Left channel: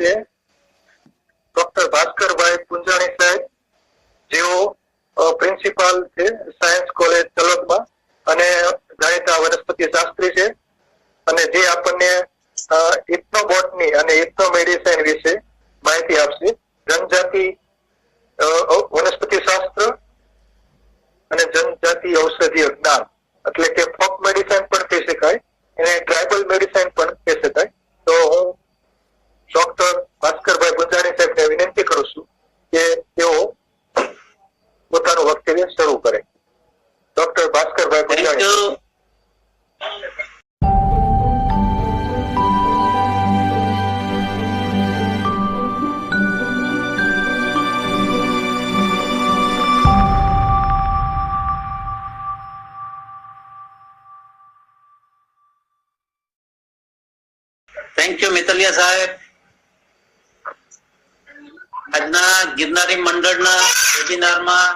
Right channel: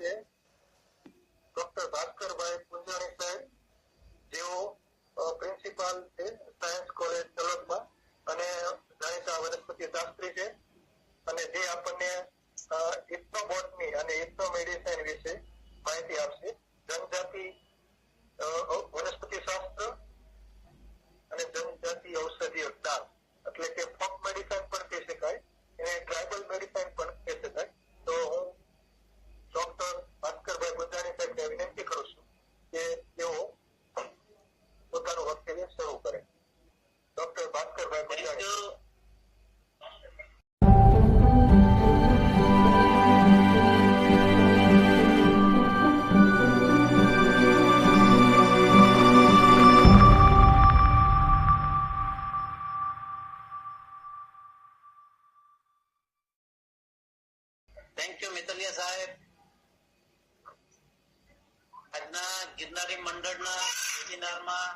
છે ડોક્ટર ભાસ્કરભાઈ પુંજાણી સાહેબ, જેઓ પ્રિન્સિપાલ છે સાયન્સ કોલેજ તલોદમાં અને જાણીતા વનસ્પતિ શાસ્ત્રી છે, અને જે આપણને ઇથનોબોટની અને ઇથનોમેડિસિન વિશે માહિતી આપશે. જનજાતિ વનસ્પતિ શાસ્ત્ર અને જનજાતિ ઔષધીય જ્ઞાન, એટલે કે ફોક મેડિસિન પણ કહી શકાય, એને ટ્રાઇબલ મેડિસિન પણ કહી શકાય. તો હું ડોક્ટર ભાસ્કરભાઈ પુંજાણી સાહેબને વિનંતી કરું છું કે તેઓ પોતાનું વક્તવ્ય શરૂ કરે. Doctor Bhaskarbhai Punjani. Thank you Mitaliya સાહેબ. આજના ગિરનારી મંડળના વેબિનારમાં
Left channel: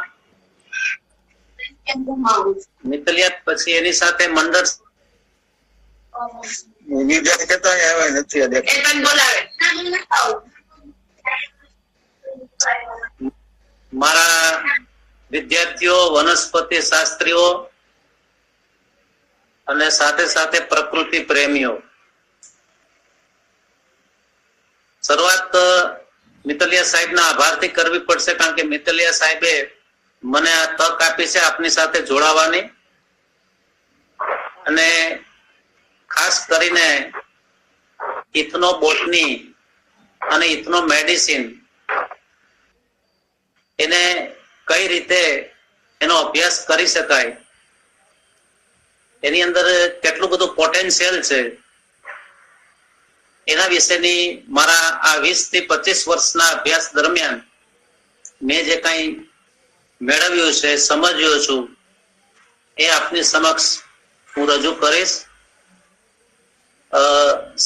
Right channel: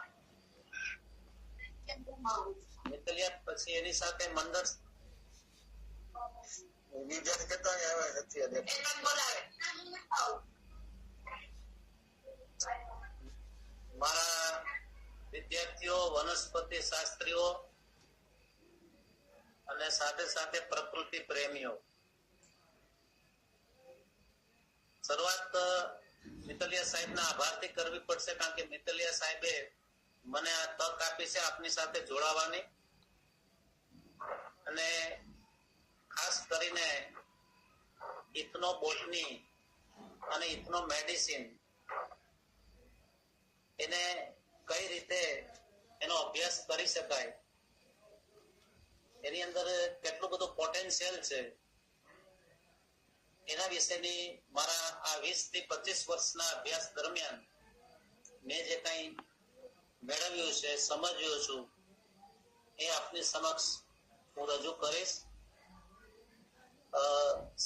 મિતલિયા પછી એની સાથે મંડળ મારા વિદ્યાર્થીઓ, વનસ્પતિ શાસ્ત્રીઓ અને સાથે સાથે પ્રકૃતિ પ્રેમીઓ, શરૂઆત મિતલિયા સાહેબના આભારથી કરવી પડશે, કારણ કે મિતલિયા સાહેબે મને આ તક આપી છે આપની સાથે જોડાવાની, અને ખાસ કરીને ઇથનોબોટની અને ઇથનોમેડિસિન એને કઈ રીતે એનો અભ્યાસ કરી શકાય, એની અંદર કેટલું બધું પોટેન્શિયલ છે, એના વિશેની મારા આ 20 થી 25 વર્ષના અભ્યાસ દરમિયાન મેં જે કઈ મેળવ્યું છે, સમજ્યો છું, એ આપની સમક્ષ હું રજૂ કરીશ.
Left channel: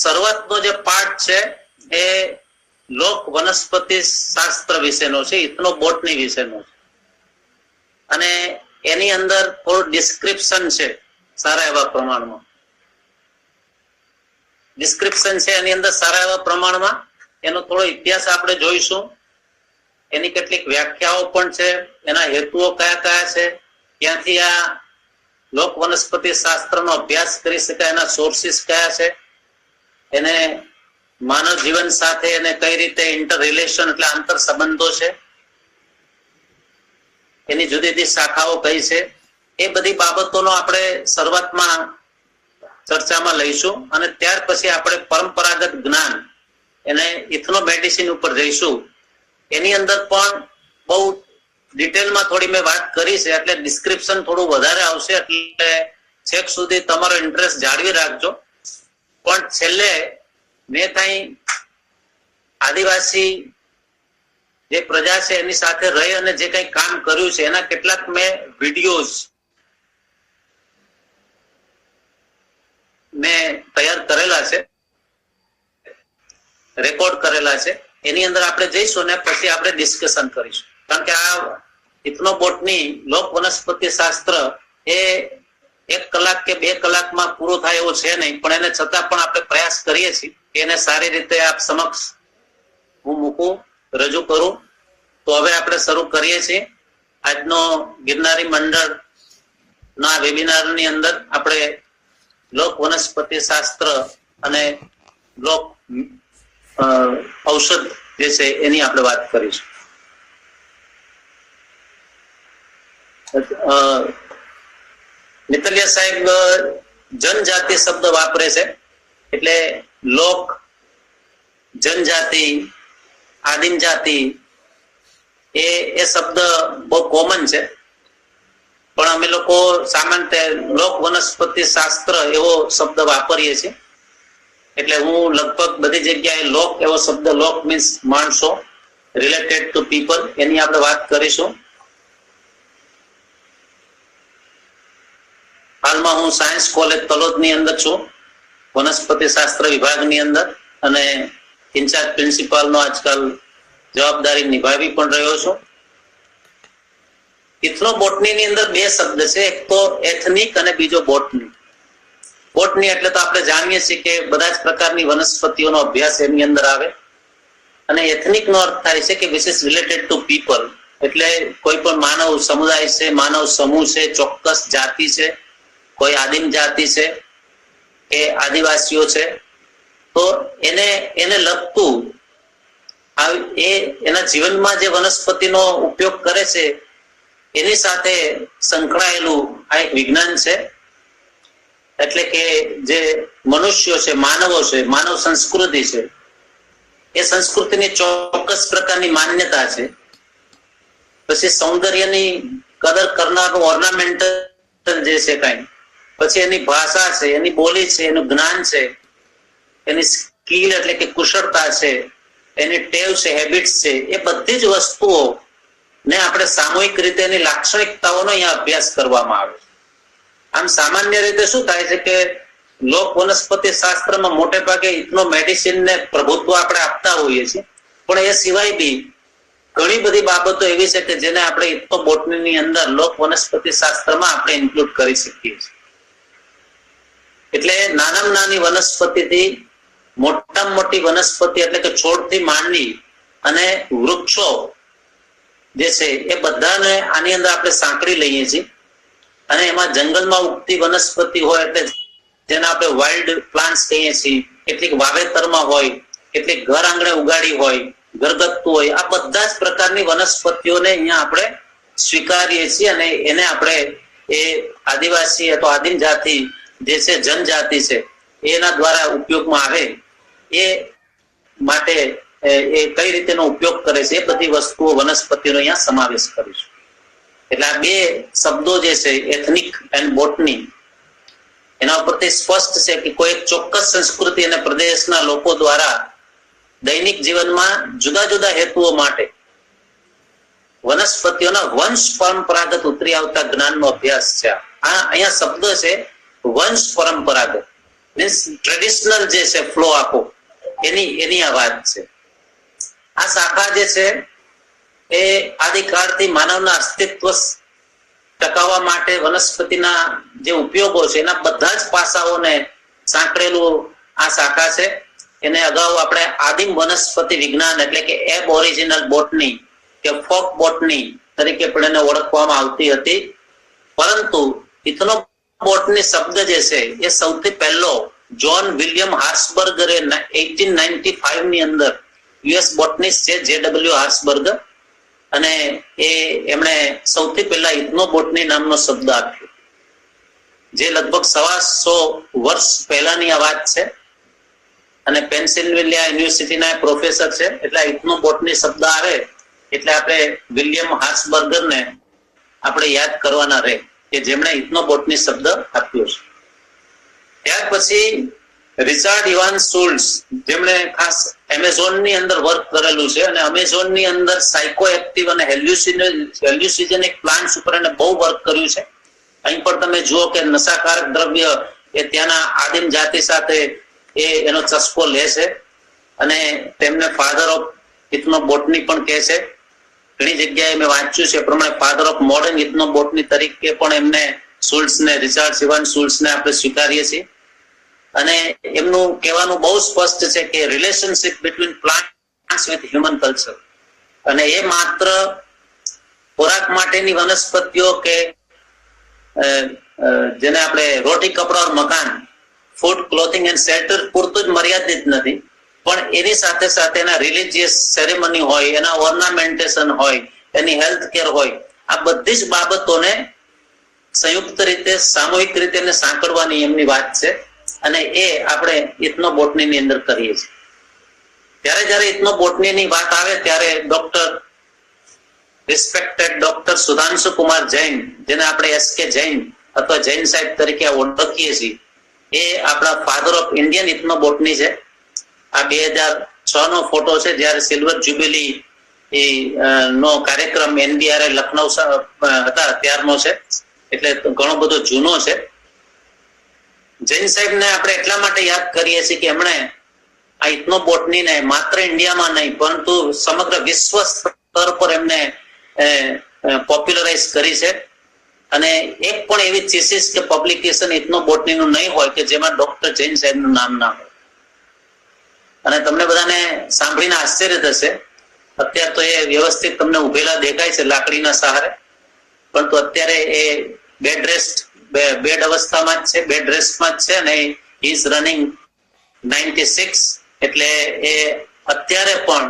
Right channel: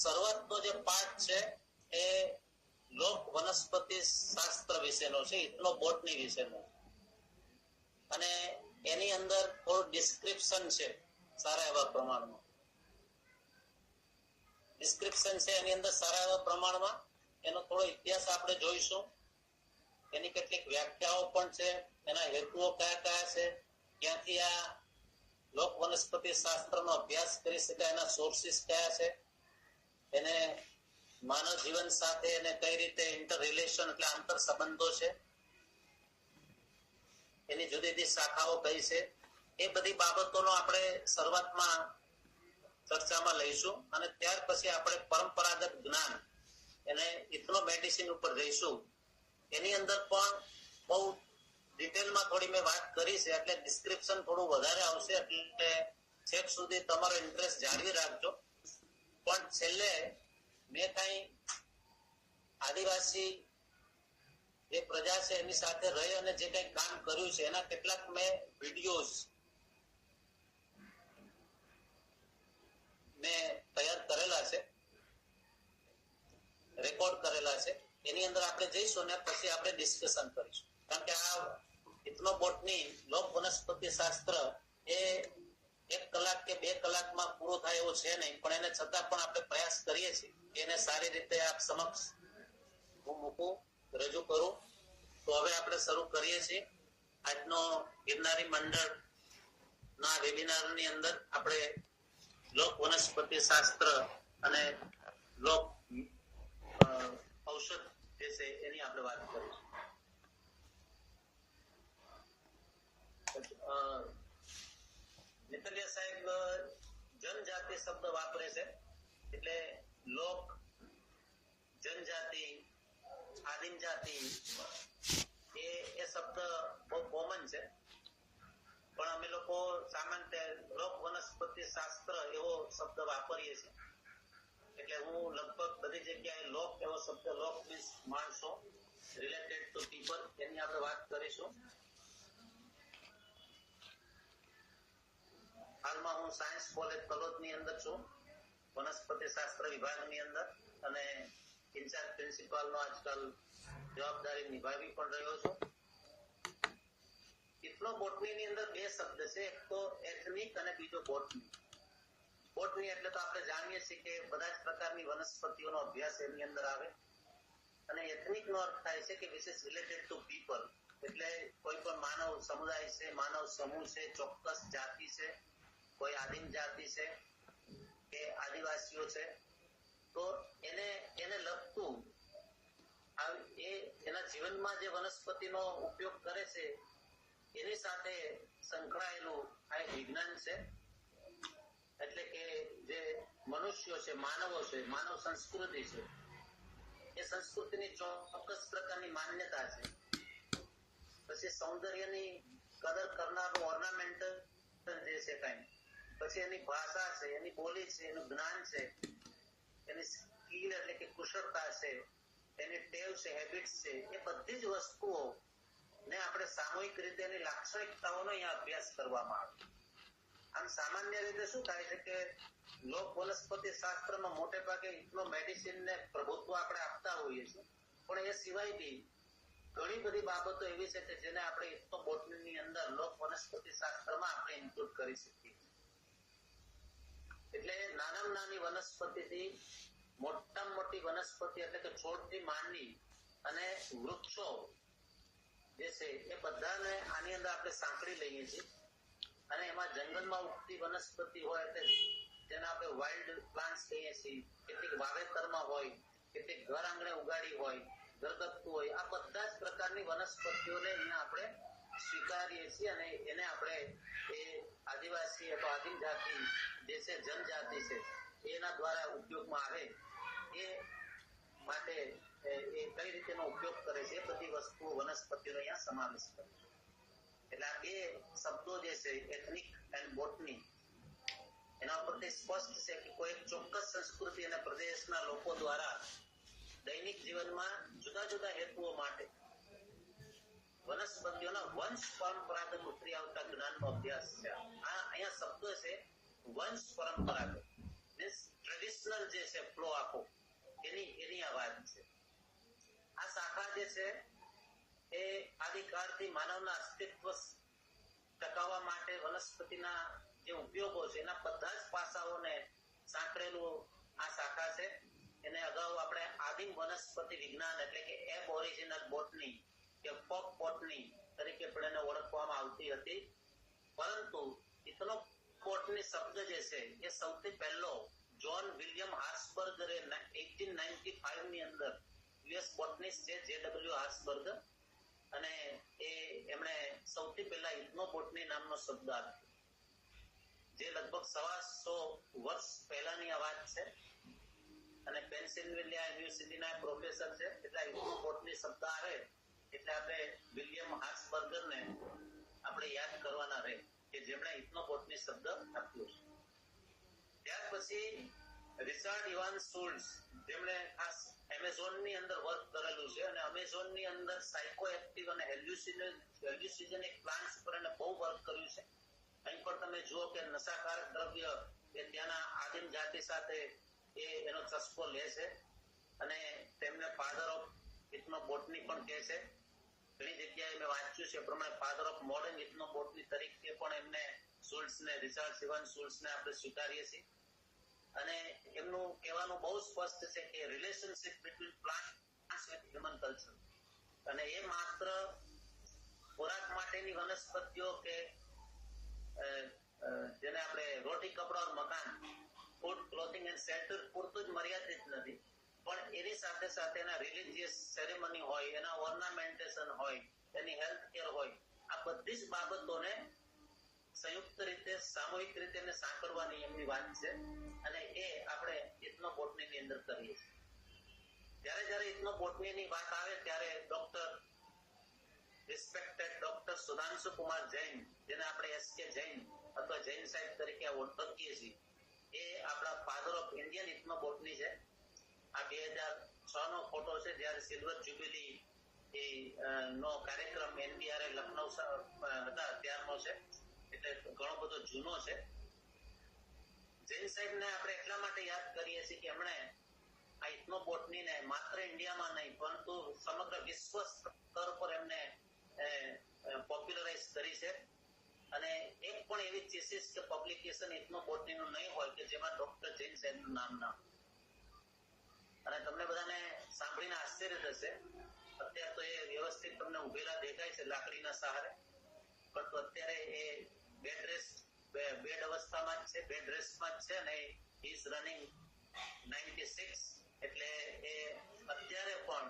શરૂઆતનો જે પાઠ છે એ લોક વનસ્પતિ શાસ્ત્ર વિશેનો છે, ઇથનોબોટની વિશેનો છે, અને એની અંદર થોડું ડિસ્ક્રિપ્શન છે, સારા એવા પ્રમાણમાં ડિસ્ક્રિપ્શન છે એની અંદર સારા એવા પ્રમાણમાં. એનો થોડો ઇતિહાસ આપણે જોઈશું, એની કેટલીક વ્યાખ્યાઓ પણ છે, એના હેતુઓ કયા કયા છે, ક્યાંથી આ લોક વનસ્પતિ શાસ્ત્રનો અભ્યાસ કરી શકાય, એના સોર્સિસ કયા છે, એને માનવ જીવન સાથે એને કઈ રીતે ઇન્ટર રિલેશન એટલે આંતર સંબંધો છે, એની જુદી જુદી શાખાઓ કઈ છે, એ બધી બાબતોનો આપણે શરૂઆતમાં ચર્ચામાં લઈશું, અને ત્યાર પછી આપણે પરંપરાગત જ્ઞાન એને ઇથનોમેડિસિન ઉપર જઈશું. એની અંદર પણ બહુ ડિટેલમાં થોડી મેં વાત કરી છે, એટલે ડિસ્ક્રિપ્શન થોડું વધારે આવશે, એટલે છેક સુધી તમારો ઇન્ટરેસ્ટ જાળવી રાખજો. પણ છેલ્લે મેં કઈ આદિવાસી જે પ્રજા છે એની સાથે રહી અને જે કઈ કામ કર્યું છે એના કેટલાક મેં વિડીયોઝ મેં તૈયાર કરેલા છે, રેકોર્ડ કરેલા છે, એની અંદર આપણે જઈશું ને પછી આપણે ડિસ્કશન કરીશું. કારણ કે આ ઇથનોબોટની લોક વનસ્પતિ શાસ્ત્ર એ 1 કલાક કે 2 કલાકમાં પૂરો થાય એવો છે નહીં, પણ એને છતાં પણ આપણે પ્રયાસ કરીએ છીએ કે એને સારી રીતે આપ સમક્ષ હું મૂકું, રજૂ કરું. તો હવે આપણે શરૂ કરીએ છીએ આજનો ગિરનારી મંડળ ના વેબિનારની અંદર. આપણે લોક વનસ્પતિ શાસ્ત્ર અને લોક ઔષધ જે છે એની આપણે વાત કરીશું. મિતલિયા સાહેબ જનજાતિ શબ્દ વાપરે છે, એટલે લોક, જનજાતિ, આદિમ જાતિ એ શબ્દ બહુ કોમન છે, પણ અમે લોકો સામાન્ય લોક વનસ્પતિ શાસ્ત્ર એવો શબ્દ વાપરીએ છીએ. એટલે હું લગભગ બધી જગ્યાએ લોક એવો શબ્દ, લોક મીન્સ માણસો, રિલેટેડ ટુ પીપલ, એની આપણે વાત કરીશું. હાલમાં હું સાયન્સ કોલેજ તલોદની અંદર છું, વનસ્પતિ શાસ્ત્ર વિભાગની અંદર, અને ઇન્ચાર્જ પ્રિન્સિપાલનો આજકાલ જવાબદારી નિભાવી પણ રહ્યો છું. ઇથનોબોટની ની અંદર 2 શબ્દ છે, એક તો એથનિક અને બીજો બોટની. બોટની એટલે તો આપણે જાણીએ છીએ કે બધા જ પ્રકારની વનસ્પતિઓનો અભ્યાસ એની અંદર આવે, અને એથનિક નો અર્થ થાય છે કે which is related to people, એટલે કોઈ પણ માનવ સમુદાય છે, માનવ સમૂહ છે, ચોક્કસ જાતિ છે, કોઈ આદિમ જાતિ છે કે આદિવાસીઓ છે, તો એને લગતું એના જીવનમાં જે વનસ્પતિનો ઉપયોગ કરે છે એની સાથે સંકળાયેલું આ એક વિજ્ઞાન છે. એટલે કે જે મનુષ્યો છે, માનવો છે, માનવ સંસ્કૃતિ છે, એ સંસ્કૃતિની ચોક્કસ પ્રકારની માન્યતા છે. પછી સૌંદર્યની કદર કરનારનું ઓર્નામેન્ટલ જે છે કઈ, પછી એની ભાષા છે, એની બોલી છે, એનું જ્ઞાન છે, એની સ્કિલ એટલે કે કુશળતા છે, એની ટેવ છે, હેબિટ્સ છે, એ બધી જ વસ્તુઓ ને આપણે સામૂહિક રીતે એની લાક્ષણિકતાઓનો અહીંયા અભ્યાસ કરવામાં આવે છે. આમ સામાન્ય રીતે શું થાય છે કે લોક વનસ્પતિ શાસ્ત્રમાં મોટે ભાગે ઇથનો મેડિસિન ને પ્રભુત્વ આપણે આપતા હોઈએ છીએ, પણ એ સિવાય બી ઘણી બધી બાબતો એવી છે કે જેને આપણે ઇથનો બોટનીની અંદર લોક વનસ્પતિ શાસ્ત્રમાં આપણે ઇન્ક્લુડ કરી શકીએ છીએ. એટલે નાનામાં નાની વનસ્પતિથી મોટામાં મોટી વનસ્પતિ એટલે કે છોડથી માંડી અને વૃક્ષો જે છે એ બધાને આની અંદર આપણે સાંકળી લઈએ છીએ. અને એમાં જંગલમાં ઉગતી વનસ્પતિ હોય એટલે જેને આપણે વાઇલ્ડ પ્લાન્ટ્સ કહીએ છીએ, કેટલીક વાવેતરમાં હોય, કેટલીક ઘર આંગણે ઉગાડી હોય, ઘરગથ્થુ હોય, આ બધા જ પ્રકારની વનસ્પતિઓને અહીંયા આપણે સ્વીકારીએ છીએ અને એને આપણે એ આદિવાસી અથવા આદિમ જાતિ જે છે, જનજાતિ છે, એના દ્વારા ઉપયોગમાં આવે એ માટે એ કઈ રીતેનો ઉપયોગ કરે છે એ બધી વસ્તુઓ વનસ્પતિનો અહીંયા સમાવેશ કરીશું. એટલે આ બે શબ્દો જે છે એથનિક એન્ડ બોટની, એના ઉપરથી સ્પષ્ટ છે કે કોઈ એક ચોક્કસ સંસ્કૃતિ અને પ્રદેશના લોકો દ્વારા દૈનિક જીવનમાં જુદા જુદા હેતુઓ માટે વનસ્પતિઓના વંશ પરંપરાગત ઉતરી આવતા જ્ઞાનનો અભ્યાસ છે. આ અહીંયા શબ્દ છે વંશ પરંપરાગત, મીન્સ ટ્રેડિશનલ જે છે ફ્લો આખો એની આ વાત છે. આ શાખા જે છે એ આદિકાળથી માનવના અસ્તિત્વ ટકાવવા માટે વનસ્પતિના જે ઉપયોગો છે એના બધા જ પાસાઓને સાંકળેલું આ શાખા છે. એને અગાઉ આપણે આદિમ વનસ્પતિ વિજ્ઞાન એટલે કે એબ ઓરિજિનલ બોટની કે ફોક બોટની તરીકે પણ એને ઓળખવામાં આવતી હતી. પરંતુ ઇથનો બોટની શબ્દ જે છે એ સૌથી પહેલો જોન વિલિયમ હાર્સબર્ગરે 1895 ની અંદર યુએસ બોટનિસ્ટ છે જે.ડબલ્યુ. હાર્સબર્ગ, અને એમણે સૌથી પહેલા ઇથનો બોટની નામનો શબ્દ આપ્યો, જે લગભગ 125 વર્ષ પહેલાની આ વાત છે. અને પેન્સિલ્વેનિયા યુનિવર્સિટીના પ્રોફેસર છે. એટલે ઇથનો બોટની શબ્દ આવે એટલે આપણે વિલિયમ હાર્સબર્ગરને આપણે યાદ કરવાના રહે કે જેમણે ઇથનો બોટની શબ્દ આપ્યો છે. ત્યાર પછી રિચાર્ડ ઇવાન્સ શુલ્ટ્ઝ, જેમણે ખાસ એમેઝોનની અંદર વર્ક કરેલું છે અને એમેઝોનની અંદર સાયકો એક્ટિવ અને હેલ્યુસિજેનિક પ્લાન્ટ્સ ઉપર એને બહુ વર્ક કર્યું છે. અહીં પણ તમે જુઓ કે નશાકારક દ્રવ્ય એ ત્યાંના આદિમ જાતિ સાથે એનો ચસ્કો લે છે અને તેમને ફાધર ઓફ ઇથનો બોટની પણ કહે છે. ઘણી જગ્યાએ મેં વાંચ્યું છે પ્રમાણે ફાધર ઓફ મોડર્ન ઇથનો બોટની તરીકે પણ એમને શુલ્ટ્ઝને, રિચાર્ડ ઇવાન્સ શુલ્ટ્ઝને આપણે સ્વીકારીએ છીએ. અને એમનું કહેવાનું બહુ સ્પષ્ટ છે કે relationship between plants with human culture, અને એ માત્ર ખોરાક માટેની વનસ્પતિઓ કે જેને આપણે રોટી કપડા ઓર મકાન, ફૂડ, ક્લોથિંગ એન્ડ શેલ્ટર પૂરતું જ મર્યાદિત નથી, પણ એની સાથે સાથે એના રિલિજિયસ સેરેમની હોય, એના ઓર્નામેન્ટેશન હોય, એની હેલ્થ કેર હોય, આ બધી જ બાબતોને સંયુક્ત રીતે સામૂહિક રીતે સાંકળવાની એમની વાત છે. અને એ આપણે ઇથનો બોટનીની અંદર કરીએ છીએ. જયારે ઇથનો બોટનીની વાત આવે ત્યારે રિસ્પેક્ટેડ ડોક્ટર સુધાંશુ કુમાર જૈન, જેને આપણે એસ.કે. જૈન અથવા જૈન સાહેબ તરીકે ઓળખીએ છીએ, એ આપણા ફાધર ઓફ ઇન્ડિયન ઇથનો બોટની છે. આ 2006 નો ફોટો છે જયારે સિલ્વર જ્યુબિલી નો કાર્યક્રમ NBRA લખનઉ હતા ત્યારનો છે, એટલે ઘણો બધો જૂનો છે. જૈન સાહેબને આપણે એટલા માટે યાદ કરીએ છીએ કે એમણે આ ઇથનો બોટનીને માત્ર ઇન્ડિયામાં નહીં પરંતુ સમગ્ર વિશ્વ સ્તર પર એમને પોપ્યુલરાઇઝ કરી છે. અને એક પણ એવી થીસીસ કે પબ્લિકેશન ઇથનો બોટનીનું નહીં હોય કે જેમાં ડોક્ટર જૈન સાહેબનું નામ ના હોય. અને તમને બધાને સાંભળીને આશ્ચર્ય થશે, અત્યારે તો એ વ્યવસ્થિત તમને ઉભેલા દેખાય છે લાકડીના સહારે, પરંતુ અત્યારે એ બેડ અવસ્થામાં જ છે, બેડ રેસ્ટમાં જ છે અને ઇઝ રનિંગ 96. એટલે એ અત્યારે પણ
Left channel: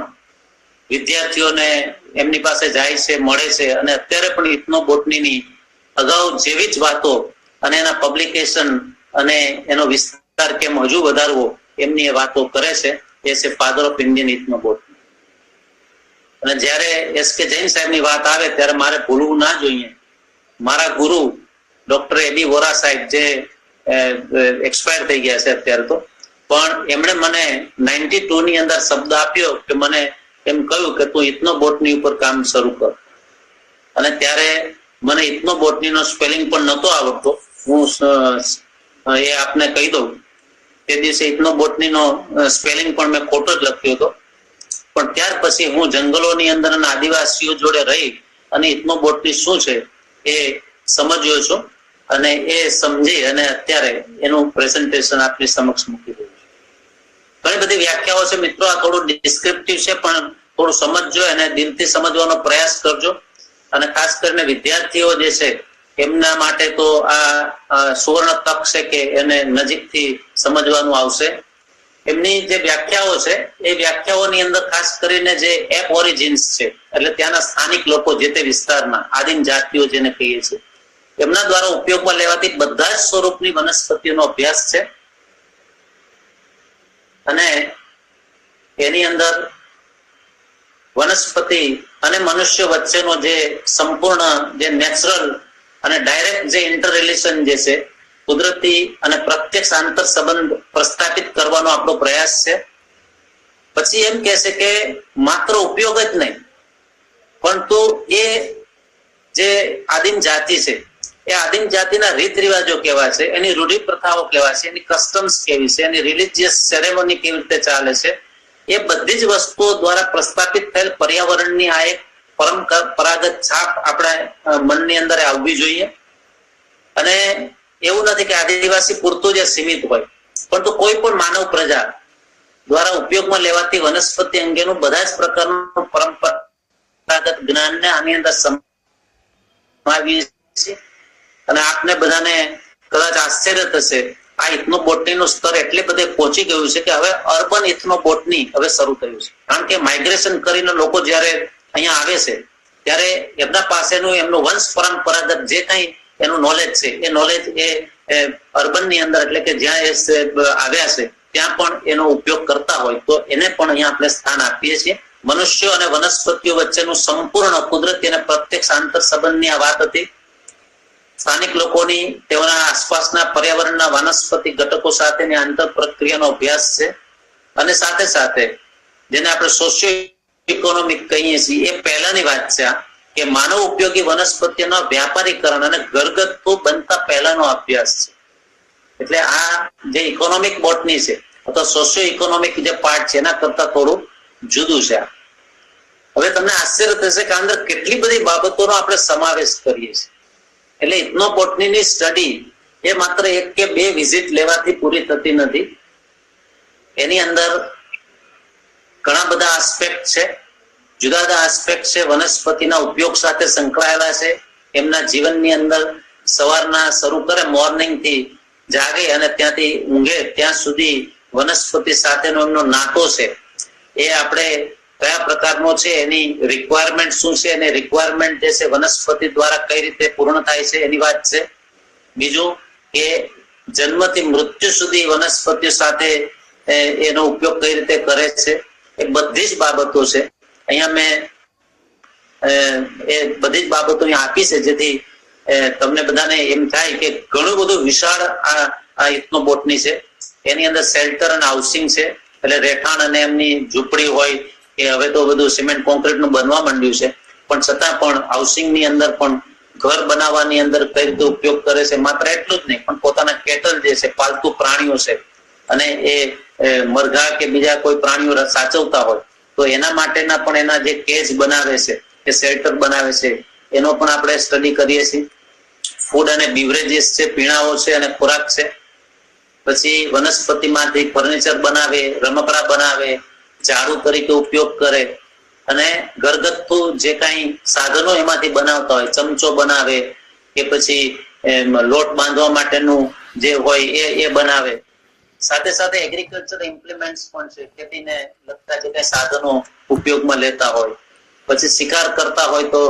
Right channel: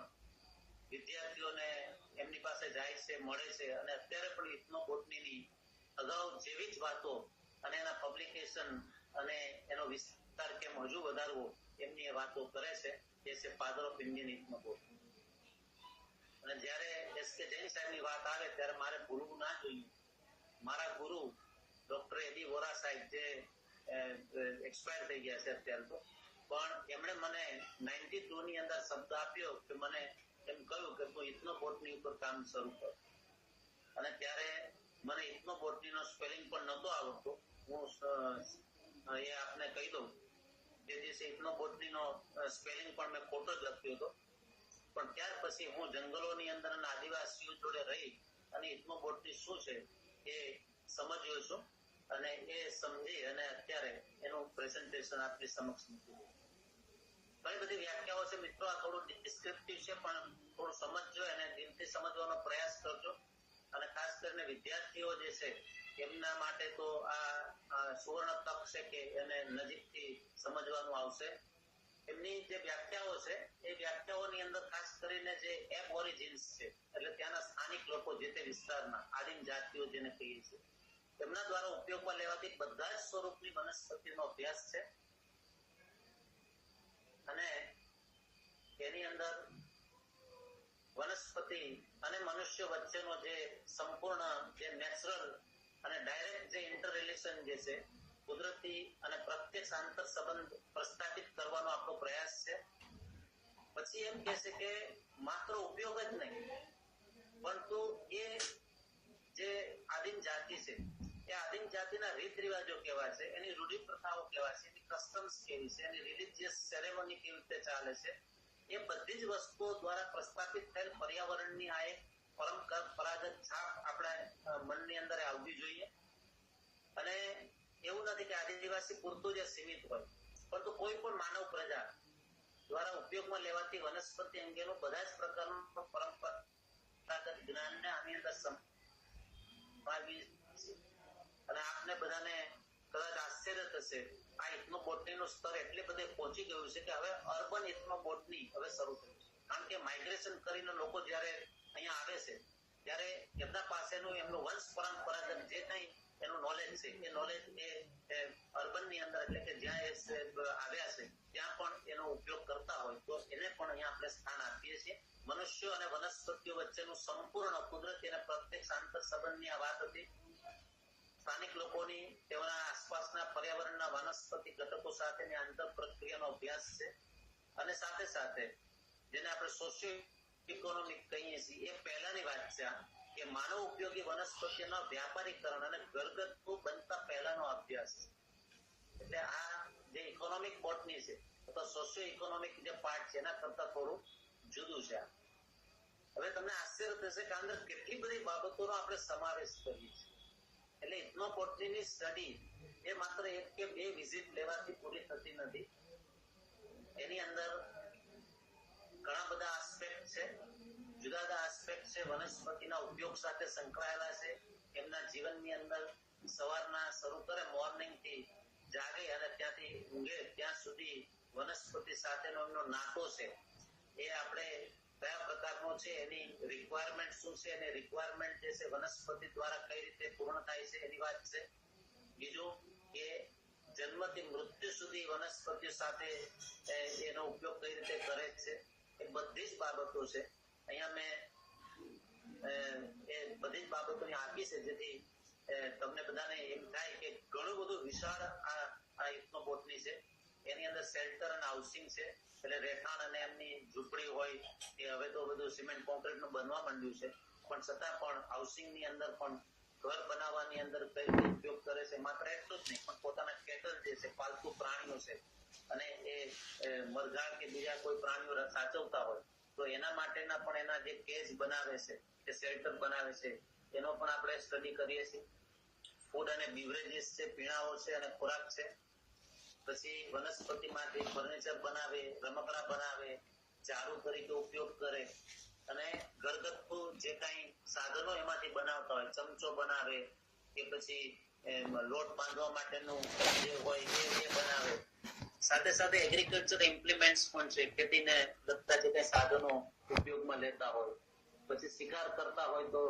વિદ્યાર્થીઓને એમની પાસે જાય છે, મળે છે અને અત્યારે પણ ઇથનોબોટનીની અગાઉ જેવી જ વાતો અને એના પબ્લિકેશન અને એનો વિસ્તાર કેમ હજુ વધારવો એમની એ વાતો કરે છે. એ છે ફાધર ઓફ ઇન્ડિયન ઇથનોબોટની. અને જ્યારે એસ.કે. જૈન સાહેબની વાત આવે ત્યારે મારે ભૂલવું ના જોઈએ. મારા ગુરુ ડોક્ટર એ.બી. વોરા સાહેબ, જે એક્સપાયર થઈ ગયા છે અત્યારે તો, પણ એમણે મને 92 ની અંદર શબ્દ આપ્યો કે મને એમ કહ્યું કે તું ઇથનોબોટની ઉપર કામ શરૂ કર. અને ત્યારે મને ઇથનોબોટનીનો સ્પેલિંગ પણ નહોતો આવડતો. હું એ આપને કહી દઉં, તે દિવસે ઇથનોબોટનીનો સ્પેલિંગ પણ મેં ખોટો જ લખ્યો હતો. પણ ત્યાર પછી હું જંગલોની અંદર અને આદિવાસીઓ જોડે રહી અને ઇથનોબોટની શું છે એ સમજ્યો છું અને એ સમજી અને અત્યારે એનું પ્રેઝન્ટેશન આપની સમક્ષ મૂકી દઉં છું. ઘણી બધી વ્યાખ્યાઓ છે મિત્રો, આ થોડું ડિસ્ક્રિપ્ટિવ છે પણ થોડું સમજજો અને દિલથી સમજવાનો પ્રયાસ કરજો. અને ખાસ કરીને વિદ્યાર્થીઓ જે છે એમના માટે તો આ સુવર્ણ તક છે કે એને નજીકથી સમજવાનું આવશે. એમની જે વ્યાખ્યાઓ છે એ વ્યાખ્યાઓની અંદર ખાસ કરીને જે એપ ઓરિજિન્સ છે, એટલે ત્યાંના સ્થાનિક લોકો, જે તે વિસ્તારના આદિમ જાતિઓ જેને કહીએ છીએ, એમના દ્વારા ઉપયોગમાં લેવાતી બધા જ સ્વરૂપની વનસ્પતિઓનો અભ્યાસ છે. અને એની અંદર વનસ્પતિ અને મનુષ્ય વચ્ચેનો જે સંપૂર્ણ, જે નેચરલ અને ડાયરેક્ટ જે ઇન્ટર રિલેશન જે છે, કુદરતી અને પ્રત્યક્ષ આંતર સંબંધ પ્રસ્થાપિત કરવાનો આપણો પ્રયાસ છે. પછી એમ કહે છે કે માત્ર ઉપયોગ જ નહીં, પરંતુ એ જે આદિમ જાતિ છે એ આદિમ જાતિના રીત રિવાજો કેવા છે, એની રૂઢિ પ્રથાઓ કેવા છે, એની કસ્ટમ્સ કેવી છે, એની રિલિજિયસ સેરેમની કેવી રીતે ચાલે છે, એ બધી જ વસ્તુઓ દ્વારા પ્રસ્થાપિત થયેલ પર્યાવરણની આ એક પરંપરાગત છાપ આપણા મનની અંદર આવવી જોઈએ. અને એવું નથી કે આદિવાસી પૂરતું જ સીમિત હોય, પરંતુ કોઈ પણ માનવ પ્રજા દ્વારા ઉપયોગમાં લેવાતી વનસ્પતિ અંગેનું બધા જ પ્રકારનું પરંપરાગત જ્ઞાનને આની અંદર સમાવી છે. અને આપને બધાને કદાચ આશ્ચર્ય થશે, આ ઇથનોબોટનીનું સ્તર એટલે બધે પહોંચી ગયું છે કે હવે અર્બન ઇથનોબોટની હવે શરૂ થયું છે. કારણ કે માઇગ્રેશન કરીને લોકો જ્યારે અહીંયા આવે છે ત્યારે એમના પાસેનું એમનું વંશ પરંપરાગત જે કઈ એનું નોલેજ છે, એ નોલેજ એ અર્બનની અંદર, એટલે કે જ્યાં એ આવ્યા છે ત્યાં પણ એનો ઉપયોગ કરતા હોય, તો એને પણ અહીંયા આપણે સ્થાન આપીએ છીએ. મનુષ્યો અને વનસ્પતિઓ વચ્ચેનું સંપૂર્ણ કુદરતી અને પ્રત્યક્ષ આંતર સંબંધની આ વાત હતી. સ્થાનિક લોકોની તેઓના આસપાસના પર્યાવરણના વનસ્પતિ ઘટકો સાથેની આંતર પ્રક્રિયાનો અભ્યાસ છે. અને સાથે સાથે જેને આપણે સોશિયો ઇકોનોમિક કહીએ છીએ, એ પહેલાની વાત છે કે માનવ ઉપયોગી વનસ્પતિઓના વ્યાપારીકરણ અને ઘરગથ્થુ બનતા પહેલાનો અભ્યાસ છે. એટલે આ જે ઇકોનોમિક બોટની છે અથવા સોશિયો ઇકોનોમિક જે પાર્ટ છે એના કરતા થોડું જુદું છે. હવે તમને આશ્ચર્ય થશે કે અંદર કેટલી બધી બાબતોનો આપણે સમાવેશ કરીએ છીએ. એટલે ઇથનોબોટનીની સ્ટડી એ માત્ર 1 કે 2 વિઝિટ લેવાથી પૂરી થતી નથી. એની અંદર ઘણા બધા આસ્પેક્ટ છે, જુદા જુદા આસ્પેક્ટ છે, વનસ્પતિના ઉપયોગ સાથે સંકળાયેલા છે. એમના જીવનની અંદર સવારના શરૂ કરે, મોર્નિંગ થી જાગે અને ત્યાંથી ઊંઘે ત્યાં સુધી વનસ્પતિ સાથેનો એમનો નાતો છે, એ આપણે કયા પ્રકારનો છે, એની રિક્વાયરમેન્ટ શું છે, અને રિક્વાયરમેન્ટ જે છે વનસ્પતિ દ્વારા કઈ રીતે પૂર્ણ થાય છે એની વાત છે. બીજું કે જન્મથી મૃત્યુ સુધી વનસ્પતિઓ સાથે એનો ઉપયોગ કઈ રીતે કરે છે, એ બધી જ બાબતો છે. અહીંયા મેં એ બધી જ બાબતો આપી છે જેથી તમને બધાને એમ થાય કે ઘણું બધું વિશાળ આ ઇથનોબોટની છે. એની અંદર શેલ્ટર અને હાઉસિંગ છે, એટલે રહેઠાણ અને એમની ઝૂંપડી હોય, એ હવે તો બધું સિમેન્ટ કોન્ક્રીટ નું બનવા માંડ્યું છે, પણ છતાં પણ હાઉસિંગ ની અંદર પણ ઘર બનાવવાની અંદર કઈ રીતે ઉપયોગ કરે છે. માત્ર એટલું જ નહીં, પણ પોતાના કેટલ જે છે, પાલતુ પ્રાણીઓ છે, અને એ મરઘા કે બીજા કોઈ પ્રાણીઓ સાચવતા હોય તો એના માટેના પણ એના જે કેજ બનાવે છે, એ શેલ્ટર બનાવે છે, એનો પણ આપણે સ્ટડી કરીએ છીએ. ફૂડ અને બીવરેજીસ છે, પીણાઓ છે અને ખોરાક છે. પછી વનસ્પતિમાંથી ફર્નિચર બનાવે, રમકડા બનાવે, ઝાડુ તરીકે ઉપયોગ કરે, અને ઘરગથ્થુ જે કાંઈ સાધનો એમાંથી બનાવતા હોય, ચમચો બનાવે કે પછી લોટ બાંધવા માટેનું જે હોય એ બનાવે. સાથે સાથે એગ્રીકલ્ચર ઇમ્પ્લિમેન્ટ્સ પણ છે, ખેતીને લગતા જે કાંઈ સાધનો ઉપયોગમાં લેતા હોય. પછી શિકાર કરતા હોય તો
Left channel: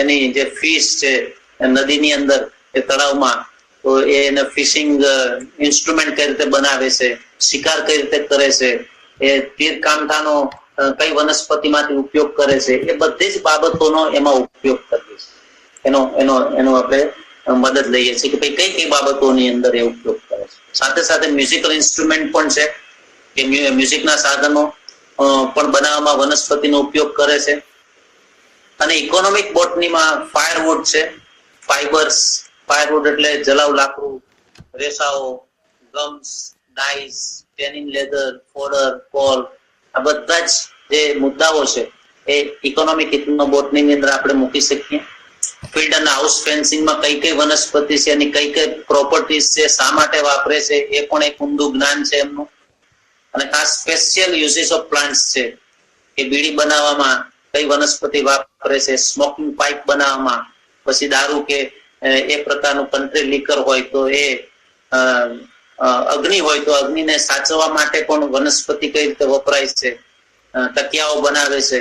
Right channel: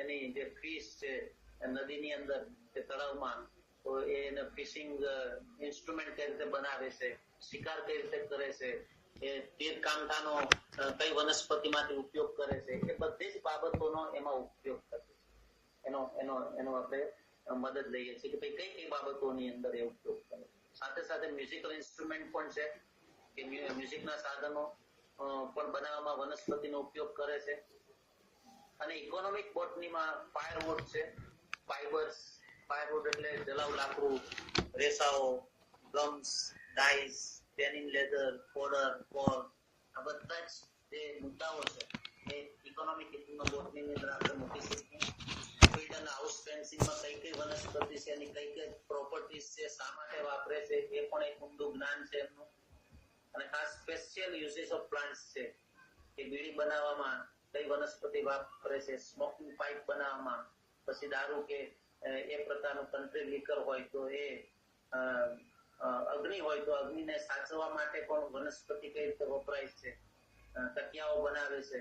એની જે ફિશ છે નદીની અંદર એ તળાવમાં, તો એને ફિશિંગ ઇન્સ્ટ્રુમેન્ટ કઈ રીતે બનાવે છે, શિકાર કઈ રીતે કરે છે, એ તીર કામઠાનો કઈ વનસ્પતિમાંથી ઉપયોગ કરે છે, એ બધી જ બાબતોનો એમાં ઉપયોગ કરીએ છીએ. એનો આપણે મદદ લઈએ છીએ કે ભાઈ કઈ કઈ બાબતોની અંદર એ ઉપયોગ કરે છે. સાથે સાથે મ્યુઝિકલ ઇન્સ્ટ્રુમેન્ટ પણ છે કે મ્યુઝિકના સાધનો પણ બનાવવામાં વનસ્પતિનો ઉપયોગ કરે છે. અને ઇકોનોમિક બોટનીમાં ફાયરવુડ છે, ફાયરવુડ એટલે જલાવ લાકડું, રેસાઓ, ગમ્સ, dice, tannin leather, fodder, call, આ બધા જ જે મુદ્દાઓ છે એ ઇકોનોમિક બોટનીની અંદર આપણે મૂકી શકીએ. ફિલ્ડ અને હાઉસ ફેન્સિંગમાં કઈ કઈ વનસ્પતિ છે, એની કઈ કઈ પ્રોપર્ટીઝ છે, શા માટે વાપરે છે, એ પણ એક ઊંડું જ્ઞાન છે એમનું. અને ખાસ સ્પેશિયલ યુઝિસ ઓફ પ્લાન્ટ્સ છે કે બીડી બનાવવામાં કઈ વનસ્પતિ વાપરે છે, સ્મોકિંગ પાઇપ બનાવવામાં, પછી દારૂ કે એ પ્રકારનું કન્ટ્રી લીકર હોય તો એ અગ્નિ હોય તો અગ્નિને સાચવવા માટે પણ વનસ્પતિ કઈ રીતે વપરાય છે, તકિયાઓ બનાવે છે.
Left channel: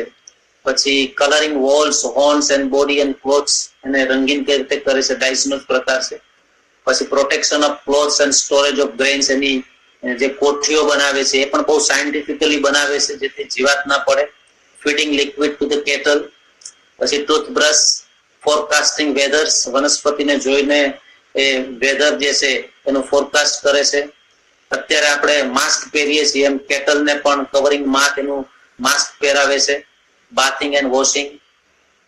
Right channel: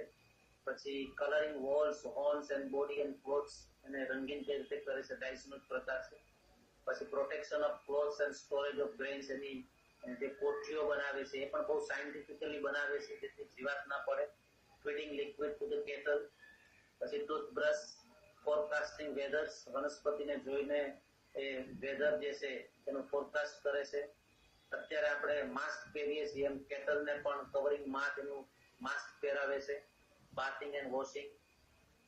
પછી colouring walls, horns and body and clothes, એને રંગીન કઈ રીતે કરે છે, ડાઇસનો પ્રકાર છે. પછી protection of clothes and storage of grains, એની જે કોઠીઓ બનાવે છે એ પણ બહુ સાયન્ટિફિકલી બનાવે છે જેથી જીવાત ના પડે. Feeding liquid to the cattle. પછી ટૂથબ્રશ, ફોરકાસ્ટિંગ વેધર્સ, વનસ્પતિને જોઈને એ વેધર જે છે એનું ફોરકાસ્ટ કરે છે. અત્યારે આપણે માસ્ક પહેરીએ છીએ એમ કેટલને પણ કવરિંગ માસ્ક, એનું માસ્ક પહેરાવે છે. Bathing and washing.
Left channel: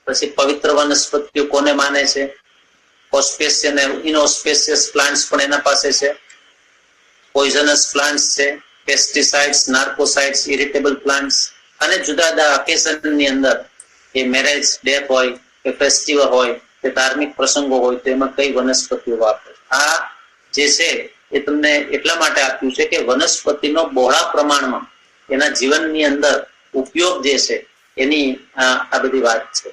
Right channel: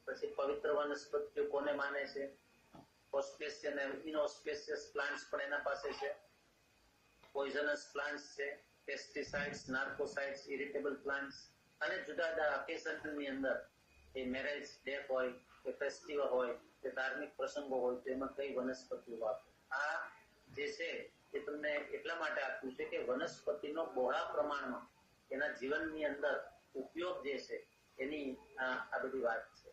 પછી પવિત્ર વનસ્પતિઓ કોને માને છે, ઓસ્પેશિયસ અને ઇનઓસ્પેશિયસ પ્લાન્ટ્સ પણ એના પાસે છે. પોઈઝનસ પ્લાન્ટ્સ છે, પેસ્ટિસાઇડ્સ, નાર્કોસાઇડ્સ, ઇરિટેબલ પ્લાન્ટ્સ. અને જુદા જુદા ઓકેઝનની અંદર એ મેરેજ, ડેથ હોય કે ફેસ્ટિવલ હોય કે ધાર્મિક પ્રસંગો હોય તો એમાં કઈ વનસ્પતિઓ વાપરે. આ જે છે એ તમને એટલા માટે આપ્યું છે કે વનસ્પતિનો બહોળા પ્રમાણમાં એના જીવનની અંદર ઉપયોગ જે છે એની આ બધી વાત છે.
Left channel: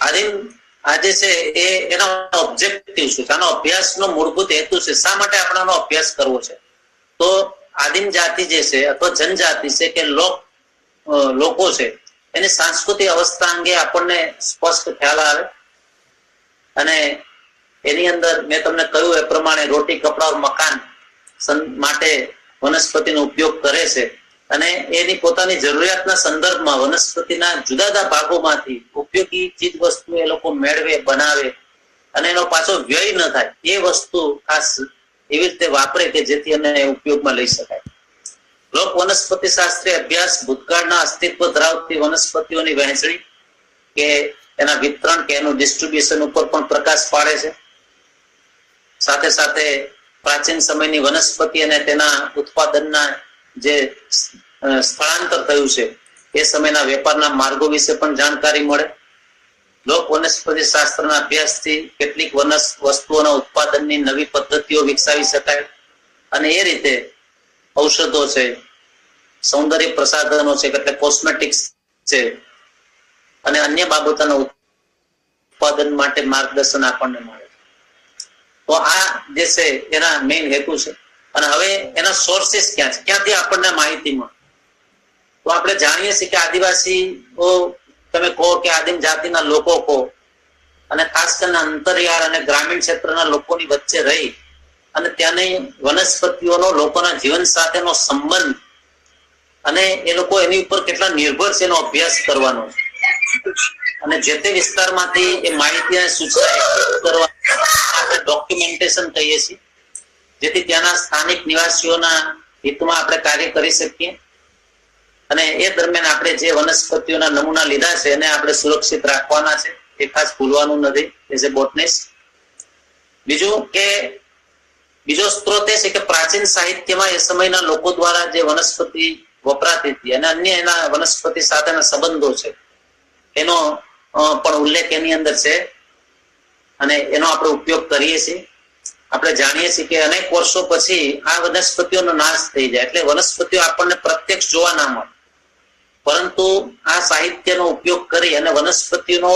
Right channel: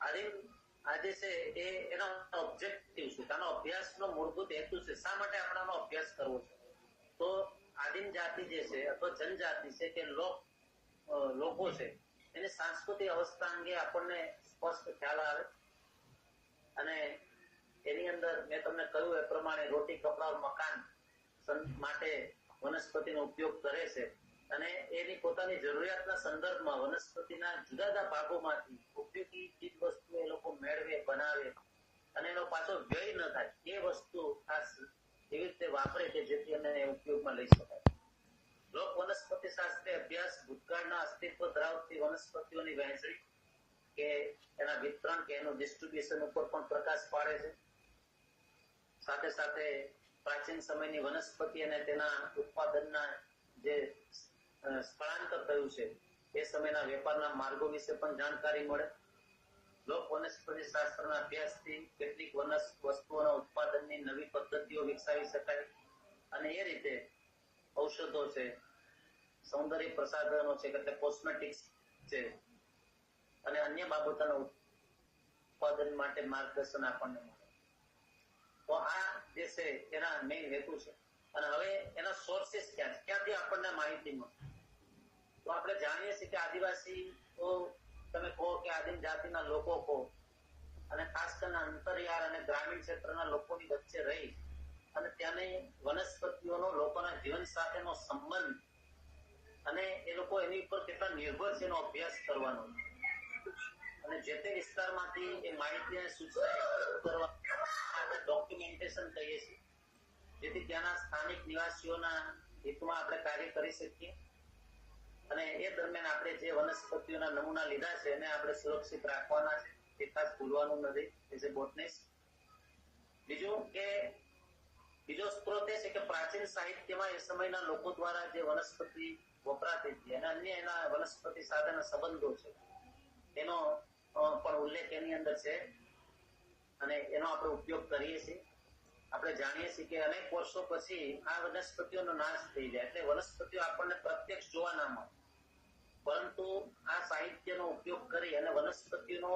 આ જે છે એ એનો ઓબ્જેક્ટિવ છે, આનો અભ્યાસનો મૂળભૂત હેતુ છે. શા માટે આપણે આનો અભ્યાસ કરવો છે? તો આદિમ જાતિ જે છે અથવા જનજાતિ છે કે લોકો છે, એની સાંસ્કૃતિક અવસ્થા અંગે આપણને સ્પષ્ટ ખ્યાલ આવે. અને એની અંદર મેં તમને કહ્યું એ પ્રમાણે રોટી, કપડા, મકાન માટે વનસ્પતિનો ઉપયોગ કરે છે. અને એની પોતાની જરૂરિયાતના સંદર્ભમાં વનસ્પતિના જુદા જુદા ભાગોમાંથી ઉપયોગી ચીજ વસ્તુ એ લોકો મેળવે, બનાવે અને એનો પાછો વ્યય ન થાય એ વસ્તુ ખાસ એવી રીતે વાપરે કે જેથી એને ઉપયોગમાં લઈ શકાય. લોક વનસ્પતિ શાસ્ત્રીય અભ્યાસ ભૂતકાળના અસ્તિત્વ ધરાવતી વનસ્પતિઓની વહેંચણી કે એના વિતરણ કે એનું ડિસ્ટ્રીબ્યુશન ઉપર પણ પ્રકાશ પાડે છે. સાથે સાથે પ્રાચીન સમયની વનસ્પતિ અને તેના ઉત્પાદનના જે સ્થળાંતર થયું છે એ સમયના વેપારના માર્ગો વિશે પણ જાણકારી મળે. લોક વનસ્પતિ શાસ્ત્રના અભ્યાસથી કેટલીક વસ્તુઓના ઉત્પાદનની નવી પદ્ધતિઓ વિકસાવી શકાય અને એ રીતે ઔષધો છે, સૌંદર્ય પ્રસાધનો છે એટલે કોસ્મેટિક્સ છે અને અન્ય બાબતોના ઉત્પાદન માટે માર્ગદર્શન આપણને મળે. તો આ જે છે એના મેઇન હેતુ છે. અને હવે એના સોર્સિસ ક્યાં છે, ક્યાંથી આપણને માહિતી મળે? તો આપણે જાણીએ છીએ કે આદિવાસીઓ તમે કહો કે આદિમ જાતિના લોકો કહો અને ખાસ કરીને અંતરિયાળ અને ગ્રામીણ ક્ષેત્રના લોકોની વચ્ચે રહી અને ત્યાંની વનસ્પતિઓનો લોકોના જીવન સાથેનો સંબંધ અને એ લોકો એની ઉપર કેટલા નિર્ભર છે એનો અભ્યાસ કરવાનો છે. અને જે તે વિસ્તારમાંથી એ માહિતી સૂચના કરવા આપણે ડોક્યુમેન્ટેશન કહીએ છીએ, જેથી ત્યાંના સ્થાનિક નિવાસીઓના હિતમાં આપણે કાર્ય કરી શકીએ. અને એ દરમિયાન આપણે જે વનસ્પતિઓના નમૂના લીધા છે એને આપણે સુરક્ષિત રાખવાના છે, એ ખાસ ભૂલવાનું નથી એઝ એ બોટનિસ્ટ. બીજો સ્ત્રોત એ છે કે પ્રાચીન સાહિત્યમાં એ સમયના લોકો દ્વારા જે વનસ્પતિ વપરાતી હતી અને અન્ય એના વનસ્પતિ સાથેના સંબંધો છે એનો પણ ઉલ્લેખ એની અંદર છે અને એનો આપણે ઉપયોગ કરીએ છીએ. આપણે જાણીએ છીએ કે અનેક વર્ષો પછી આ વનસ્પતિઓનો નાશ થઈ જાય, એટલે વનસ્પતિઓ આપણને પ્રત્યક્ષ જોવા ના મળે, પરંતુ આ સાહિત્યનો ઉપયોગ કરી અને વનસ્પતિનો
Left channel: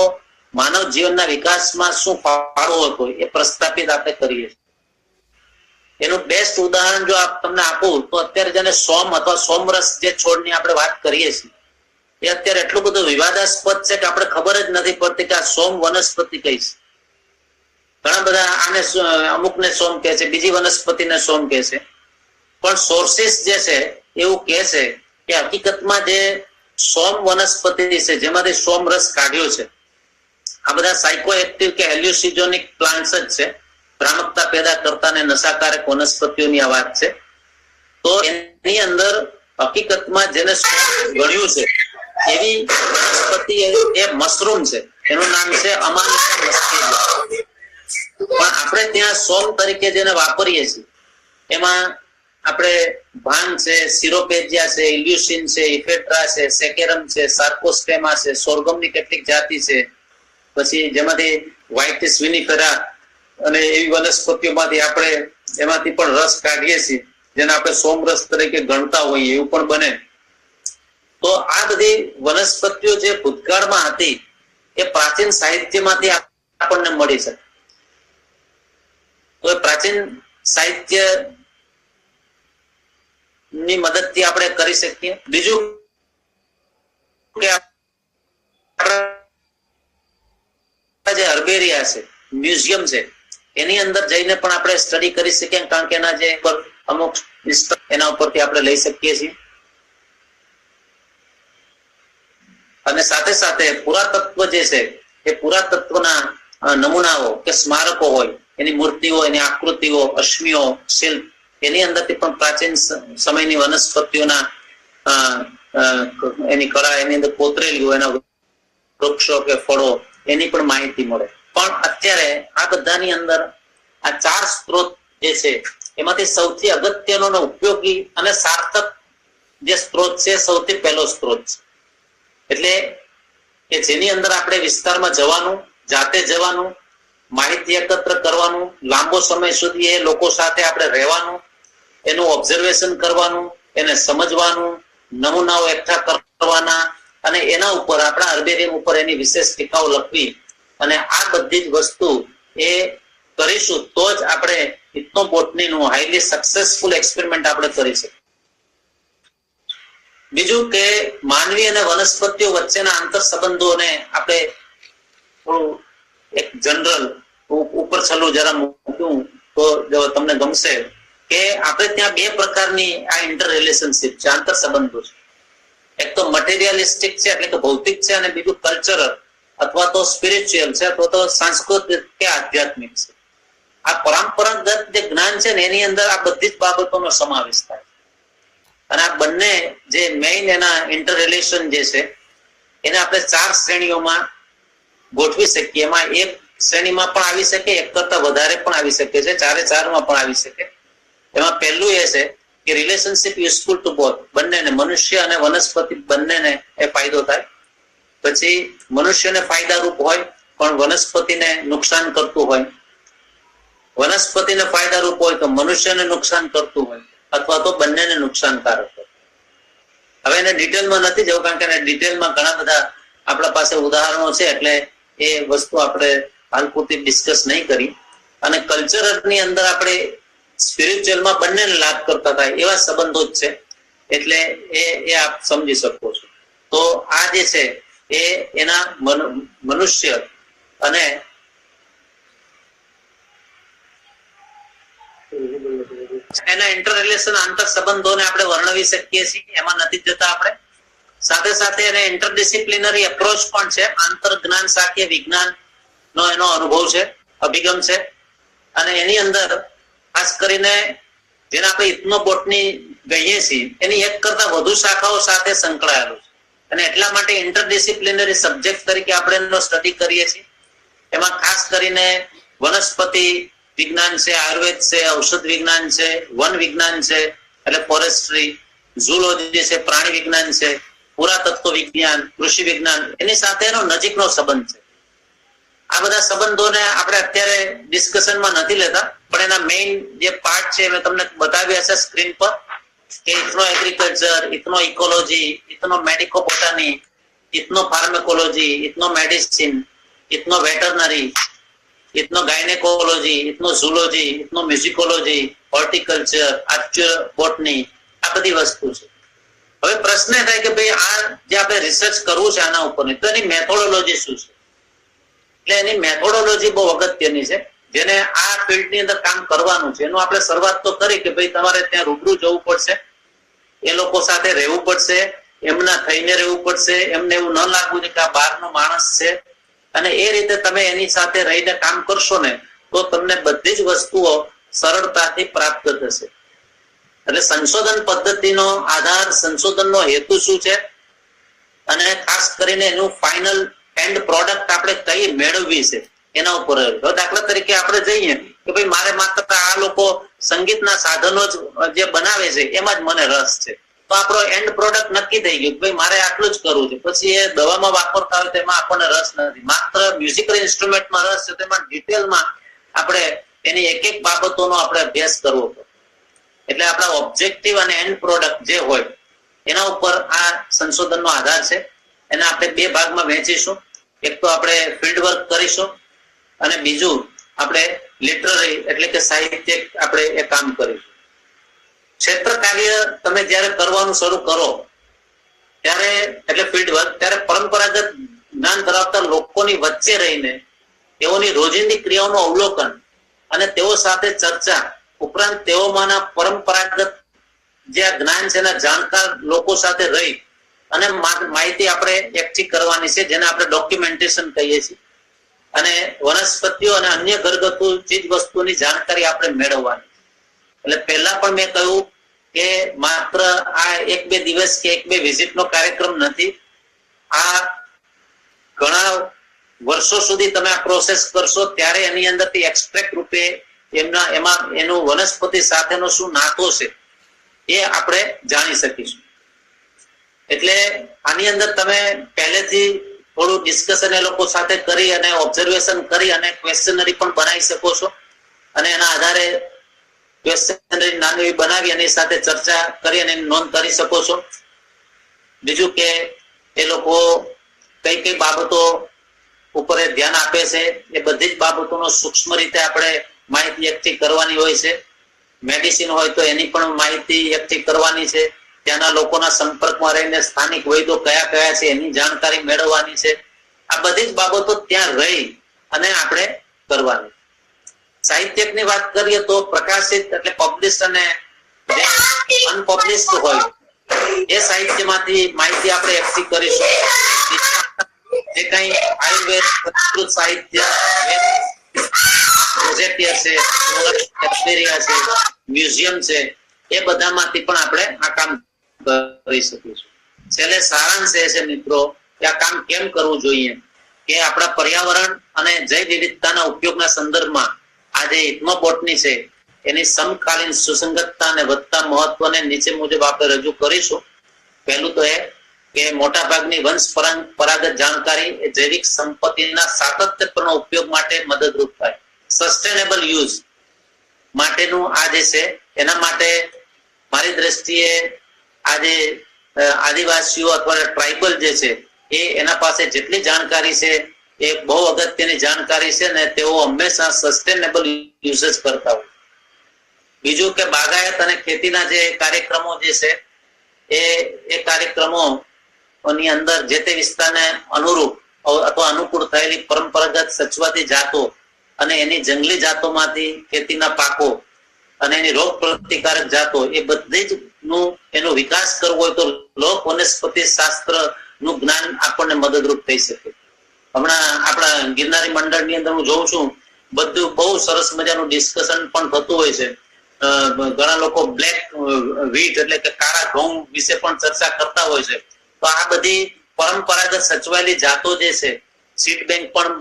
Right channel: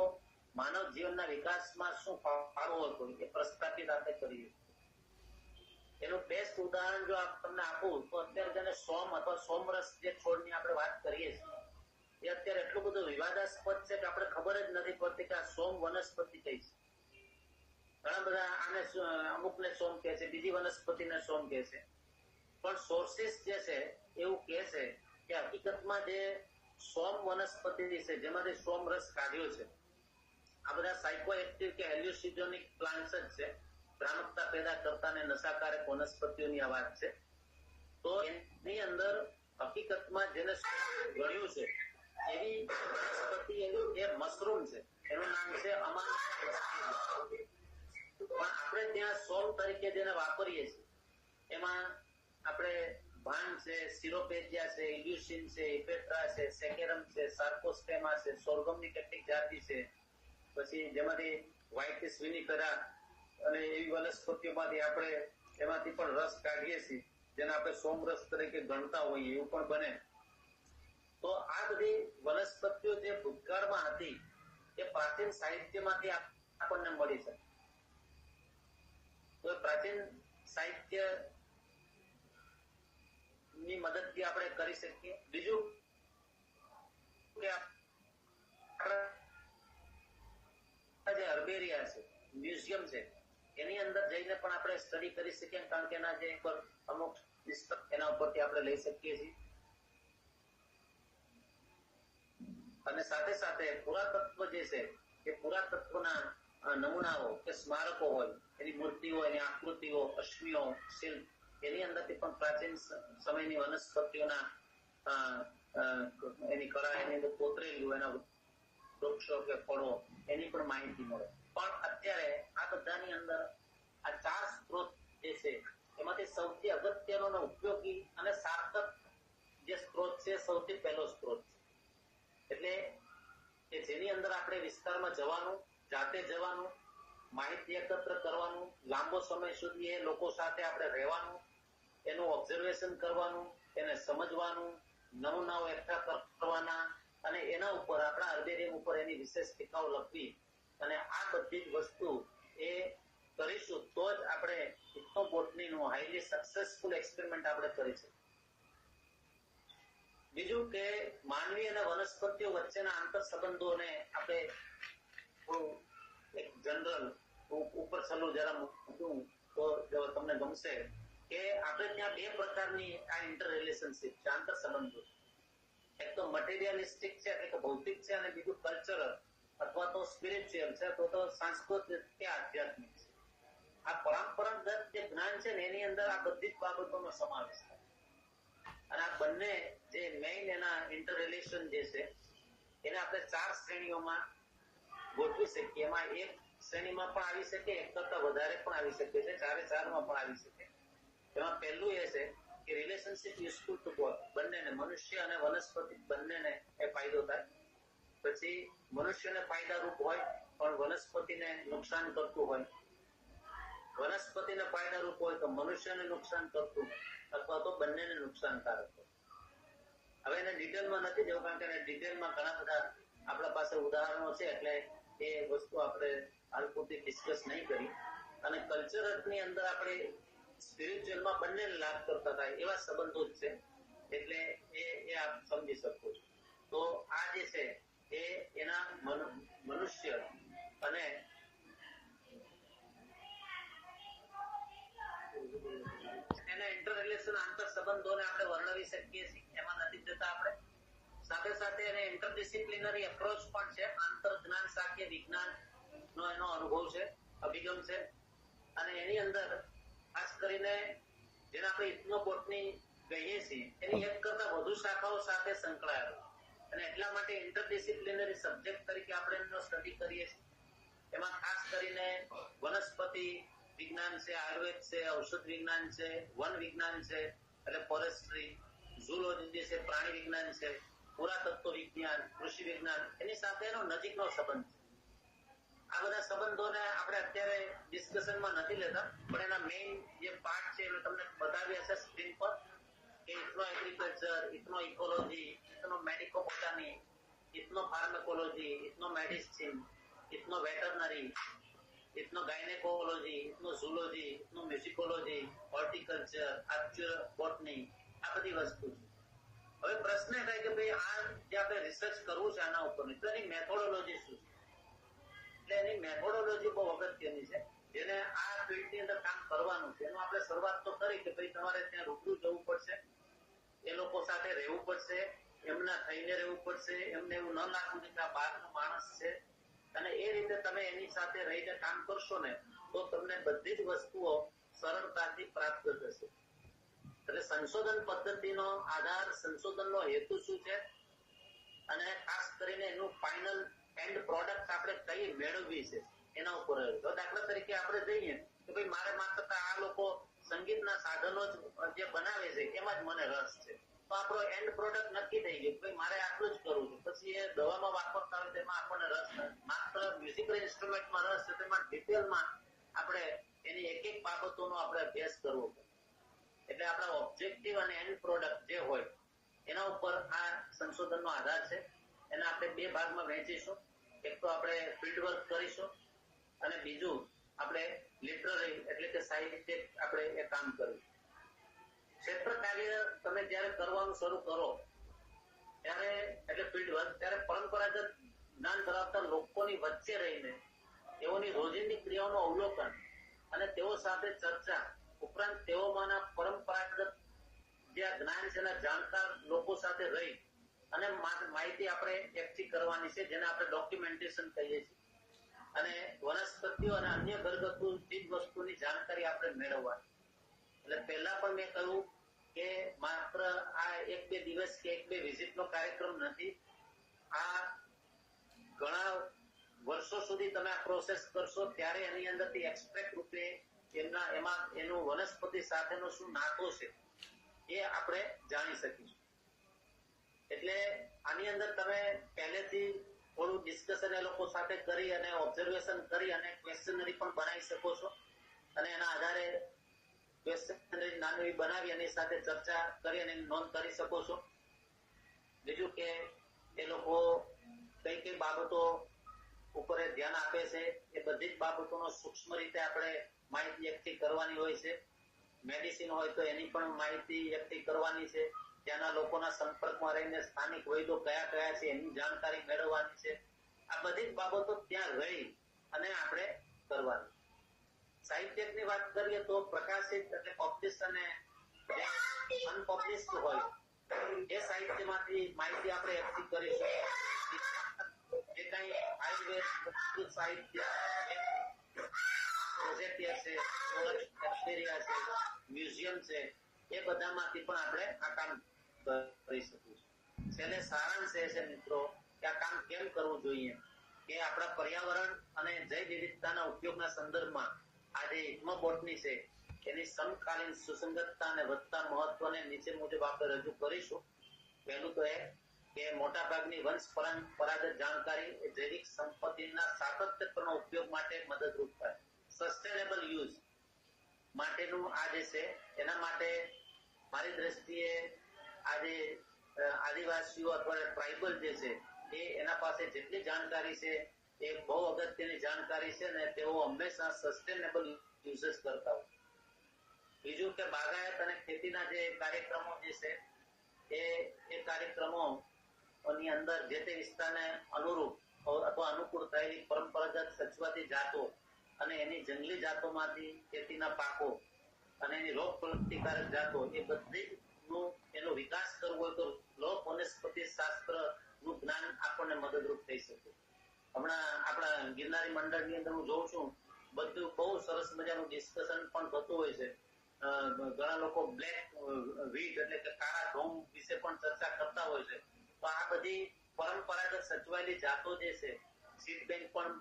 માનવ જીવનના વિકાસમાં શું ફાળો હતો એ પ્રસ્થાપિત આપણે કરીએ છીએ. એનું બેસ્ટ ઉદાહરણ જો તમને આપું તો અત્યારે જેને સોમ અથવા સોમરસ જે છોડની આપણે વાત કરીએ છીએ એ અત્યારે એટલું બધું વિવાદાસ્પદ છે કે આપણે ખબર જ નથી પડતી કે આ સોમ વનસ્પતિ કઈ છે. ઘણા બધા આને અમુકને સોમ કહે છે, બીજી વનસ્પતિને સોમ કહે છે, પણ સોર્સિસ જે છે એવું કહે છે કે હકીકતમાં જે સોમ વનસ્પતિ છે જેમાંથી સોમ રસ કાઢ્યો છે, આ બધા સાયકો એક્ટિવ કે હેલ્યુસિજોનિક પ્લાન્ટ્સ જ છે, ભ્રામકતા પેદા કરતા ને નશાકારક વનસ્પતિઓની આ વાત છે. તો એની અંદર હકીકતમાં જેને ગણ્યું છે એવી વનસ્પતિ એ મશરૂમ છે, એનું નામ છે અમાનિકા મસ્કેરિયા. પણ આપણે ત્યાં સોમ તરીકે જેને વાપરીએ છીએ એમાં આપણે ભાંગ છે, સિરોપેજિયા છે, ઇલ્યુસિન છે, ઇફેટ્રા છે, સેકેરમ છે, સાર્કોસ્ટેમા છે, સોર્ગમની કેટલીક જાતિ છે, પછી જેમાંથી વ્હાઇટિસ વિનિફેરા અને એવી વનસ્પતિઓમાંથી આપણે એમાંથી પણ રસ કાઢીએ છીએ જેને આપણે સોમરસ તરીકે ગણતા હોઈએ એવું પણ બને. તો આ બધી વનસ્પતિઓ જે ભૂતકાળમાં હતી એ પ્રાચીન સાહિત્યમાંથી આપણને મળી છે. તો એ પ્રાચીન સાહિત્ય ની મદદથી આપણે કરી શકીએ. બીજું કે જે અર્બેરિયા છે, મ્યુઝિયમ છે, એની અંદર જઈને પણ આપણે સ્ટડી કરી શકીએ, કારણ કે એના જે અમુક એના ઉપરથી આપણે લઈ શકીએ છીએ. અને સાથે સાથે પુરાતત્વ જે છે એ પુરાતત્વના નમૂનાઓ કે સ્મારકો હોય, એની મૂર્તિઓ, એની આકૃતિઓ, અશ્મિઓ, શિલ્પ, એની અંદરથી પણ પ્રાચીન સમયની વનસ્પતિઓના એની કળા એની અંદર કોતરેલી હોય, એના વૃક્ષો કે ફળો, એની પણ માહિતી મળે. પણ અત્યારે આ બધાની અંદર આ 4 સ્ત્રોત જે છે એમાંથી સૌથી અગત્યનો અને ઉપયોગી અને સાર્થક જે સ્ત્રોત છે સૌથી પહેલો સ્ત્રોત છે. એટલે કે જેની અંદર આપણે વિસ્તારમાં જવાનું, જાતે જવાનું, માહિતી એકત્ર કરવાનું, લાંબો સમય સુધી એ લોકો સાથે આપણે રહેવાનું, એનું ઓબ્ઝર્વેશન કરવાનું, એને સમજવાનું, નમૂનાઓ એકઠા કરવાના અને એના ઉપર આપણા અર્બેરિયમ ઉપર એની વિશેષ ટીકાઓ લખવી, અને આ બધી જ વસ્તુ એ કરીશું તો જ આપણે ઇથ્નોબોટનીનું હાઈલી સક્સેસફુલ એક્સપેરિમેન્ટ આપણે કરી શકીએ. બીજું કે માનવી અને વનસ્પતિઓ વચ્ચેના આંતર સંબંધોને આપણે થોડું એક જનરલ ઉપર છલ્લું જરા મૂક્યું તો તમને ગમશે કે આપણે ત્યાં 2 પ્રકારની આ ઇન્ટર રિલેશનશિપ છે, આંતર સંબંધો છે. એક તો મટીરિયલિસ્ટિક છે એટલે કે ભૌતિક છે, અને બીજું કલ્ચરલ અથવા તો સ્પિરિચ્યુઅલ છે અથવા તો સાંસ્કૃતિક કે આધ્યાત્મિક છે. આ પરંપરાગત જે જ્ઞાન છે ને એની અંદર આ બધી જ બાબતોનો સમાવેશ થાય. અને આ બંને જે મેઇન એના ઇન્ટર રિલેશન જે છે એને આપણે 4 શ્રેણીઓમાં ગોઠવી શકીએ. એમાં એક શ્રેણીમાં પણ આવી શકે, એક કરતા વધારે પણ આવી શકે છે, 4 માં પણ આવી શકે. એમાં પહેલું એ છે કે રિલેશનશિપ યુઝફુલ ટુ બોથ, બંનેને, મનુષ્ય અને વનસ્પતિ બંનેને એ ફાયદો થાય. પછી મનુષ્યને ફાયદારૂપ હોય પણ વનસ્પતિને નુકસાન કરતું હોય, વનસ્પતિને ફાયદારૂપ હોય તો મનુષ્યને નુકસાન કરતું હોય, અથવા તો બંનેને નુકસાનકારક હોય. હવે એને ડિટેલમાં નથી જવું, કારણ કે ડિટેલમાં ઘણા બધા આપણા પાસે ઉદાહરણો છે, એટલે એ વસ્તુ આપણે હાલ પૂરતી ડિસ્કસ નહીં કરી. અને કલ્ચરની અંદર આપણે સ્પિરિચ્યુઅલમાં બંનેને લાભ કરતા થાય એવા સંબંધો જ છે, એટલે એ આપ સમજી શકો છો. તો આ જે છે એ એના મનુષ્ય અને એના ઇન્ટર રિલેશન આંતર સંબંધોને આપણે વર્ણવી શકીએ છીએ, એમાં નથી જતા આપણે. સાથે સાથે એને ઇન્ટરડિસિપ્લિનરી એપ્રોચ પણ છે, આંતર જ્ઞાન શાખીય વિજ્ઞાન નો એનો અનુભવ છે, અભિગમ છે. અને એની અંદર ખાસ કરીને જેને આપણે ઇથ્નોબોટની કહીએ છીએ એની એક કરતા વધુ શાખાઓ સાથે સંકળાયેલું છે, અને એટલા માટે ઇન્ટરડિસિપ્લિનરી સબ્જેક્ટ તરીકે આપણે એનો સ્ટડી કરીએ છીએ. એમાં ખાસ કરીને વનસ્પતિ વિજ્ઞાન છે, આયુર્વેદ છે, ઔષધ વિજ્ઞાન છે, વન વિજ્ઞાન છે એટલે ફોરેસ્ટ્રી, ઝૂલોજી છે, પ્રાણી વિજ્ઞાન છે, પુરાતત્વ વિજ્ઞાન, કૃષિ વિજ્ઞાન, એની સાથે એનો નજીકનો સંબંધ છે. આ બધા સંબંધોને આપણે અત્યારે ડિસ્કશનમાં નથી લેતા, પણ એના મેઇન જે પાર્ટ છે મેં તમને બતાવ્યા છે સ્ક્રીન પર, કે ethno agriculture, ethno ecology, ethno medico botany, ethno pharmacology, ethno medicine, ethno veterinary, ethno gynaecology, ethno zoology, ethno musicology, horticulture, archer botany, આ બધી વસ્તુ છે. હવે પ્રશ્ન એ થાય કે ભાઈ આ જે આપણે રિસર્ચ કરવું છે આના ઉપર, તો એની મેથોડોલોજી શું છે? એટલે એની મેથોડોલોજી બહુ અગત્યની છે. જેને આ ફિલ્ડની અંદર કામ કરવાનું છે એનું આપણે શરૂઆત તો કરી કે ભાઈ તમારે ત્યાં રૂબરૂ જવું પડશે, એ લોકો સાથે રહેવું પડશે, એમના થઈને રહેવું પડશે, એમને એવું ન લાગવું કે આ બહારનો માણસ છે, અને એ રીતે તમે એની સાથે રહીને કામ કરશો ને તો તમને બધી જ વસ્તુઓ સરળતાથી પ્રાપ્ત થશે. એટલે સંશોધન પદ્ધતિનો આધાર, સંશોધનનો હેતુ શું છે, અને ખાસ કરીને એનું ફાઇનલ એન્ડ પ્રોડક્ટ આપણે કઈ મેળવવી છે એના ઉપર. દાખલા તરીકે આપણે જઈએ કે ભાઈ મારે માત્ર આ લોકો સંગીતના સાધનો જે બનાવે છે એમાં જ મને રસ છે, તો આપણો એન્ડ પ્રોડક્ટ નક્કી થઈ ગયું કે ભાઈ મારે આટલું જ કરવું છે. પછી એ દવામાં વાપરતા હોય તેમાં આપણને રસ નથી, માત્ર મ્યુઝિકલ ઇન્સ્ટ્રુમેન્ટમાં રસ છે, તેમાં ડિટેલમાં આપણે એની એક એક બાબતોનો આપણે અભ્યાસ કરવો પડે. એટલે આપણા ઓબ્જેક્ટિવ અને એન્ડ પ્રોડક્ટ જે હોય એના ઉપર આ સંશોધનનો આધાર છે. એને આપણે બે ભાગમાં વહેંચીશું. એક તો આપણે ફિલ્ડ વર્ક કરીશું, અને બીજું આપણે લિટરરી એટલે કે સાહિત્યિક આપણે એ કામ કરીશું. ક્ષેત્ર કાર્ય તમે જ્યારે કરવાનું શરૂ કરો ત્યારે, એટલે ફિલ્ડ વર્ક, ત્યારે પરંપરાગત જ્ઞાન ધરાવતા લોકોની વચ્ચે રહીને તેઓની રોજિંદી ક્રિયાઓનું અવલોકન અને તેઓ સાથે ચર્ચા ઉપરાંત તેઓમાંના પરંપરાગત જે જ્ઞાન છે એના જાણકાર લોકો સાથે રહી અને માહિતી આપણે એકઠી કરવાની છે, જેને આપણે ડોક્યુમેન્ટેશન કહીએ છીએ. અને વનસ્પતિઓ અને અન્ય ઘરગથ્થુ ચીજ વસ્તુની જાણકારી આપણે મેળવવાની. એટલે પહેલા પણ મેં કહ્યું કે માત્ર આ એક બે દિવસ કે એક બે વિઝિટનો કાર્યક્રમ નથી. આ ઘણા વર્ષો સુધી તમે આ પ્રોસેસ કરશો ત્યારે એની અંદરથી એક્સટ્રેક્ટ રૂપે એમાં એનું વનસ્પતિ સાથેનો શું નાતો છે એ આપણે જાણી શકીશું. એટલે આની અંદર તમે પહેલેથી થોડું ડિસ્કશન એ લોકો સાથે કરી અને ઓબ્ઝર્વેશન કરી અને ક્વેશ્ચનરી પણ બનાવી શકો છો, અને એના આધારે ક્વેશ્ચનરી નાની બનાવી અને સાથે ચર્ચા કરી અને નોંધ કરી શકો છો. બીજું કે એ લોકો કઈ કઈ બાબતો ઉપર ધ્યાન આપે છે એ બધી જ બાબતોનો સૂક્ષ્મ રીતે આપણે માહિતી એકઠી કરવાની હોય છે. મેડિસિન હોય તો એની પણ માહિતી એકઠી કરવાની છે. ત્યાંના લોકોના સંપર્કમાં રહીને સ્થાનિક વૈદ્યો કયા કયા છે એની જાણકારી મેળવવાની છે. આ બધી જ બાબતો ત્યાં રહી અને આપણે કરવાની. સાહિત્યની વાત કરીએ તો પ્રકાશિત એટલે પબ્લિશ અને જે અનપબ્લિશ્ડ હોય એ સાહિત્યમાંથી માહિતી આપણે એકઠી કરીશું. જે કઈ આયુર્વેદ સંસ્કૃત સાહિત્ય છે, મ્યુઝિયમ છે, એ બધામાંથી પણ આપણે આ કામ કરી શકીશું. છેલ્લે સારાંશ એ છે મિત્રો કે આ કામ કેમ કરવું જોઈએ કે આપણા પર્યાવરણ અને જૈવ વિવિધતાના ઉપયોગના સંદર્ભમાં આ જે ઇથ્નોબોટની છે એની સમકાલીન સુસંગતતા અને વધતા મહત્વને નીચે મુજબ આપણે રજૂ કરીશું. પહેલું તો એ કે મોટાભાગની વંશ પરંપરાગત જાણકારી એ જૈવિક સંપત્તિના સાતત્યપૂર્ણ ઉપયોગ માટે મદદરૂપ થાય. સસ્ટેનેબલ યુઝ માટેનું આ જે છે એના માટે મારી દ્રષ્ટિએ આજે આદિવાસીઓ અથવા ટ્રાઇબલ જે છે એ એના પાસે જેટલી જાણકારી છે એ બહુ અગત્યની જાણકારી છે, ને તેઓ હંમેશા સસ્ટેનેબલ યુઝ કરતા હોય. બીજું કે બાગાયત અને ખેતીના જે કાર્યક્રમો જે છે એ કાર્યક્રમો ની અંદર જે તે વિસ્તારને અનુરૂપ અથવા અનુકૂળ થયેલી પરંપરાગત સચવાતી જાતો અને એની જંગલી જાતોમાંથી ખેતીના પાકો અને એની રોગ પ્રતિકારક જાતો એ બધી જ નું એનો વિકાસ કરવો હોય તો લોક વનસ્પતિ શાસ્ત્ર નું જ્ઞાન આપણને મદદરૂપ થઈ શકે. હમણાં આપણા ગિરનારી મંડળની અંદર હું જોઉં છું બધું બહુ સરસ મજાનું ડિસ્કશન પણ થતું હોય છે. ઘણા લોકો બ્લેક વ્હીટ એટલે કે કાળા ઘઉં વિશે પણ ચર્ચા કરતા હોય છે. તો આ બધી પરંપરાગત સચવાયેલી જાતો જે છે સીડ બેંક પણ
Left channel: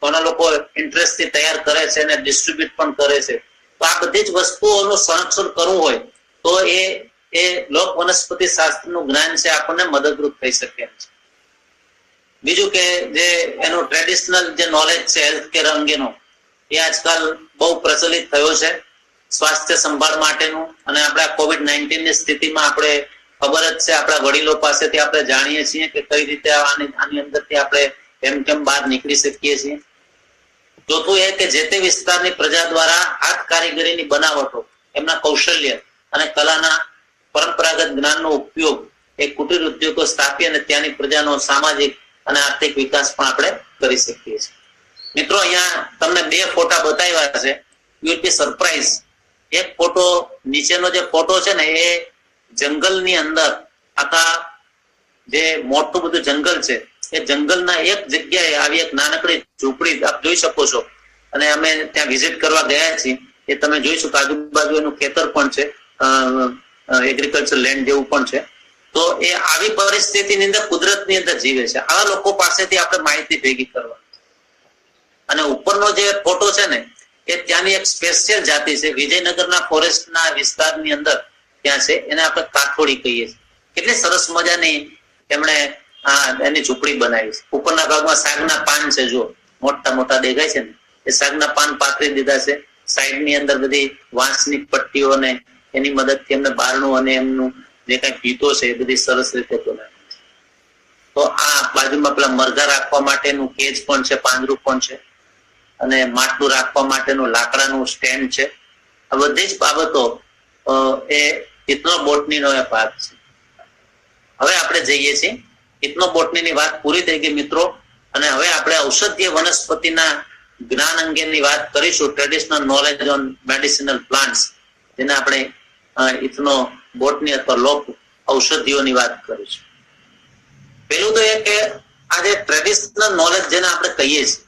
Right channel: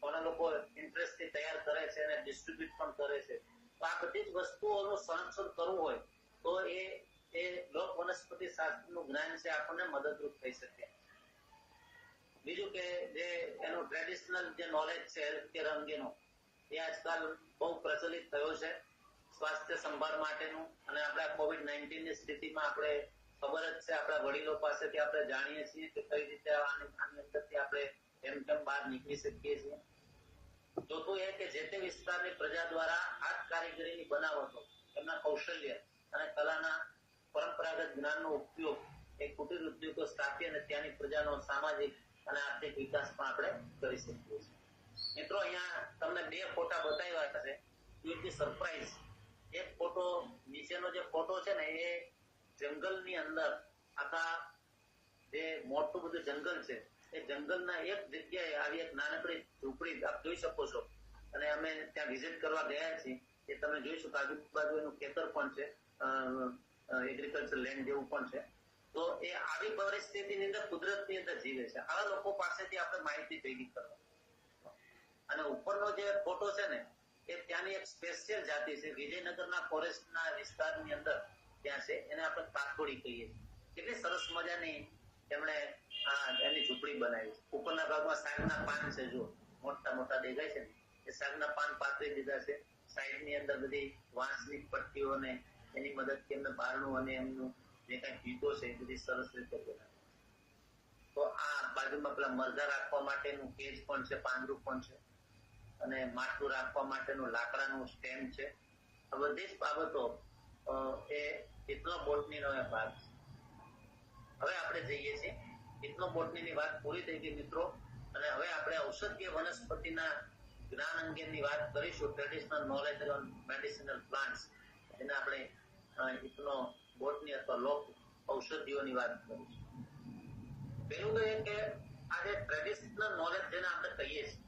ઘણા લોકો ઇન્ટરેસ્ટ થી તૈયાર કરે છે અને ડિસ્ટ્રીબ્યુટ પણ કરે છે. તો આ બધી જ વસ્તુઓનું સંરક્ષણ કરવું હોય તો એ લોક વનસ્પતિ શાસ્ત્રનું જ્ઞાન છે આપણને મદદરૂપ થઈ શકે છે. બીજું કે જે એનું ટ્રેડિશનલ જે નોલેજ છે હેલ્થ કેર અંગેનો એ આજકાલ બહુ પ્રચલિત થયો છે સ્વાસ્થ્ય સંભાળ માટેનું. અને આપણા COVID-19 ની સ્થિતિમાં આપણે ખબર જ છે, આપણા વડીલો પાસેથી આપણે જાણીએ છીએ કે કઈ રીતે આની અંદરથી આપણે કેમ બહાર નીકળી શકીએ છીએ. ચોથું એ કે જે તે વિસ્તારની પ્રજા દ્વારા હાથ કારીગરીની બનાવટો, એમના કૌશલ્ય અને કલાના પરંપરાગત જ્ઞાનનો ઉપયોગ એ કુટીર ઉદ્યોગો સ્થાપી અને ત્યાંની પ્રજાનો સામાજિક અને આર્થિક વિકાસ પણ આપણે કરી શકીએ છીએ. મિત્રો, અહીંયા તમને 2 ફોટા બતાવ્યા છે. You will be surprise. એક ફોટો, નીચેનો જે ફોટો છે ને, એ જંગલની અંદર આખા જે મોટું બધું જંગલ છે એ જંગલના એક જગ્યાએ આવી એક નાનકડી ઝૂંપડી આપ જોઈ શકો છો. અને અમે ત્યાં વિઝિટ કરવા ગયા છીએ. એ તમે જોઈ શકો, આજુબાજુ એનું ખેતર પણ છે, એગ્રીકલ્ચર લેન્ડ જેવું પણ છે. તો એ આવી પરિસ્થિતિની અંદર કુદરતની અંદર જીવે છે. આવા લોકો પાસેથી આપણે માહિતી ભેગી કરવા. અને ઉપરનો જે ફોટો છે ને, એ ત્યાંની એક સ્પેશિયલ જાતિ છે, વિજયનગરના ફોરેસ્ટના વિસ્તારની અંદર ત્યાં છે, એને આપણે કાઠોડી કહીએ છીએ. કેટલી સરસ મજાની એમણે એની ઝૂંપડી બનાવી છે. ઉપરના ભાગમાં સાગના પાન છે, જો મોટા મોટા દેખાય છે ને, એ સાગના પાન પાથરી દીધા છે. સાઈડની અંદર બધી વાંસની પટ્ટીઓ ને એની મદદથી એમને બારણું અને એમનું જે કઈ ભીતો છે એ બધી સરસ રીતે બનાવી છે. તો આ બાજુમાં પેલા મરઘા રાખવા માટેનું કેજ પણ છે, પાંજરું પણ છે, અને માટલું રાખવા માટેનું લાકડાનું સ્ટેન્ડ છે. આ બધી જ બાબતો એ ઇથનો બોટનીનો એ ભાગ છે. હવે આપણે જઈએ છીએ, ઇથનો બોટનીની વાત પૂરી થઈ ગઈ મિત્રો. અને હવે આપણે ઔષધીય વનસ્પતિના જ્ઞાન અંગેની વાત કરીશું, traditional knowledge on medicinal plants, જેને આપણે ઇથનો બોટની અથવા લોક ઔષધિઓની વાત કરીશું. પેલું તો એ કે આ જે ટ્રેડિશનલ નોલેજ જેને આપણે કહીએ છીએ,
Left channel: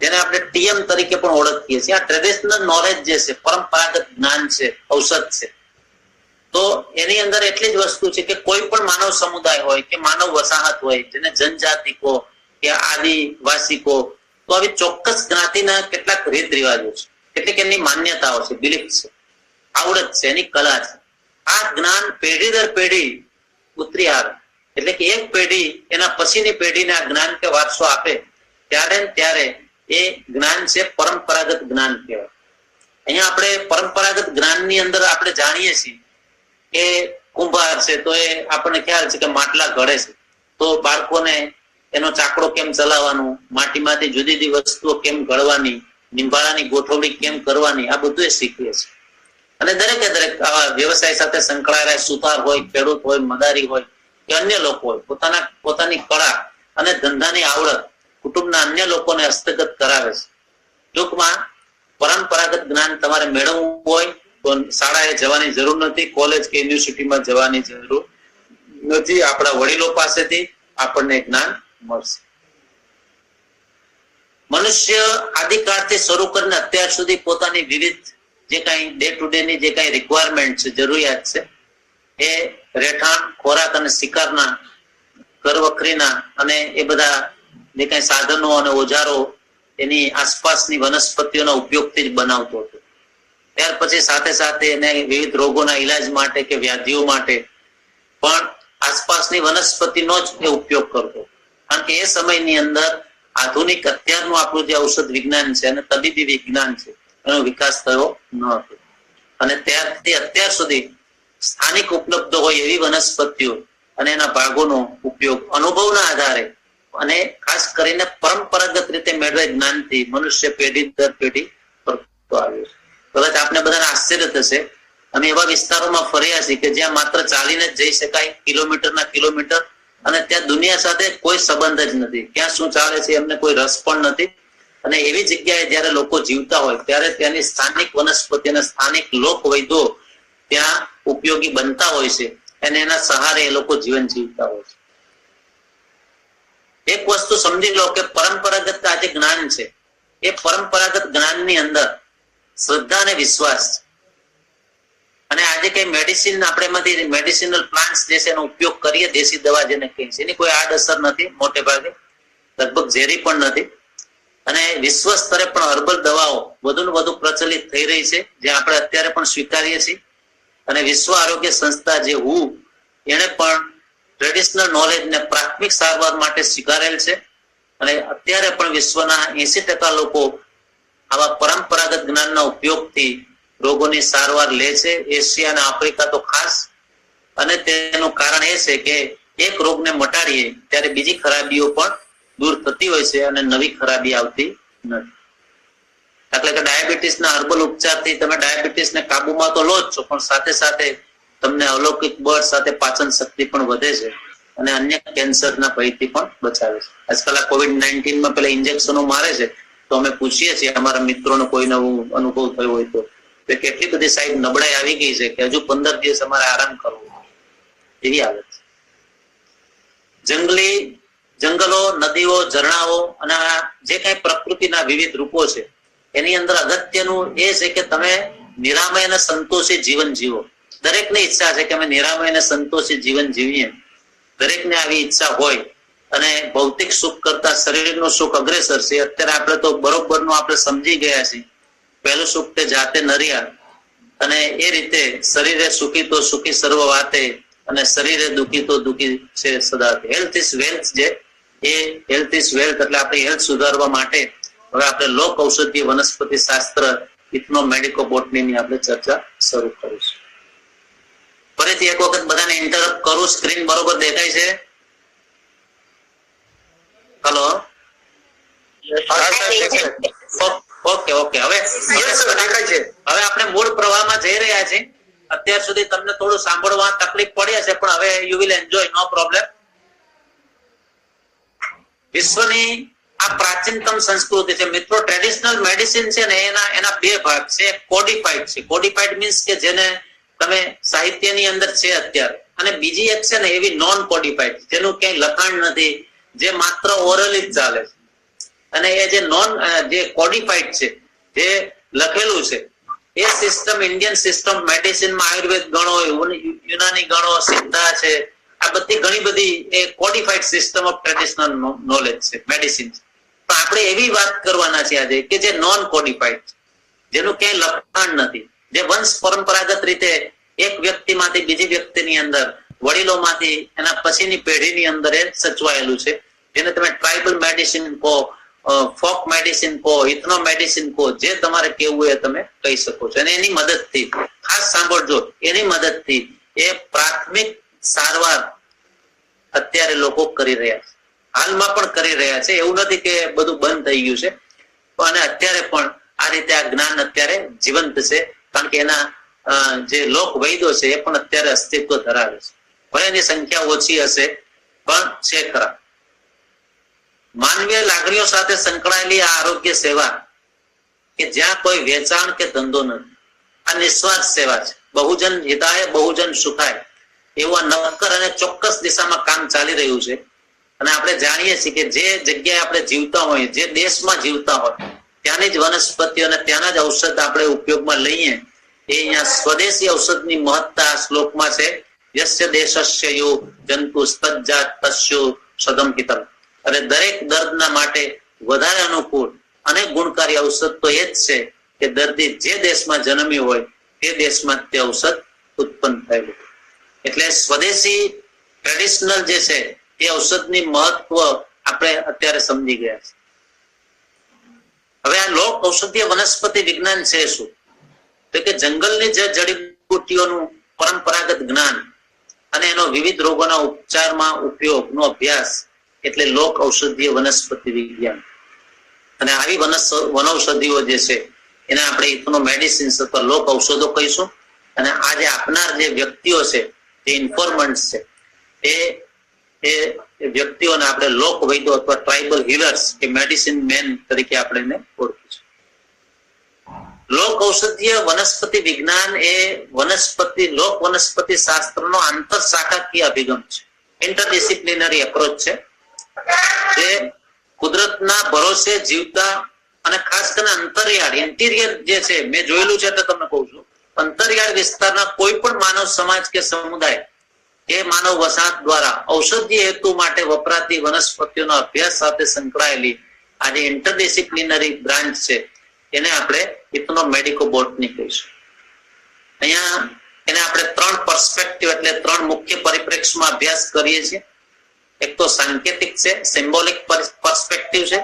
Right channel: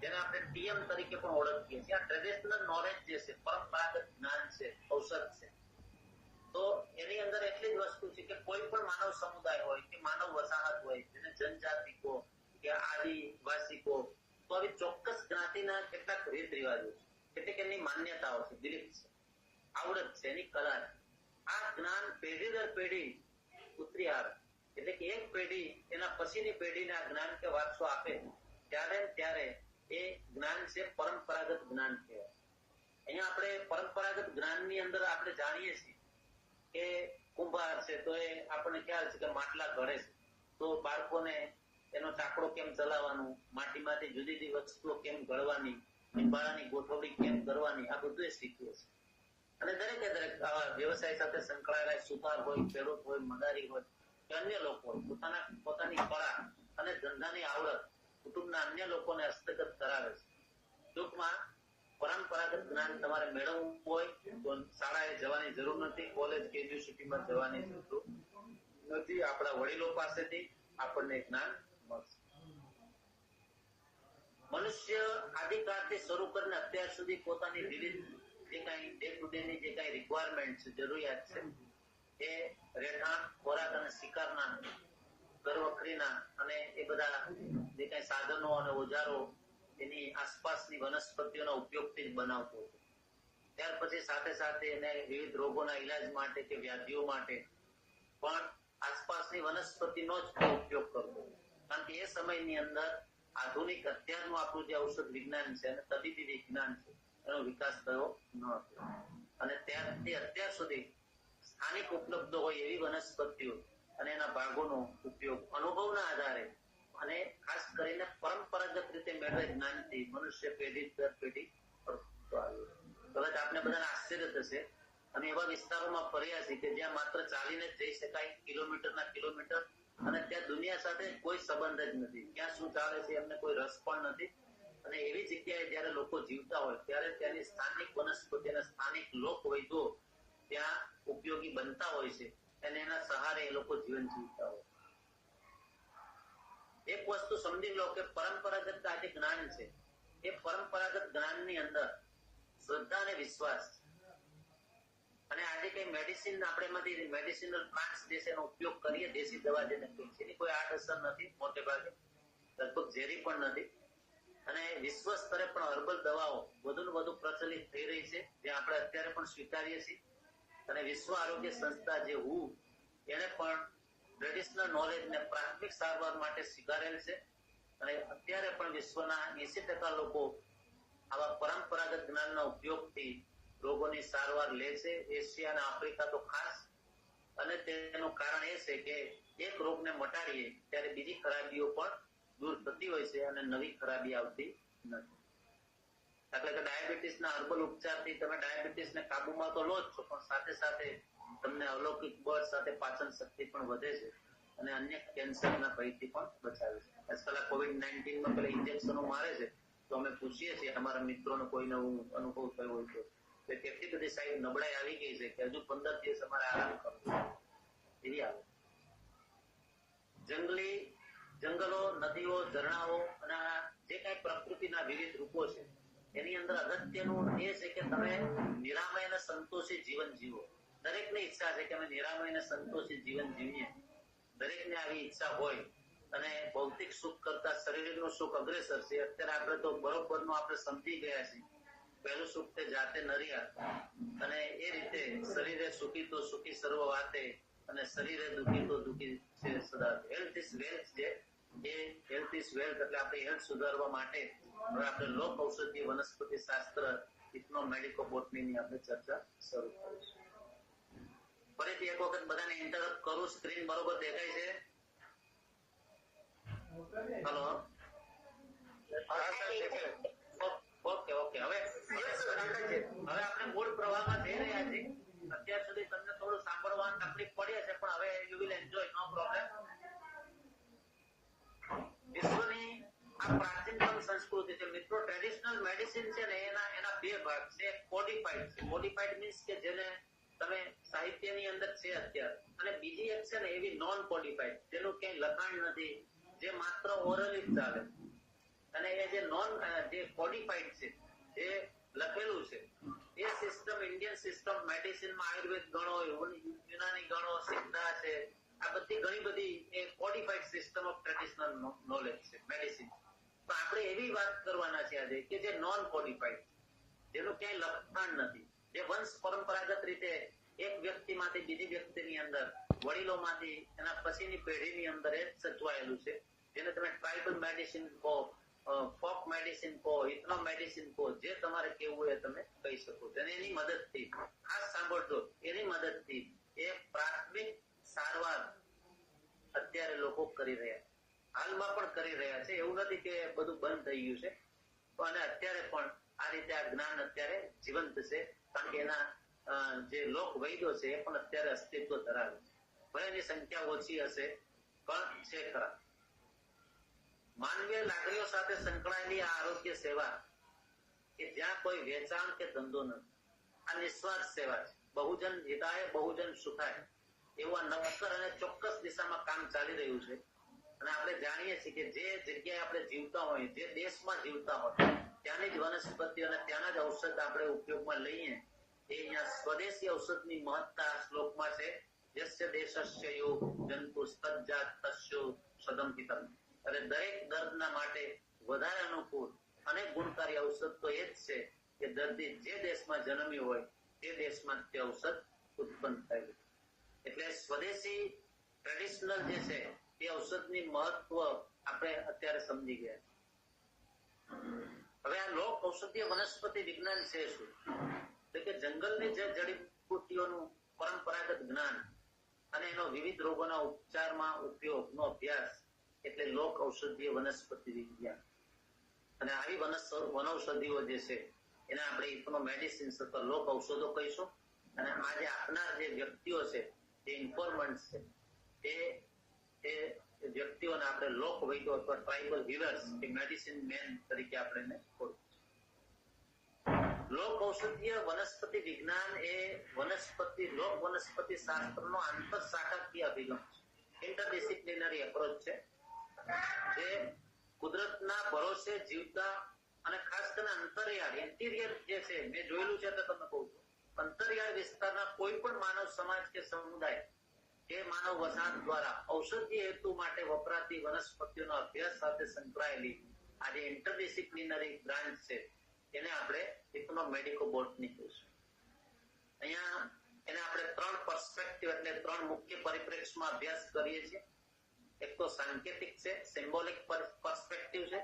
જેને આપણે TM તરીકે પણ ઓળખીએ છીએ, આ ટ્રેડિશનલ નોલેજ જે છે, પરંપરાગત જ્ઞાન છે, ઔષધ છે, તો એની અંદર એટલી જ વસ્તુ છે કે કોઈ પણ માનવ સમુદાય હોય કે માનવ વસાહત હોય, જેને જનજાતિ કો કે આદિવાસી કો, તો આવી ચોક્કસ જ્ઞાતિના કેટલાક રીત રિવાજો છે, કેટલીક એમની માન્યતાઓ છે, બિલીફ છે, આવડત છે, એની કલા છે. આ જ્ઞાન પેઢી દર પેઢી ઉતરી આવે, એટલે કે એક પેઢી એના પછીની પેઢીને આ જ્ઞાન કે વારસો આપે, ત્યારે એ જ્ઞાન છે પરંપરાગત જ્ઞાન કહેવાય. અહીંયા આપણે પરંપરાગત જ્ઞાનની અંદર આપણે જાણીએ છીએ કે કુંભાર છે તો એ આપણને ખ્યાલ છે કે માટલા ઘડે છે, તો બાળકોને એનો ચાકડો કેમ ચલાવવાનું, માટીમાંથી જુદી જુદી વસ્તુઓ કેમ ઘડવાની, નિંબાળાની ગોઠવણી કેમ કરવાની, આ બધું એ શીખીએ છીએ. અને દરેકે દરેક આવા વ્યવસાય સાથે સંકળાયેલા સુતાર હોય, ખેડૂત હોય, મદારી હોય કે અન્ય લોકો હોય, પોતાની કળા અને ધંધાની આવડત કુટુંબના અન્ય લોકોને હસ્તગત કરાવે છે. ટૂંકમાં પરંપરાગત જ્ઞાન તમારે મેળવવું હોય તો શાળાએ જવાની જરૂર નથી, કોલેજ કે યુનિવર્સિટીમાં જવાની જરૂર નથી. આપણા વડીલો પાસેથી આપણને જ્ઞાન મળશે. મનુષ્ય આદિકાળથી શરૂ કરીને અત્યાર સુધી પોતાની વિવિધ જે કઈ ડે ટુ ડે ની જે કઈ રિક્વાયરમેન્ટ છે, જરૂરિયાત છે, એ રહેઠાણ, ખોરાક અને શિકારના, ઘર વખરીના અને એ બધા જે કઈ સાધનો અને ઓજારો એની આસપાસની વનસ્પતિઓના ઉપયોગથી જ બનાવતો હતો. ત્યાર પછી સાથે સાથે એને વિવિધ રોગોના ઈલાજ માટે કે વ્યાધિઓ માટે પણ આસપાસની વનસ્પતિનો જ એ ઉપયોગ કરતો. કારણ કે એ સમયની અંદર આધુનિક અત્યારનું આપણું જે ઔષધ વિજ્ઞાન છે અને તબીબી વિજ્ઞાન છે, એનો વિકાસ થયો ન હતો. અને ત્યારથી અત્યાર સુધી સ્થાનિક ઉપલબ્ધ હોય એવી વનસ્પતિઓ અને એના ભાગોનો ઉપયોગ અનુભવના આધારે અને ખાસ કરીને પરંપરાગત રીતે મેળવેલ જ્ઞાનથી મનુષ્ય પેઢી દર પેઢી કરતો આવ્યો છે. કદાચ આપને બધાને આશ્ચર્ય થશે, અમે એવા વિસ્તારોમાં ફર્યા છીએ કે જ્યાં માત્ર ચાલીને જ જઈ શકાય, કિલોમીટરના કિલોમીટર, અને ત્યાં દુનિયા સાથે કોઈ સંબંધ જ નથી, ક્યાં શું ચાલે છે એમને કોઈ રસ પણ નથી. અને એવી જગ્યાએ જયારે લોકો જીવતા હોય ત્યારે ત્યાંની સ્થાનિક વનસ્પતિ અને સ્થાનિક લોક વૈદ્યો ત્યાં ઉપયોગી બનતા હોય છે અને એના સહારે એ લોકો જીવન જીવતા હોય છે. એક વસ્તુ સમજી લો કે પરંપરાગત આ જે જ્ઞાન છે, એ પરંપરાગત જ્ઞાનની અંદર શ્રદ્ધા અને વિશ્વાસ છે. અને આજે કઈ મેડિસિન આપણે એમાંથી મેડિસિનલ પ્લાન્ટ્સ જે છે એનો ઉપયોગ કરીએ, દેશી દવા જેને કહીએ છીએ, એની કોઈ આડઅસર નથી, મોટે ભાગે લગભગ ઝેરી પણ નથી. અને વિશ્વ સ્તરે પણ હર્બલ દવાઓ વધુ ને વધુ પ્રચલિત થઈ રહી છે, જે આપણે અત્યારે પણ સ્વીકારીએ છીએ. અને વિશ્વ આરોગ્ય સંસ્થા જે WHO, એને પણ ટ્રેડિશનલ નોલેજ ને પ્રાથમિક સારવાર માટે સ્વીકારેલ છે અને અત્યારે પણ વિશ્વના 80% લોકો આવા પરંપરાગત જ્ઞાનના ઉપયોગથી રોગોની સારવાર લે છે, એશિયા અને આફ્રિકા તો ખાસ. અને તેનું કારણ એ છે કે એક રોગને મટાડીએ ત્યારે બીજી ખરાબીઓ પણ દૂર થતી હોય છે અને નવી ખરાબી આવતી નથી. એટલે કે ડાયાબિટીસના હર્બલ ઉપચારથી તમે ડાયાબિટીસને કાબુમાં તો લો જ છો, પણ સાથે સાથે તમને અલૌકિક બળ સાથે પાચન શક્તિ પણ વધે છે અને અન્ય કેન્સરના ભયથી પણ બચાવે છે. આજકાલ આ COVID-19 માં પેલા ઇન્જેક્શનો મારે છે, તો અમે પૂછીએ છીએ અમારા મિત્રોનો કોઈ નવું અનુભવ થયો હોય તો કેટલી બધી સાહેબ નબળાઈ આવી ગઈ છે કે હજુ 15 દિવસ અમારે આરામ કરવો એવી હાલત છે. જંગલો, નદીઓ, ઝરણાઓ અને જે કઈ પ્રકૃતિના વિવિધ રૂપો છે એની અંદર અગત્યનું એ છે કે તમે નિરામય અને સંતોષી જીવન જીવો. દરેકની ઈચ્છા છે કે અમે નિરામય અને સંતોષી જીવન જીવીએ. દરેકને આવી ઈચ્છા હોય અને ભૌતિક સુખ કરતા શરીરનું સુખ અગ્રેસર છે. અત્યારે આપણે તો બરોબરનું આપણે સમજી ગયા છીએ. પહેલું સુખ તે જાતે નર્યા અને એ રીતે શરીરે સુખી તો સુખી સર્વ વાતે અને શરીરે દુખી તો દુખી છે સદા. હેલ્થ ઇઝ વેલ્થ છે. એ હેલ્થ ઇઝ વેલ્થ એટલે આપણી હેલ્થ સુધારવા માટે હવે આપણે લોક ઔષધીય વનસ્પતિ શાસ્ત્ર ઇથનો મેડિકો બોટનીની આપણે ચર્ચા શરૂ કરીશું. ફરીથી એક વખત બધાને ઇન્ટરપ્ટ કરું. સ્ક્રીન બરોબર દેખાય છે? Hello, okay. હવે આપણે મૂળ પ્રવાહમાં જઈ રહ્યા છીએ. અત્યાર સુધી તમને થોડું સાંભળવા તકલીફ પડી હશે, પણ હવે you will enjoy, no problem. વિશ્વની આ પ્રાચીનતમ સંસ્કૃતિ છે મિત્રો. ટ્રેડિશનલ મેડિસિન છે ને એના બે ભાગ છે. કોડિફાઈડ છે. કોડિફાઈડ મીન્સ કે જેને તમે સાહિત્યની અંદર છે અત્યારે, અને બીજી એક છે ને એવી નોન કોડિફાઈડ જેનું ક્યાંય લખાણ નથી, જે માત્ર ઓરલી જ ચાલે છે. અને એ જે કોડિફાઈડ છે, જે લખેલું છે, એ સિસ્ટમ ઇન્ડિયન સિસ્ટમ મેડિસિનમાં આયુર્વેદ ગણો, યુનાની ગણો, સિદ્ધા છે, આ બધી ઘણી બધી એ કોડિફાઈડ સિસ્ટમ ઓફ ટ્રેડિશનલ નોલેજ છે, મેડિસિન છે. પણ આપણે એવી વાત કરવાના છે આજે કે જે નોન કોડિફાઈડ છે, જેનું ક્યાંય લખાણ નથી, જે વંશ પરંપરાગત રીતે એક વ્યક્તિમાંથી બીજી વ્યક્તિની અંદર, વડીલોમાંથી એના પછીની પેઢીની અંદર એ સચવાયેલું છે. જેને તમે ટ્રાઇબલ મેડિસિન કહો, ફોક મેડિસિન કહો, ઇથનો મેડિસિન કહો, જે તમારે કેવું એ તમે કહી શકો છો. અને એની મદદથી, ખાસ સાંભળજો, એની મદદથી એ પ્રાથમિક સારવાર અત્યારે લોકો કરી રહ્યા છે, હાલમાં પણ કરી રહ્યા છે. એવું નથી કે બધું બંધ થઈ ગયું છે, અને અત્યારે પણ આ રીતે આ જ્ઞાન અત્યારે જીવંત છે. કારણ કે એના જે લોક વૈદ્યો છે એ પણ અત્યારે અસ્તિત્વ ધરાવે છે. ભલે એની સંખ્યા ઓછી હશે, પણ છે ખરા. માનવીય લાગણીઓ સાથે સંકળાયેલી આ આરોગ્ય સેવા કે જ્યાં કોઈ વેચાણ કે ધંધો નથી, આ નિસ્વાર્થ સેવા છે. બહુજન હિતાય બહુજન સુખાય એવું આ નક્કર અને ચોક્કસ દિશામાં કામ ચાલી રહ્યું છે. અને આપણે જાણીએ છીએ કે જે જગ્યાએ આપણે જીવતા હોય, જે દેશમાં જીવતા હોય, ત્યાંની જ વનસ્પતિઓ અને ત્યાંના જ ઔષધ આપણે ઉપયોગમાં લઈએ. એ અહીંયા સ્વદેશી ઔષધની મહત્તા આ શ્લોકમાં છે. યસ્ય દેશસ્ય યો જંતુ તજ્જાત તસ્યો સદમ હિતમ. અને દરેક દર્દના માટે વધારે અનુકૂળ અને ગુણકારી ઔષધ તો એ જ છે કે દર્દી જે દેશમાં જન્મ્યું હોય તે દેશમાં તે ઔષધ ઉત્પન્ન થયેલું. એટલે સ્વદેશી ટ્રેડિશનલ જે છે એ ઔષધની મહત્વ આપણે અત્યારે સમજી ગયા છે. હવે આ લોક ઔષધીય વનસ્પતિ વિજ્ઞાન છે શું? તો કે જંગલની જે જડીબુટ્ટીઓનું પરંપરાગત જ્ઞાન અને એનો વિવિધ રોગોના ઉપચારમાં ઉપયોગનો અભ્યાસ એટલે લોક ઔષધીય વનસ્પતિ વિજ્ઞાન. અને આવી વનૌષધિઓ જે છે એને આપણે ઇથનો મેડિસિન્સ અથવા લોક ઔષધો કહીશું. અને આ જે આપનાર જે વ્યક્તિઓ છે, જે ઇન્ફોર્મન્ટ્સ છે, એ વ્યક્તિઓને આપણે લોક વૈદ્યો અથવા ટ્રાઇબલ હીલર્સ કે મેડિસિન મેન તરીકે આપણે એને ઓળખીશું. લોક ઔષધીય વનસ્પતિ વિજ્ઞાન એ લોક વનસ્પતિ શાસ્ત્રનો આંતર શાખાકીય અભિગમ છે, ઇન્ટરડિસિપ્લિનરી એપ્રોચ છે, જે કુદરતના ભરોસે જીવતા અને ખાસ કરીને અંતરિયાળ ઇન્ટિરિયર જે છે, મેં જોયેલું છે એટલે તમને કહું છું, અંતરિયાળ વિસ્તારના કોઈ પણ માનવ સમાજ કે સમુદાય કે માનવ વસાહત દ્વારા ઔષધીય હેતુ માટે વપરાતી વનસ્પતિઓના અભ્યાસ સાથે સંકળાયેલી આ જે ઇન્ટરડિસિપ્લિનરી બ્રાન્ચ છે એને આપણે ઇથનો મેડિકો બોટની કહીશું. અહીંયા એને આપણે 3 પર્સપેક્ટિવ એટલે 3 મુખ્ય પરિપ્રેક્ષ્યમાં અભ્યાસ કરીએ છીએ. એક તો સાંકેતિક છે, સિમ્બોલિક પર્સપેક્ટિવ છે.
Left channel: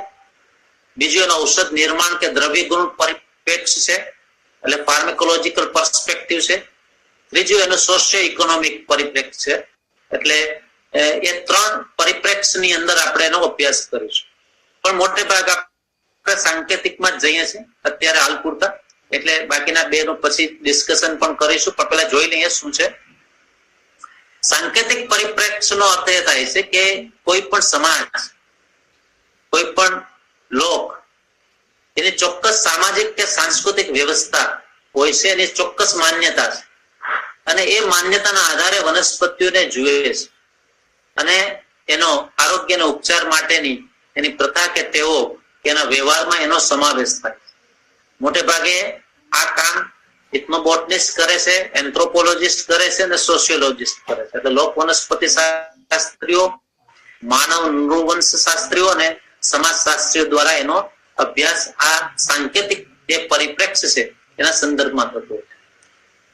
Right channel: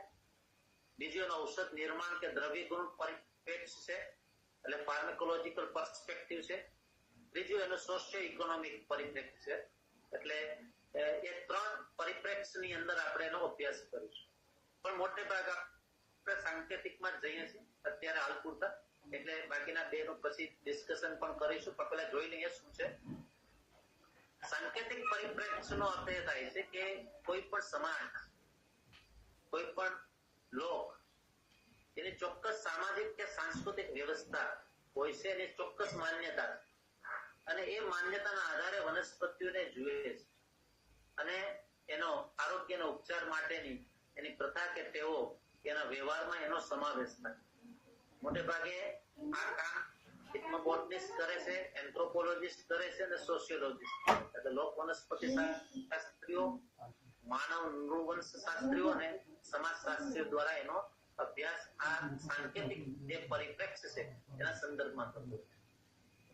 બીજું એનો ઔષધ નિર્માણ કે દ્રવ્ય ગુણ પરિપ્રેક્ષ્ય છે એટલે ફાર્માકોલોજીકલ પર્સપેક્ટિવ છે. ત્રીજું એનો સોશિયો ઇકોનોમિક પરિપ્રેક્ષ્ય છે એટલે એ 3 પરિપ્રેક્ષ્યની અંદર આપણે એનો અભ્યાસ કરીશું. પણ મોટે ભાગે આપણે સાંકેતિકમાં જ જઈએ છીએ અત્યારે હાલ પૂરતા, એટલે બાકીના 2 નું પછી ડિસ્કશન પણ કરીશું. પણ પહેલા જોઈ લઈએ શું છે સાંકેતિક પરિપ્રેક્ષ્યનો અર્થ એ થાય છે કે કોઈ પણ સમાજ, કોઈ પણ લોક એની ચોક્કસ સામાજિક કે સાંસ્કૃતિક વ્યવસ્થા હોય છે, એની ચોક્કસ માન્યતા છે અને એ માન્યતાના આધારે વનસ્પતિઓને જુએ છે અને એનો આરોગ્યના ઉપચાર માટેની એની પ્રથા કે ટેવો કે એના વ્યવહારમાં એનો સમાવેશ થાય. મોટે ભાગે આ કામ ઇથનોબોટનિસ્ટ કરે છે, એન્થ્રોપોલોજીસ્ટ કરે છે અને સોશિયોલોજીસ્ટ કરે છે. એટલે લોક વનસ્પતિ શાસ્ત્રીઓ, માનવ નૃવંશ શાસ્ત્રીઓ અને સમાજશાસ્ત્રીઓ દ્વારા એનો અભ્યાસ આ સાંકેતિક જે પરિપ્રેક્ષ્ય છે એના સંદર્ભમાં થતો હોય.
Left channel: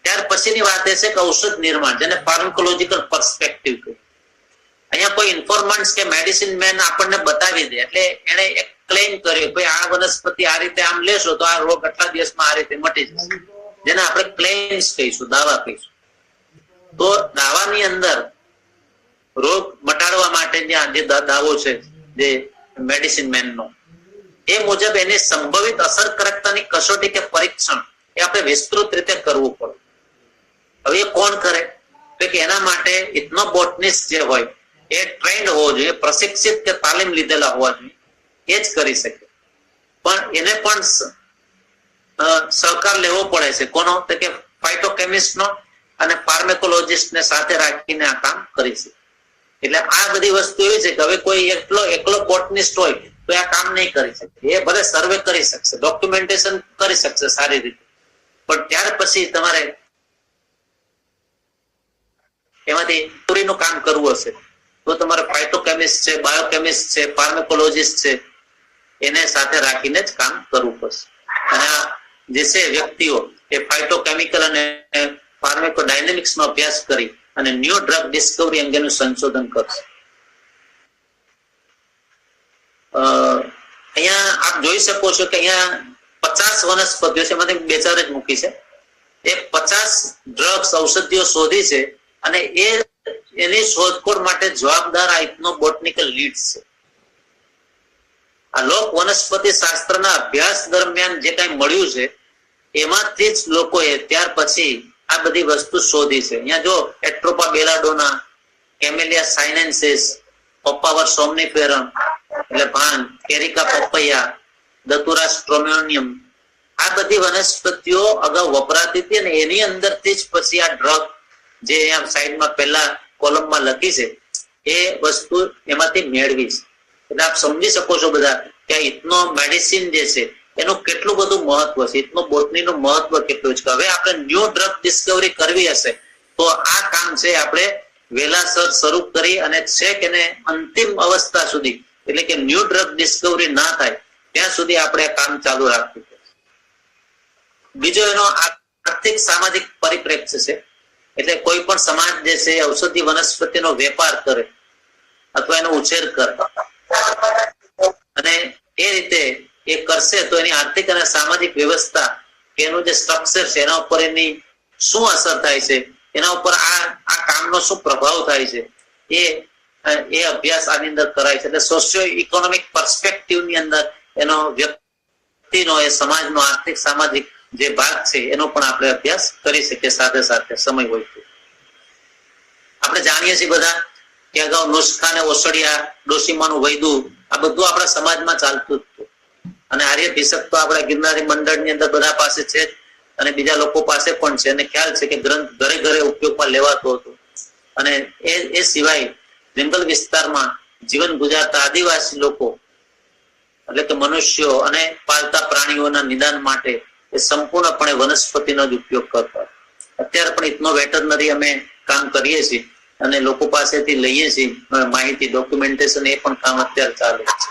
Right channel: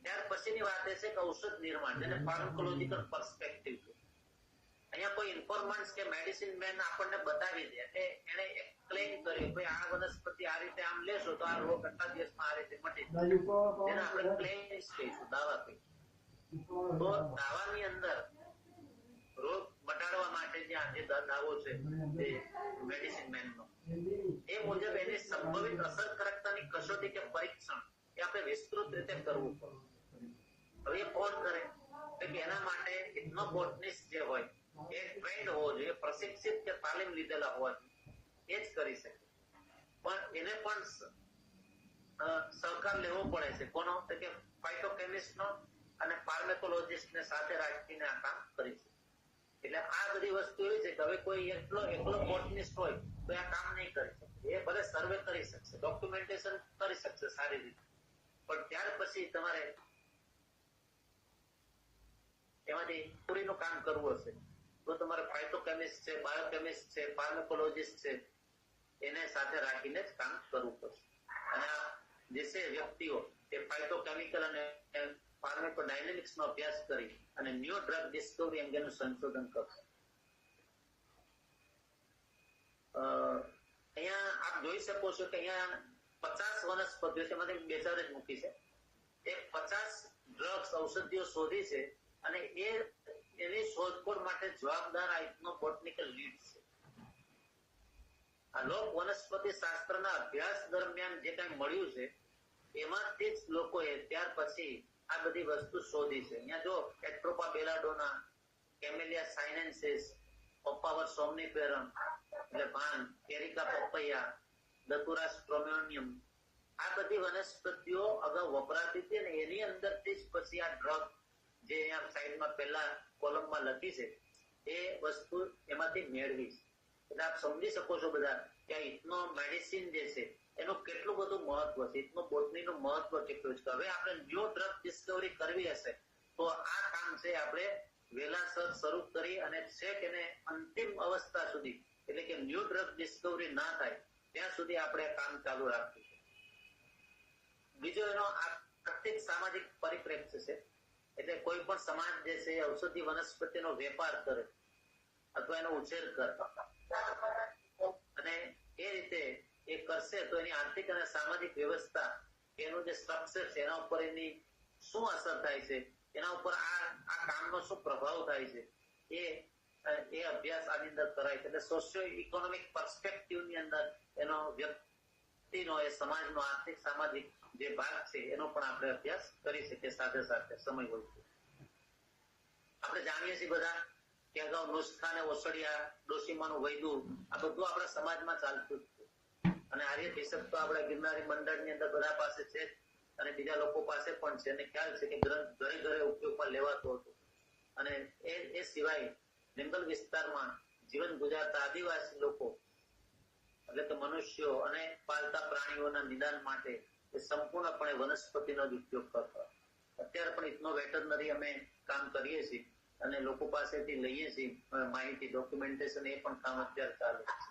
ત્યાર પછીની વાત એ છે કે ઔષધ નિર્માણ, જેને ફાર્માકોલોજીકલ પર્સપેક્ટિવ કહે. અહીંયા કોઈ ઇન્ફોર્મન્ટ્સ કે મેડિસિન મેન આપણને બતાવી દે એટલે એને એક ક્લેમ કર્યો કે આ વનસ્પતિ આ રીતે આમ લેશો તો આ રોગ આટલા દિવસમાં આ રીતે મટી જશે, જેને આપણે ક્લેમ્સ કહીશું, દાવા કહીશું. તો દાવાની અંદર રોગ મટાડવા માટે જે દાવો છે જે મેડિસિન મેન નો, એ મુજબ એની સંભવિત અસરકારકતાની કસોટી કે પરીક્ષણ એ આપણે વિસ્તૃત રીતે કરવું પડે. હવે એ કોણ કરે તો કે એના માટે ઇથનોબોટનિસ્ટ જે હોય એ ટ્રેન્ડ હોવો જોઈએ, પ્રશિક્ષિત કે તાલીમ લીધેલા હોવા જોઈએ, એ જ કરી શકે. પણ એને પણ સહકાર લેવો પડે છે. કોનો? તો કે ફાઇટોકેમિસ્ટ નો અને ફાર્માકોલોજીસ્ટ ને સાથે રાખીને આ કામ કરી શકે. એટલે આ બધી વસ્તુ એવી છે કે હવે કોઈ એકલો બોટનિસ્ટ હોય તો આ કામ નહીં કરી શકે. એ ભલે સર્વે કરી શકશે, ડોક્યુમેન્ટેશન કરી શકશે સારી રીતે, પણ ત્યાર પછી તમારે એમાંથી પૂરીનું કામ કરવું હશે તો તમારે ફાઇટોકેમિસ્ટ છે, બાયોકેમિસ્ટ છે, ફાર્માકોલોજીસ્ટ છે, એને સાથે રાખીને જ કામ કરવું પડશે. અને જે છે વ્યક્તિઓ એ ફાઇટોકેમિકલ અને ફાર્માકોડાયનેમિક્સ નો અભ્યાસ કરી અને ન્યૂ ડ્રગ ડિસ્કવરી અંગેનું સંશોધન કરશે. અહીંયા આપ જોઈ શકો છો કે અહીંયા 50 વનસ્પતિઓ છે, એમાંથી 2-4 જ મૂકી છે. એ 50 ડ્રગ્સ ઔષધિઓ શોધી છે અને એની શોધખોળ માટે જવાબદાર આ ઇથનોબોટનિકલ લીડ્સ છે. આ લોક વનસ્પતિ શાસ્ત્રના અભ્યાસ દરમિયાન જે કઈ મળ્યું છે એમાંથી જ લોકોએ ત્યાર પછી આ બધી વસ્તુ શોધી છે. અહીંયા જો એટ્રોપા બેલાડોના, કેમેલિયા સાઇનેન્સિસ, પપ્પાવર સોમનીફેરમ એટલે ભાંગ, એરિકા પપૈયા, દતુરા સ્ટ્રોમોનિયમ, આ બધી વનસ્પતિઓ અગાઉ વપરાતી હતી અને એની અંદરથી જ પછી આ ડ્રગ જે અહીંયા સાઈડમાં પહેલા કોલમમાં લખી છે એ વસ્તુ એમાંથી મેળવી છે. એટલે આપ સમજી શકો છો બધા કે આ ઇથનો મેડિસિન જે છે એનું કેટલું બધું મહત્વ છે, ઇથનો બોટનીનું મહત્વ કેટલું છે. હવે આપણે ન્યૂ ડ્રગ ડિસ્કવરી કરવી હશે તો આ કામ છે આપણે વહેલાસર શરૂ કરી અને છેક એને અંતિમ અવસ્થા સુધી, એટલે કે ન્યૂ ડ્રગ ડિસ્કવરી ના થાય ત્યાં સુધી આપણે કામ ચાલુ રાખવું પડે. બીજો એનો આર્થિક સામાજિક પરિપ્રેક્ષ્ય છે. એટલે કોઈ પણ સમાજ જે છે ઔષધિ વનસ્પતિનો વેપાર કરે અથવા એનો ઉછેર કરે અને એ રીતે એ કરશે તો એની આર્થિક અને સામાજિક વ્યવસ્થા, એનું જે સ્ટ્રક્ચર છે એના ઉપર એની શું અસર થાય છે, એના ઉપર આ કામનો શું પ્રભાવ થાય છે, એ અભ્યાસ આની અંદર કરાય છે. એટલે સોશિયો ઇકોનોમિક પર્સપેક્ટિવની અંદર એનો વ્યક્તિનો, એ સમાજનો આર્થિક સામાજિક જે ભાગ છે એનો પણ આપણે અભ્યાસ કરી શકીએ સાથે સાથે સમય હોય તો. આપણે જાણીએ છીએ બધા કે અગાઉ નુસ્ખા ને ઓસડિયા, ડોશીમાનું વૈદું, આ બધું આપણા સમાજમાં ચાલતું હતું અને આર્ય ભિષક તો આપણા ગિરનારી મંડળની અંદર બધા પાસે છે અને બીજા લોકો પાસે પણ છે અને ખ્યાલ છે કે ગ્રંથ ઘરે ઘરે ઉપયોગમાં લેવાતો હતો. અને એ સિવાય જંગલ વિસ્તારમાં જીવન ગુજારતા આદિવાસી લોકો એટલે કે મનુષ્યો અને પાલતા પ્રાણીઓના નિદાન માટે એ સંપૂર્ણપણે વનસ્પતિનો જ ઉપયોગ કરતા. અત્યારે પણ ઇથનો વેટરનરી અમે કામ કરીએ છીએ અને લોકો પાસેથી લઈએ છીએ માહિતી, ડોક્યુમેન્ટેશન, એ પણ કામ અત્યારે ચાલે છે.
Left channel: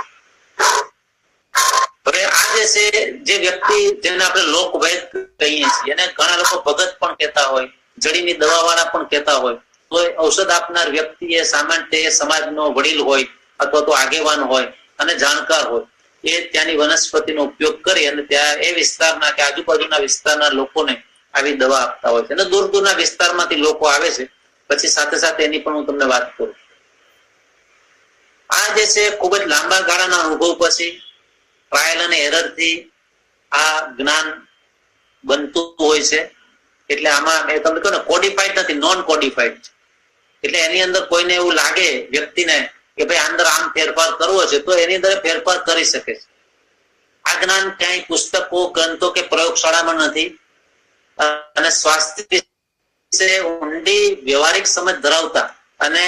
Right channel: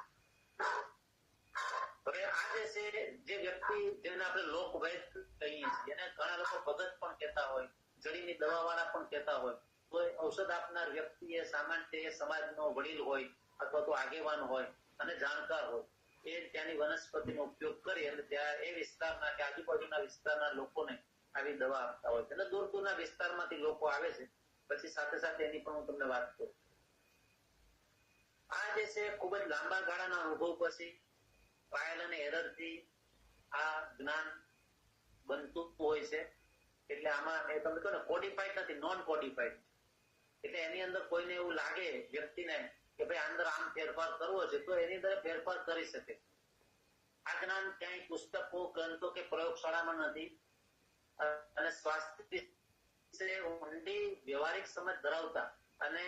હવે આ જે છે જે વ્યક્તિ જેને આપણે લોકવૈદ કહીએ છીએ, એને ઘણા લોકો ભગત પણ કહેતા હોય, જડીની દવાવાળા પણ કહેતા હોય, તો ઔષધ આપનાર વ્યક્તિ એ સામાન્ય સમાજનો વડીલ હોય અથવા તો આગેવાન હોય અને જાણકાર હોય, એ ત્યાંની વનસ્પતિનો ઉપયોગ કરી અને ત્યાં એ વિસ્તારના કે આજુબાજુના વિસ્તારના લોકોને આવી દવા આપતા હોય છે. અને દૂર દૂરના વિસ્તારમાંથી લોકો આવે છે. પછી સાથે સાથે એની પણ હું તમને વાત કરું. આ જે છે ખૂબ જ લાંબા ગાળાના અનુભવ પછી ટ્રાયલ અને એરર થી આ જ્ઞાન બનતું હોય છે. એટલે આમાં મેં તમને કહ્યું ને, કોડિફાઈડ નથી, નોન કોડિફાઈડ. એટલે એની અંદર કોઈને એવું લાગે વ્યક્તિને કે ભાઈ અંદર આમ ફેરફાર કરવો છે, તો એની અંદર ફેરફાર કરી શકે છે. આ જ્ઞાન ક્યાંય પુસ્તકો, ગ્રંથો કે પ્રયોગશાળામાં નથી. અને સ્વાસ્થ્ય વિશે ઊંડી વ્યવહારિક સમજ ધરાવતા અને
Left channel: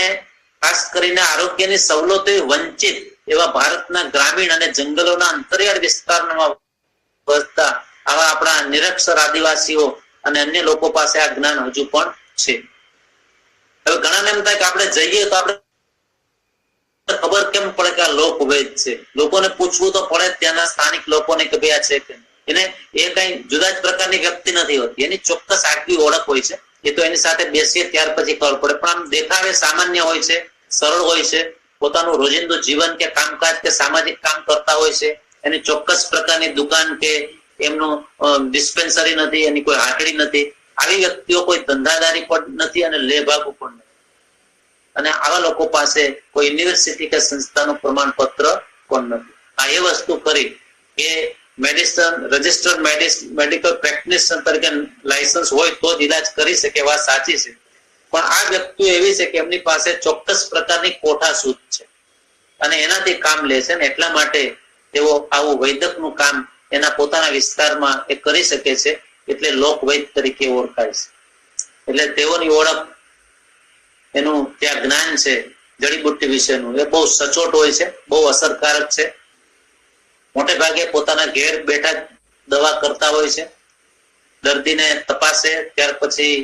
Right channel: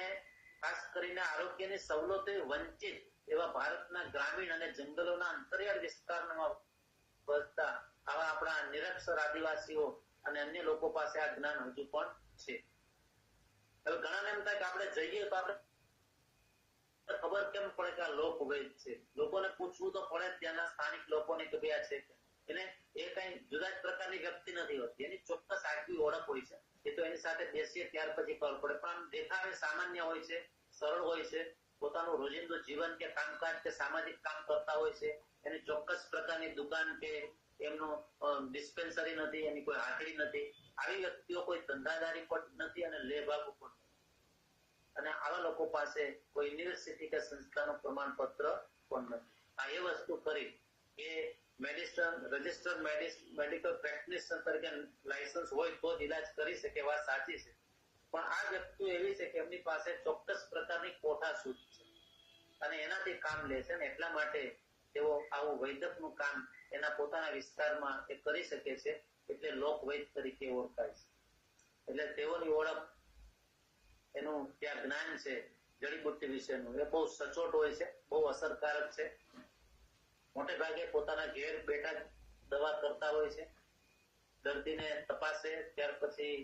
ખાસ કરીને આરોગ્યની સવલતોથી વંચિત એવા ભારતના ગ્રામીણ અને જંગલોના અંતરિયાળ વિસ્તારમાં વસતા આવા આપણા નિરક્ષર આદિવાસીઓ અને અન્ય લોકો પાસે આ જ્ઞાન હજુ પણ છે. હવે ઘણાને એમ થાય કે આપણે જઈએ તો આપણે ખબર કેમ પડે કે આ લોકવેદ છે? લોકોને પૂછવું તો પડે ત્યાંના સ્થાનિક લોકોને કે ભાઈ આ છે કે એને એ કઈ જુદા જ પ્રકારની વ્યક્તિ નથી હોતી. એની ચોક્કસ આગવી ઓળખ હોય છે. એ તો એની સાથે બેસીએ ત્યાર પછી ખબર પડે. પણ આમ દેખાવે સામાન્ય હોય છે, સરળ હોય છે. પોતાનું રોજિંદુ જીવન કે કામકાજ કે સામાજિક કામ કરતા હોય છે. એની ચોક્કસ પ્રકારની દુકાન કે એમનું ડિસ્પેન્સરી નથી, એની કોઈ હાટડી નથી. આવી વ્યક્તિઓ કોઈ ધંધાદારી પણ નથી અને લેભાગુ પણ નથી. અને આવા લોકો પાસે કોઈ યુનિવર્સિટી કે સંસ્થાનું પ્રમાણપત્ર પણ નથી. આ એ વસ્તુ કરી કે મેડિસિન રજિસ્ટર્ડ મેડિકલ પ્રેક્ટિશનર તરીકે લાયસન્સ હોય તો જ ઈલાજ કરી શકે, વાત સાચી છે. પણ આ વ્યક્તિઓ એવી છે કે એમની પાસે ચોક્કસ પ્રકારની કોઠાસૂઝ છે અને એનાથી કામ લે છે. એટલા માટે તેઓ આવું વૈદકનું કામ એના પોતાના વિસ્તારમાં એ કરી શકે છે. એટલે લોકવૈદ તરીકે ઓળખાય છે. એટલે તેઓની ઓળખ, એનું ત્યાં જ્ઞાન છે જડીબુટ્ટી વિશેનું, એ બહુ સચોટ હોય છે, બહુ અસરકારક છે. મોટે ભાગે પોતાના ઘેર બેઠા દવા કરતા હોય છે. દર્દીને તપાસે, ત્યાર પછી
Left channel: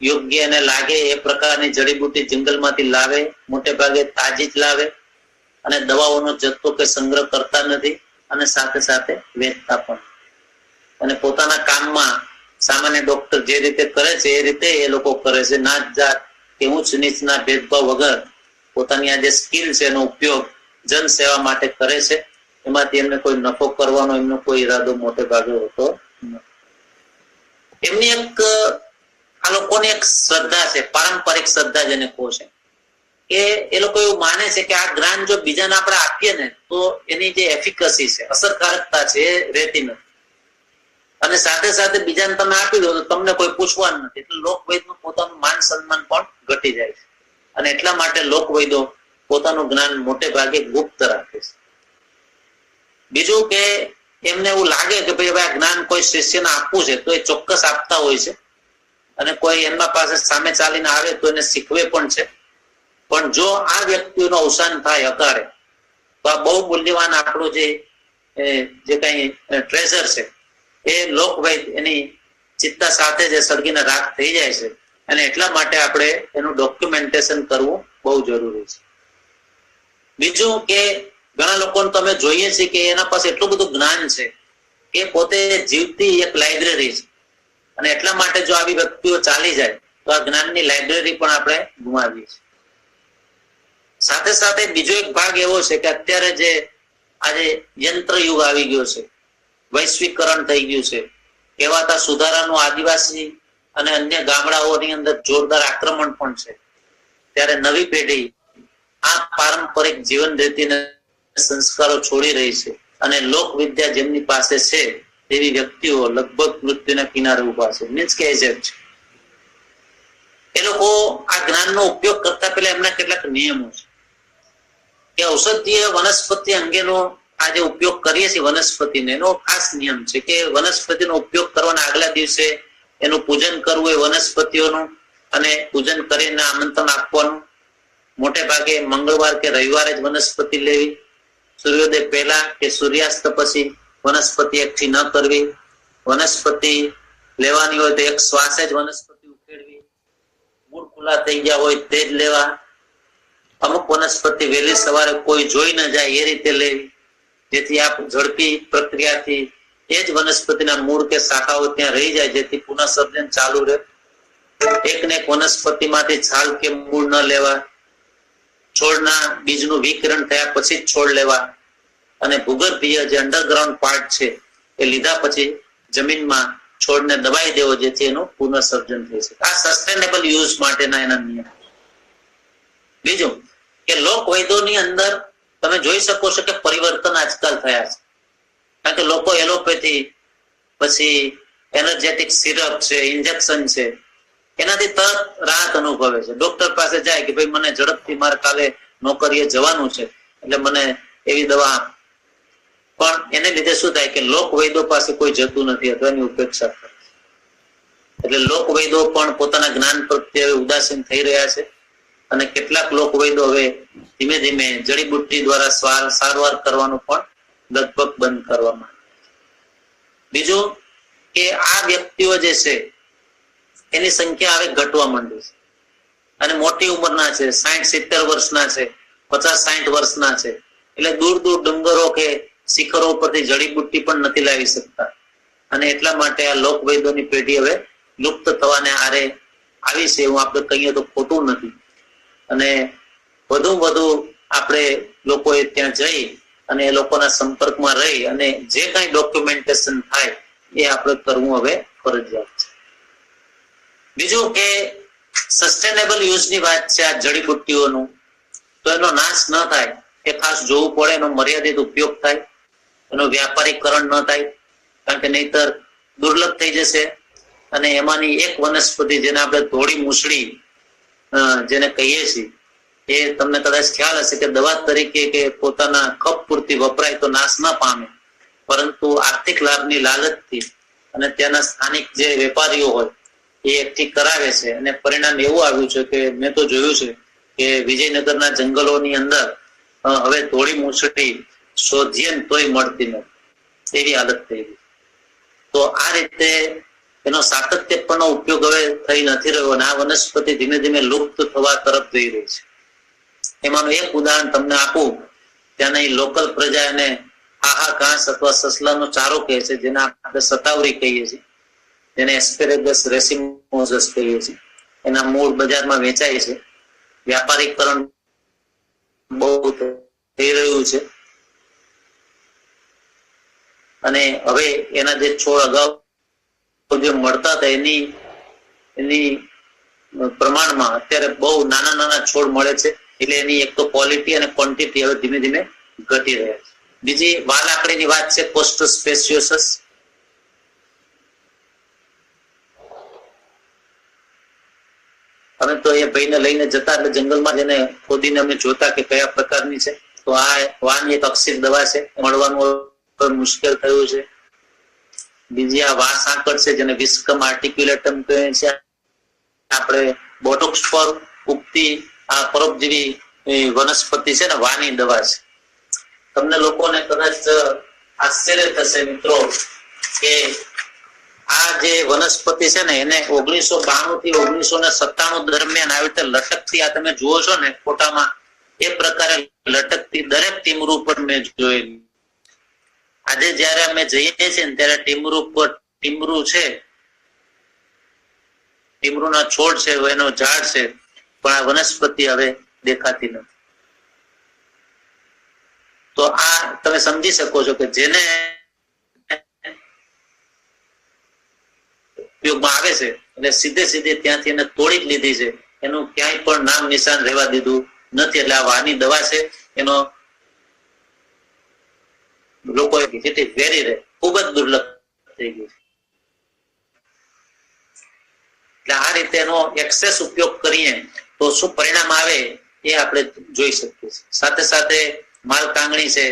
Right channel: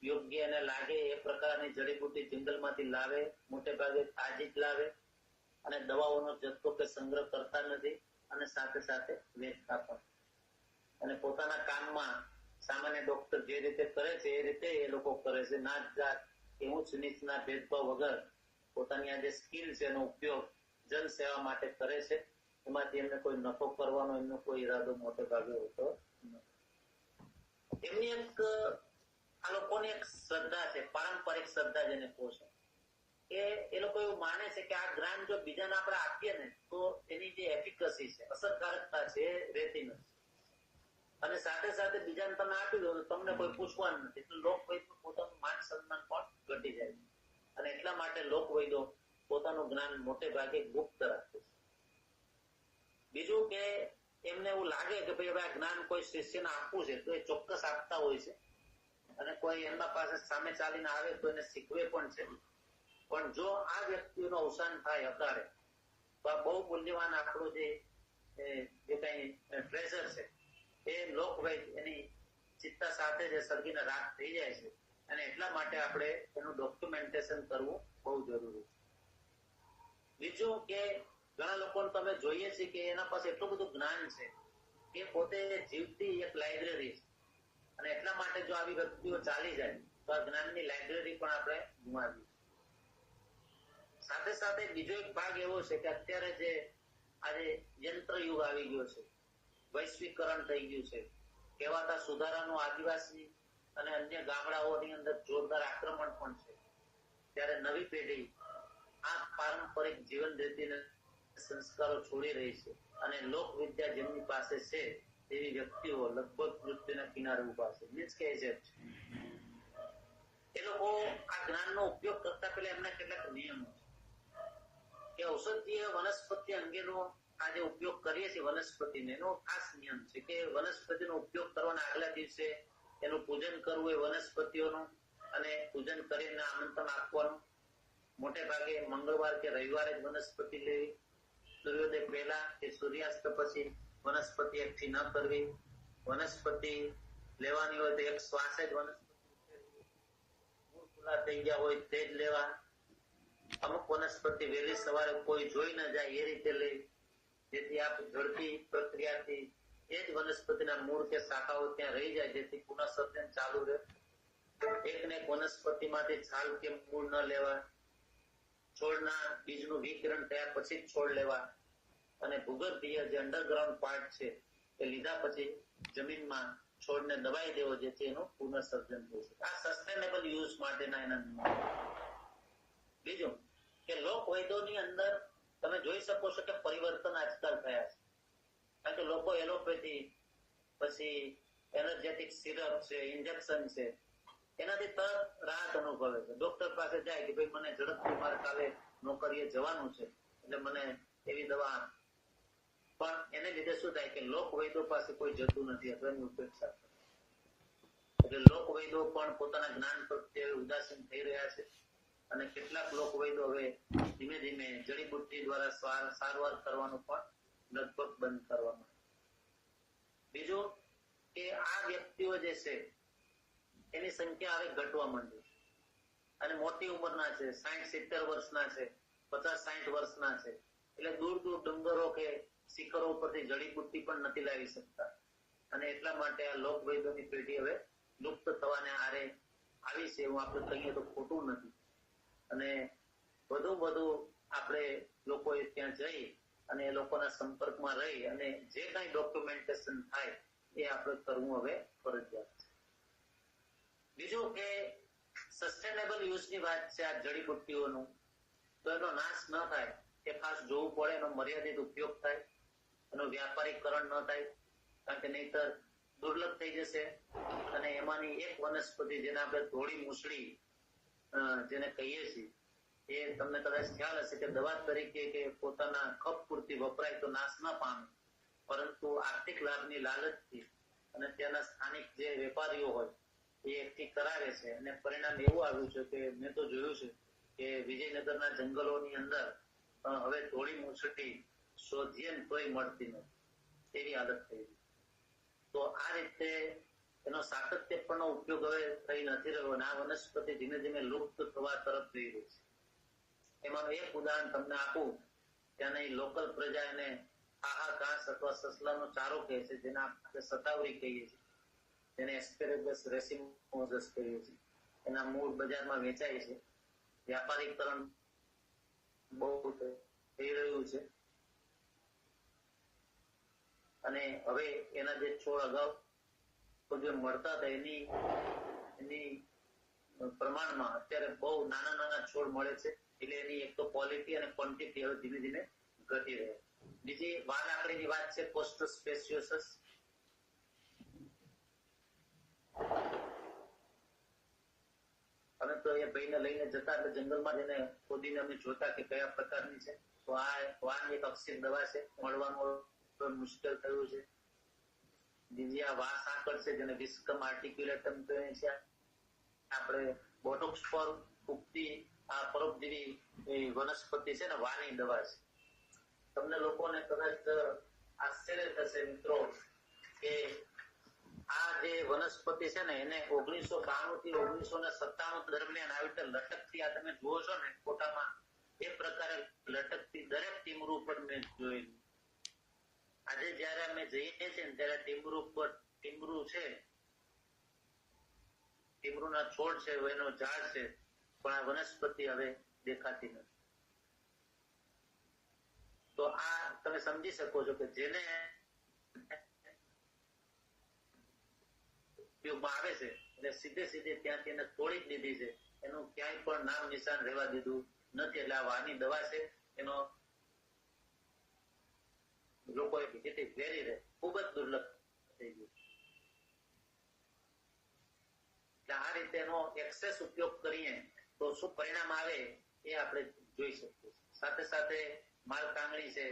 યોગ્ય એને લાગે એ પ્રકારની જડીબુટ્ટી જંગલમાંથી લાવે. મોટે ભાગે તાજી જ લાવે અને દવાઓનો જથ્થો કે સંગ્રહ કરતા નથી અને સાથે સાથે વેચતા પણ. અને પોતાના કામમાં સામાન્ય ડોક્ટર જે રીતે કરે છે એ રીતે એ લોકો કરે છે. નાત જાત કે ઊંચ નીચના ભેદભાવ વગર પોતાની આ જે સ્કિલ છે એનો ઉપયોગ જન સેવા માટે કરે છે. એમાંથી એમને કોઈ નફો કરવાનો એમનો કોઈ ઈરાદો મોટે ભાગે હોતો નથી. એમની એક આ લોકોની એક શ્રદ્ધા છે, પારંપરિક શ્રદ્ધા જેને કહો છે, કે એ લોકો એવું માને છે કે આ જ્ઞાન જો બીજાને આપણે આપીએ ને તો એની જે એફિકસી છે, અસરકારકતા છે, એ રહેતી નથી. અને સાથે સાથે બીજાને તમે આપી દો તો તમને કોઈ પૂછવાનું નથી. એટલે લોકવૈદનું પોતાનું માન સન્માન પણ ઘટી જાય છે. અને એટલા માટે લોકવૈદો પોતાનું જ્ઞાન મોટે ભાગે ગુપ્ત રાખે છે. બીજું કે એમને એવું લાગે કે ભાઈ હવે આ જ્ઞાન કોઈ શિષ્યને આપવું છે તો એ ચોક્કસ આપતા હોય છે. અને કોઈ એમના પાસે સામે ચાલીને આવે તો એને શીખવે પણ છે. પણ જો આ વ્યક્તિનું અવસાન થાય અકાળે તો આ બહુ મૂલ્યવાન આપણું જે કઈ ટ્રેઝર છે એ લોકવૈદ એની ચિત્તા સાથે જે સળગીને રાખ થઈ જાય છે. અને એટલા માટે આપણે એનું ડોક્યુમેન્ટેશન કરવું બહુ જરૂરી છે. બીજું કે ઘણા લોકોને તમે જોઈએ છે કે એના પાસે એટલું બધું જ્ઞાન છે કે પોતે જીવતી એક લાઇબ્રેરી છે. અને એટલા માટે જો આવી વ્યક્તિઓ ચાલી જાય તો આ જ્ઞાનની લાઇબ્રેરી પણ આપણે ગુમાવીએ છીએ. સાથે સાથે બીજો એક ભાગ એવો છે કે અત્યારે જે આજે યંત્ર યુગ આવી ગયો છે, વૈશ્વિકરણ થઈ ગયું છે, કહેવાતા સુધારાનું આદિવાસી અને અન્ય ગામડાઓની અંદર જોરદાર આક્રમણ પણ છે. ત્યારે નવી પેઢી આ પારંપરિક જીવન રીતિને સંસ્કારો છોડી રહી છે અને લોક વિદ્યા જેમની પાસે છે તેવી વ્યક્તિઓ લગભગ મૃત્યુના કિનારે ઉભા છે. મીન્સ કે એજેડ છે. એ લોકો આ જ્ઞાનનો ઉપયોગ કરતા પહેલા એમના કેટલાક નિયમો છે કે ઔષધીય વનસ્પતિ અંગેનો આ જે ઉપયોગ કરીએ છીએ વનસ્પતિને, એનો ખાસ નિયમ છે કે વનસ્પતિનો ઉપયોગ કરવાના આગલા દિવસે એનું પૂજન કરવું, એ વનસ્પતિઓનું, અને પૂજન કરીને આમંત્રણ આપવાનું. મોટે ભાગે મંગળવાર કે રવિવારે જ વનસ્પતિ લેવી. સૂર્યોદય પહેલા કે સૂર્યાસ્ત પછી વનસ્પતિ એકઠી ન કરવી. વનસ્પતિ લેવાની હોય તો એક શ્વાસે જ વનસ્પતિ ઉખેડવી. મૂળ ખુલ્લા થઈ ગયા હોય તે જ લેવા. અમુક વનસ્પતિ વહેલી સવારે કોઈ જોઈ ન જાય એ રીતે લેવી, જેથી આ ઝડપી પ્રક્રિયાથી એ જ વનસ્પતિના મૂળ કે શાખાઓ ત્યાં રહી જાય, જેથી પુનઃસર્જન ચાલુ રહે. એકને એક વનસ્પતિમાંથી છાલ કે મૂળ ન લેવા, છોડના બીજનું વિકિરણ થયા પછી જ છોડ લેવા, અને ભૂગર્ભીય જે અંડરગ્રાઉન્ડ પાર્ટ છે એ લીધા પછી જમીનમાં છોડને દબાઈ દેવો, જેથી એનું પુનઃસર્જન થઈ શકે. આ સસ્ટેનેબલ યુઝ માટેના એના નિયમ. બીજું કે લોક વૈદ્યોની અંદર તમે જોઈ શકો છો કે પરિવર્તન આજકાલ થયા છે. કારણ કે લોકો એલોપેથી, પછી એનર્જેટિક સિરપ છે, ઇન્જેક્શન છે, એનાથી તરત રાહત અનુભવે છે. ડોક્ટર પાસે જાય કે ભાઈ મને ઝડપથી મારે કાલે નોકરીએ જવાનું છે, એટલે મને એવી દવા આપ. પણ એને લીધે શું થાય કે લોક વૈદ્યો પાસે કોઈ જતું નથી અથવા એની ઉપેક્ષા કરે. એટલે લોક વૈદ્યો પણ પોતાના જ્ઞાન પ્રત્યે ઉદાસીન થઈ રહ્યા છે, અને કેટલાક લોક વૈદ્યો હવે ધીમે ધીમે જડીબુટ્ટી દ્વારા સારવાર કરવાનું પણ લગભગ બંધ કરવામાં. બીજું કે આ વ્યક્તિઓ જે છે એની સંખ્યા હવે ઘટવા માંડી છે, અને મોટી ઉંમરના છે, 60-70 વર્ષના છે, 50-60 વર્ષના છે. એટલે દૂર દૂર ડુંગરો કે શિખરો પરથી જડીબુટ્ટી પણ નથી લાવી શકતા, અને એટલા માટે આ લોક વૈદ્યોની પેઢી હવે લુપ્ત થવાને આરે આવી છે. એવું આપણે કહીએ તો ખોટું નથી. અને વધુ આપણે લોકોએ ત્યાં જઈ અને એ લોકોના સંપર્કમાં રહી અને જે કઈ ડોક્યુમેન્ટેશન થાય એ આપણે કરવું હવે ફરજિયાત છે. બીજું કે સસ્ટેનેબલ યુઝની વાત છે આ જડીબુટ્ટીઓનું, તો એનો નાશ ન થાય એ ખાસ જોવું પડે. એનો મર્યાદિત ઉપયોગ થાય, એનો વ્યાપારીકરણ ન થાય, કારણ કે નહીતર દુર્લભ થઈ જશે. અને એમાંની એક વનસ્પતિ જેને આપણે ધોળી મૂસળી જેને કહીએ છીએ, એ તમને કદાચ ખ્યાલ હશે કે દવા તરીકે કે પોતાના કપ પૂરતી વપરાય તો નાશ ન પામે, પરંતુ આર્થિક લાભની લાલચથી અને ત્યાંના સ્થાનિક જે વેપારીઓ હોય એ એકઠી કરાવે છે. અને પરિણામ એવું આવ્યું છે કે મેં તો જોયું છે કે વિજયનગરના જંગલોની અંદર હવે ધોળી મૂસળી શોધીએ તોય મળતી નથી, એવી હાલત થઈ ગઈ. તો આ રીતે એનો સાતત્યપૂર્ણ ઉપયોગ હવે થઈ નથી રહ્યો, અને આ વનસ્પતિ ધીમે ધીમે લુપ્ત થવા તરફ જઈ રહી છે. એમાંનું એક ઉદાહરણ તમને આપું. ત્યાંની લોકલ પ્રજા એને આહા ઘાસ અથવા સસલાનો ચારો કહે છે, જેને આપણે સતાવરી કહીએ છીએ, જેને એસ્પેરેગસ રેસિમોસસ કહીએ છીએ. એના મૂળ બજારમાં વેચાય છે. વ્યાપારીકરણ બહુ થઈ રહ્યું છે, અને હવે એના જે છોડ અગાઉ જે મળતા હતા એની પ્રમાણમાં અત્યારે બહુ નાના છોડ મળે છે. એટલે એની એક તો ક્વોલિટી અને ક્વોન્ટિટી હવે ધીમે ધીમે ઘટી રહ્યા છે. બીજી વાલ આકડીની વાત છે કોસ્ટસ સ્પેસિયોસસ. અમે તો એ ભાઈને લઈને જતા એટલે જંગલમાં જઈને ખોદીને અમે જોતા કે કયા પ્રકારની છે. તો આ વાન એક અક્ષિત દવા છે, મળવાનું મુશ્કેલ થયું છે. બીજી આ વાસ આંકડ છે, જેને વિસ્કમ આર્ટિક્યુલેટમ કહે છે. આપણે બોટોક્સ પર ઉગતી આ પરોપજીવી વનસ્પતિ છે ને, વાની દવા છે. તમને લોકોને કદાચ આશ્ચર્ય થશે મિત્રો કે આ જે વનસ્પતિ છે ને એને 1992 થી 1997 દરમિયાન આવી રીતે લટકતી, આ તમે જુઓ છો ને ફોટામાં, એ પ્રકારે લટકતી દરેક ટીમરૂ પર મેં જોયેલી. આજે જયારે અમે જઈએ છીએ ને ત્યારે ટીમરૂ છે, ટીમરૂના છોડ છે, એનો ઝાડ છે, પણ આ વનસ્પતિ હવે દેખાતી નથી. તો આ તમે સમજી શકો છો કે જેને ઉપયોગમાં આવે છે એટલે સીધે ત્યાંથી એને તોડી જ લીધી છે, એનું ક્યાંય પણ નામ નિશાન રહેવા દીધું નથી. એટલે આ વાની દવા છે એનો લોકો જેથી વેરી રહે ખૂબ જ દુર્લભ થઈ ગયું. એટલે આ રીતે એનો એક્સેસ ઉપયોગ કરીએ તો શું પરિણામ આવે એ આપણે જોઈ શકીએ છીએ. સાથે સાથે માલ કાંગણી છે,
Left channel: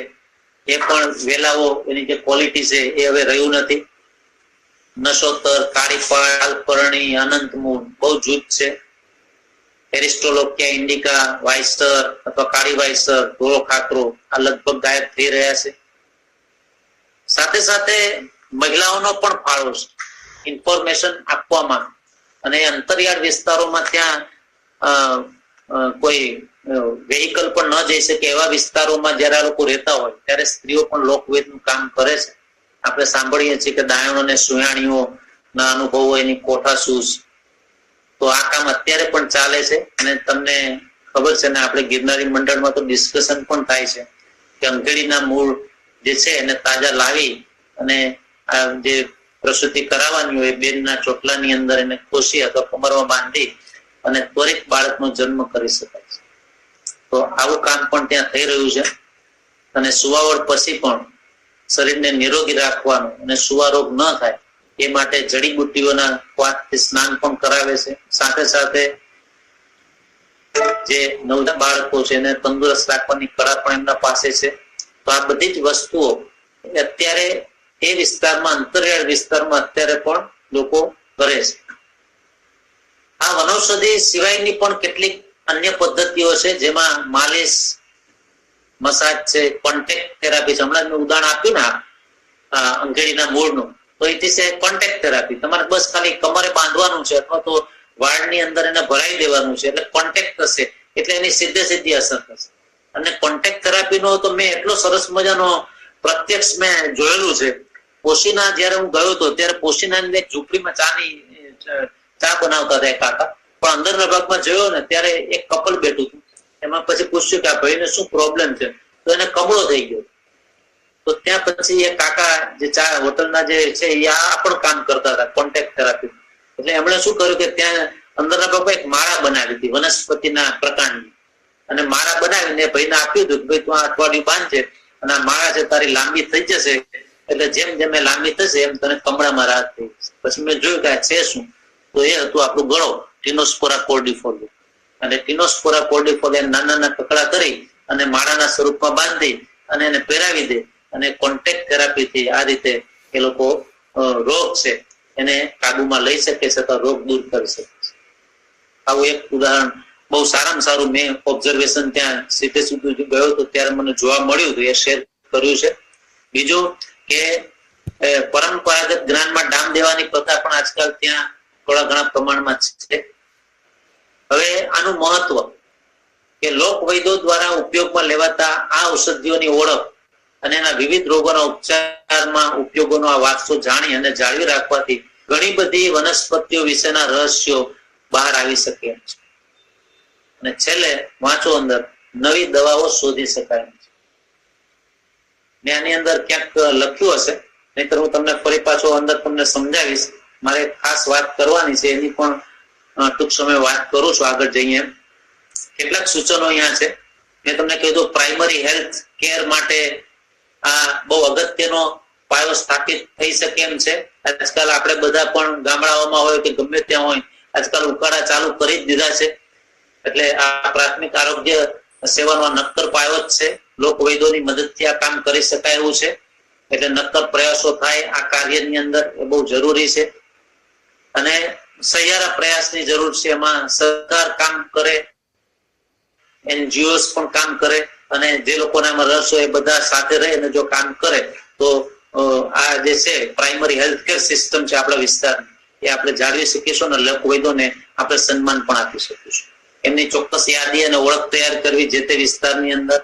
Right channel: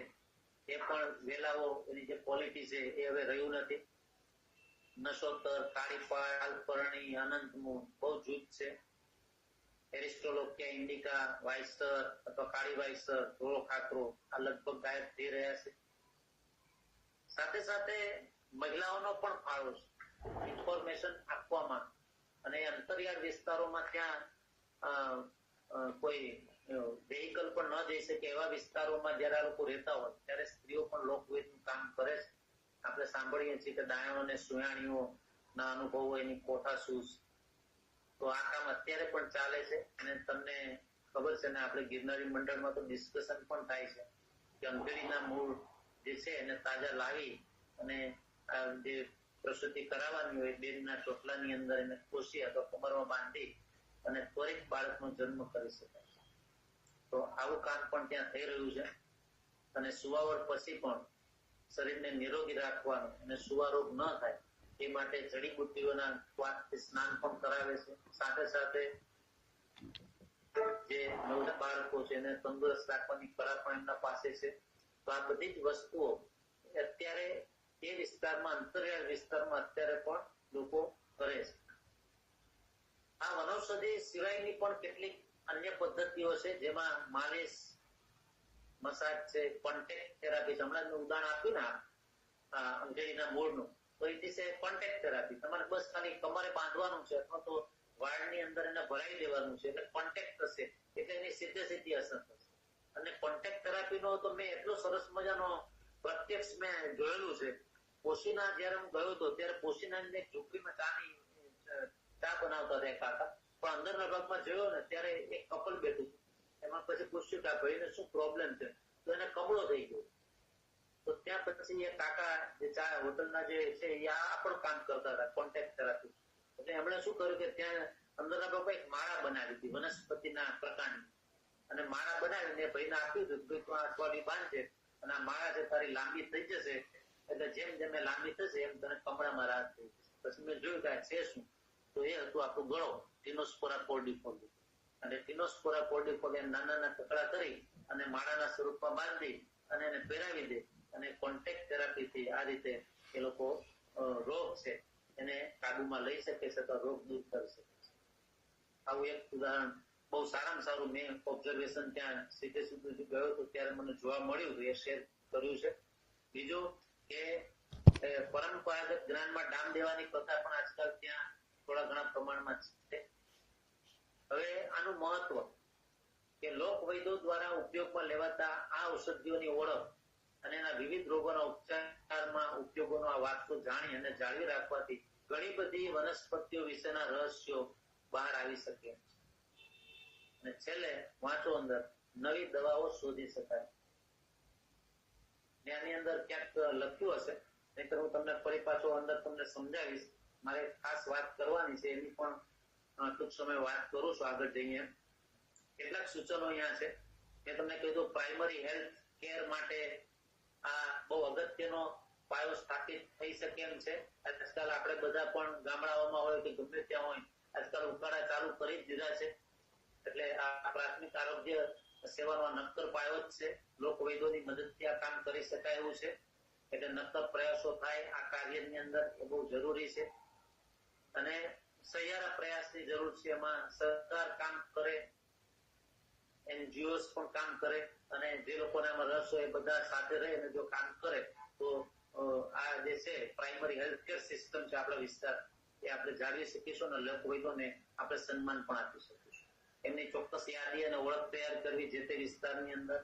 એ પણ વેલાઓ એની જે ક્વોલિટી છે એ હવે રહ્યું નથી. નશોતર, કાળીપાળ, પરણી, અનંતમૂળ બહુ જૂથ છે. એરિસ્ટોલોકિયા ઇન્ડિકા, વાઇસ્ટર અથવા કાળી વાઇસ્ટર, ધોળો ખાતરો આ લગભગ ગાયબ થઈ રહ્યા છે. સાથે સાથે મહિલાઓનો પણ ફાળો છે ઇન્ફોર્મેશન આપવામાં, અને અંતરિયાળ વિસ્તારોમાં ત્યાં કોઈ વેહિકલ પણ ન જઈ શકે એવા વિસ્તારોમાં જયારે આ લોકો રહેતા હોય ત્યારે સ્ત્રીઓ પણ લોકવેદનું કામ કરે છે. આપણે સાંભળીએ છીએ કે દાયણો અને સુયાણીઓ ના અનુભવો, એની કોઠાસૂઝ, તો આ કામ અત્યારે પણ ચાલે છે અને તમને ખબર છે ને આપણે ગિરનારી મંડળમાં તો ડિસ્કશન પણ થાય છે કે અંકેડીના મૂળ જે છે એને તાજા લાવી અને આ જે પ્રસૂતિ કરાવવાની હોય બેનના ચોટલાની અંદર એને ખોસી અથવા કમરમાં બાંધી અને ત્વરિત બાળકનો જન્મ કરી શકાય છે. તો આવું કામ પણ ત્યાં થઈ રહ્યું છે અને સુવાવડ પછી પણ શરીરને નિરોગી રાખવાનું અને સુવા રોગ ન થાય એ માટે જડીબુટ્ટીઓના ક્વાથથી સ્નાન પણ કરાવે છે. સાથે સાથે જે નવજાત બાળકો છે એને તંદુરસ્ત રાખવાની કળા પણ એમના પાસે છે. તો આ બધી જ વસ્તુઓ અત્યારે એ વિસ્તારમાં અંતરિયાળ વિસ્તારમાં અત્યારે પણ લોકો કરે છે. આ વનૌષધિ સિવાયની પણ કેટલીક અન્ય પદ્ધતિઓ છે જેમાં માલિશ, મસાજ છે, કોન્ટેક્ટ થેરાપી છે. હમણાં મેં ઉદાહરણ આપ્યું ને અંકેડીના મૂળનું, તો એ છે કોન્ટેક્ટ થેરાપી. તમારે બસ ખાલી કમરે બાંધવાનું છે અથવા તો વાળની અંદર એને ભરાઈ દેવાનું છે એટલે કોન્ટેક્ટ થશે એટલે એની સીધી અસર થશે. અને કોન્ટેક્ટ થેરાપીનો તો મેં એટલો સરસ મજાનો પ્રત્યક્ષ મેં જોયેલું છે. પોશીના જયારે હું ગયો હતો ત્યારે પોશીનાની એક ઝૂંપડીમાં ચા બનાવતા હતા કાકા, પણ અંદરના ભાગમાં જોયો ને ત્યારે એક કપલ બેઠું હતું. એમાં પછી પૂછ્યું કે આ ભાઈને શું પ્રોબ્લેમ છે, તો એને કમળો થઈ ગયો. તો ત્યાં પછી એ કાકા જે ચા હોટલના જે છે એ આ પણ કામ કરતા હતા કોન્ટેક્ટ થેરાપી. એટલે એમણે શું કર્યું કે ત્યાં અંદરના ભાગમાં એક માળા બનાવી હતી વનસ્પતિના પ્રકારની, અને માળા બનાવીને ભાઈને આપ્યું હતું કે ભાઈ તું આ અઠવાડિયું બાંધજે અને આ માળા છે તારી લાંબી થઈ જશે એટલે જેમ જેમ લાંબી થશે એમ તને કમળામાં રાહત થઈ જશે. પછી મેં જોયું કે આ છે શું, તો એ હતું આપણું ગળો, ટીનોસ્પોરા કોર્ડિફોલિયા. અને ટીનોસ્પોરા કોર્ડિફોલિયા નાના કકડા કરી અને માળાના સ્વરૂપમાં બાંધી અને એને પહેરાવી દે અને કોન્ટેક્ટ થેરાપીથી આ રીતે એ લોકો રોગ છે એને કાબુમાં લઈ શકે છે અથવા રોગ દૂર કરી શકે છે. આવું એક ઉદાહરણ બહુ સારામાં સારું મેં ઓબ્ઝર્વેશન ત્યાં સીધે સીધું ગયો હતો ત્યારે મને જોવા મળ્યું હતું, એ શેર કર્યું છે. બીજું કે પરંપરાગત જ્ઞાનમાં ડામ દેવાની પ્રથા પણ આજકાલ ત્યાં થોડા ઘણા પ્રમાણમાં છે. હવે આનું મહત્વ કે લોક વૈદ્યો દ્વારા ઉપયોગમાં લેવાતા આ ઔષધિઓની ઓળખ અને એના વિવિધ રોગોના ઉપચારમાં ઉપયોગોનો આ વારસો જાણી અને જાળવી રાખવાથી ઘણી બધી વનસ્પતિઓ વિશેના રહસ્યો બહાર આવી શકે છે. અને છેલ્લે વાંચો અંદર નવી દવાઓ શોધી શકાય છે. મેં આની અંદર ક્યાંક લખ્યું હશે, નહીતર હું તમને ફરી પાછો અંદર તમને સમજાવીશ. મારે ખાસ વાત કરવાની છે એની પણ ટૂંક સમય વાત કરું છું આગળ જઈએ. કેટલાક સૂચનો અહીંયા છે. મેં તમને કીધું પ્રાઇમરી હેલ્થ કેર માટે આ બહુ અગત્યનો પાયો સ્થાપિત થઈ શકે એમ છે. આજકાલ આપણે બધા પણ ગામડાઓમાં હોય કે ગમે ત્યાં હોય આજકાલ ઉકાળા ચાલુ કરી જ દીધા છે. એટલે આ પ્રાથમિક આરોગ્ય સેવાનો નક્કર પાયો જ છે. લોક વૈદ્યોની મદદથી આ કામ કરી શકાય એવું છે. એટલે નક્કર પ્રયાસો થાય આ કાર્યની અંદર એ બહુ જરૂરી છે અને સહિયારા પ્રયાસની જરૂર છે. એમાં સરકાર કામ કરે, એનજીઓસ પણ કામ કરે અને જે લોકોને આમાં રસ હોય એ બધા સાથે રહે અને જો કામ કરે તો આ જે છે પ્રાઇમરી હેલ્થ કેર સિસ્ટમ છે આપણા વિસ્તારની એ આપણે જાળવી શકીશું અને લોક વૈદ્યોને આપણે સન્માન પણ આપી શકીશું. એમની ચોક્કસ યાદી અને ઓળખ તૈયાર કરવી જે તે વિસ્તારની અંદર,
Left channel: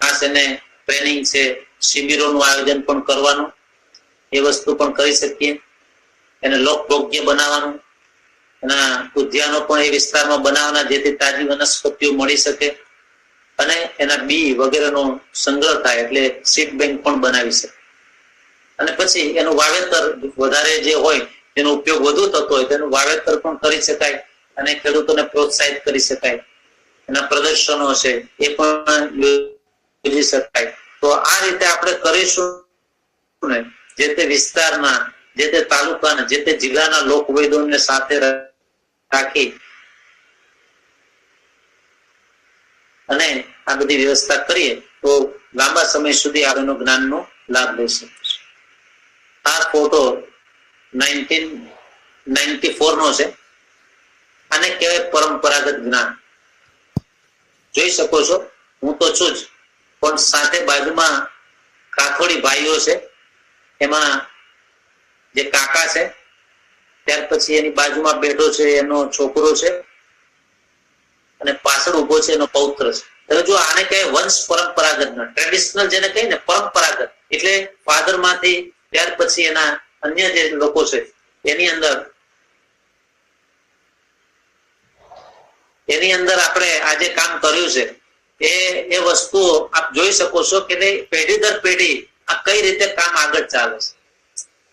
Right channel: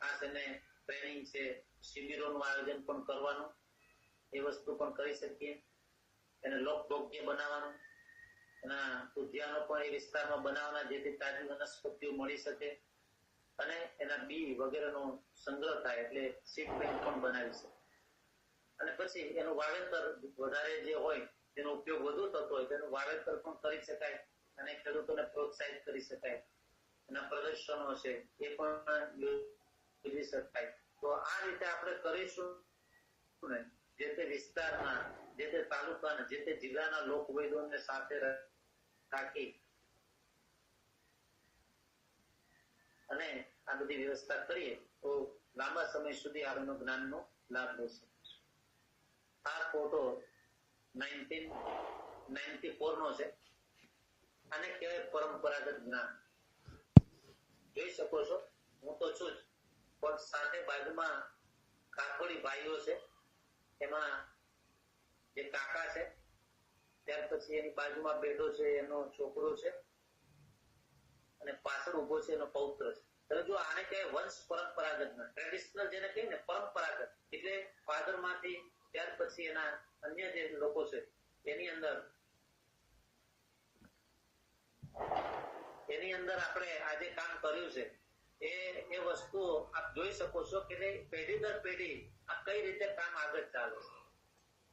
ખાસ એને ટ્રેનિંગ છે, શિબિરોનું આયોજન પણ કરવાનું, એ વસ્તુ પણ કરી શકીએ. એને લોકભોગ્ય બનાવવાનું, એના ઉદ્યાનો પણ એ વિસ્તારમાં બનાવવાના જેથી તાજી વનસ્પતિઓ મળી શકે અને એના બી વગેરેનો સંગ્રહ થાય એટલે સીડ બેંક પણ બનાવી શકે. અને પછી એનું વાવેતર વધારે જે હોય તેનો ઉપયોગ વધુ થતો હોય તેનું વાવેતર પણ કરી શકાય અને ખેડૂતોને પ્રોત્સાહિત કરી શકાય. એના પ્રદર્શનો છે એ પણ યોજી શકાય. તો આ રીતે આપણે કરીશું ને જે તે વિસ્તારના, જે તે તાલુકાના, જે તે જિલ્લાના લોક વૈદ્યોને સાથે રાખી અને આ બધી વ્યવસ્થા કરીએ તો લાંબા સમય સુધી આપણને જ્ઞાનનો લાભ લઈ શકીશું. આ ફોટો 1994 નો છે. આને કહેવાય પરંપરાગત જ્ઞાન. જોઈ શકો છો હું તો છું જ, પણ સાથે બાજુમાં કાથોડી ભાઈઓ છે, એમાં જે કાકા છે, ત્યાર પછી એની બાજુમાં બેઠો છે એનો છોકરો છે અને પાછળ ઉભો છે એનો પૌત્ર છે. હવે જો આને કહે વંશ પરંપરાગત ના, ટ્રેડિશનલ જેને કહે ને પરંપરાગત એટલે ફાધર માંથી ત્યાર પછી એના અન્ય જે લોકો છે એની અંદર એની અંદર આપણે આજે કામ કર્યું છે એ વસ્તુઓ આપ જોઈ શકો છો કે પેઢી દર પેઢી આ કઈ રીતે કામ આગળ ચાલે છે.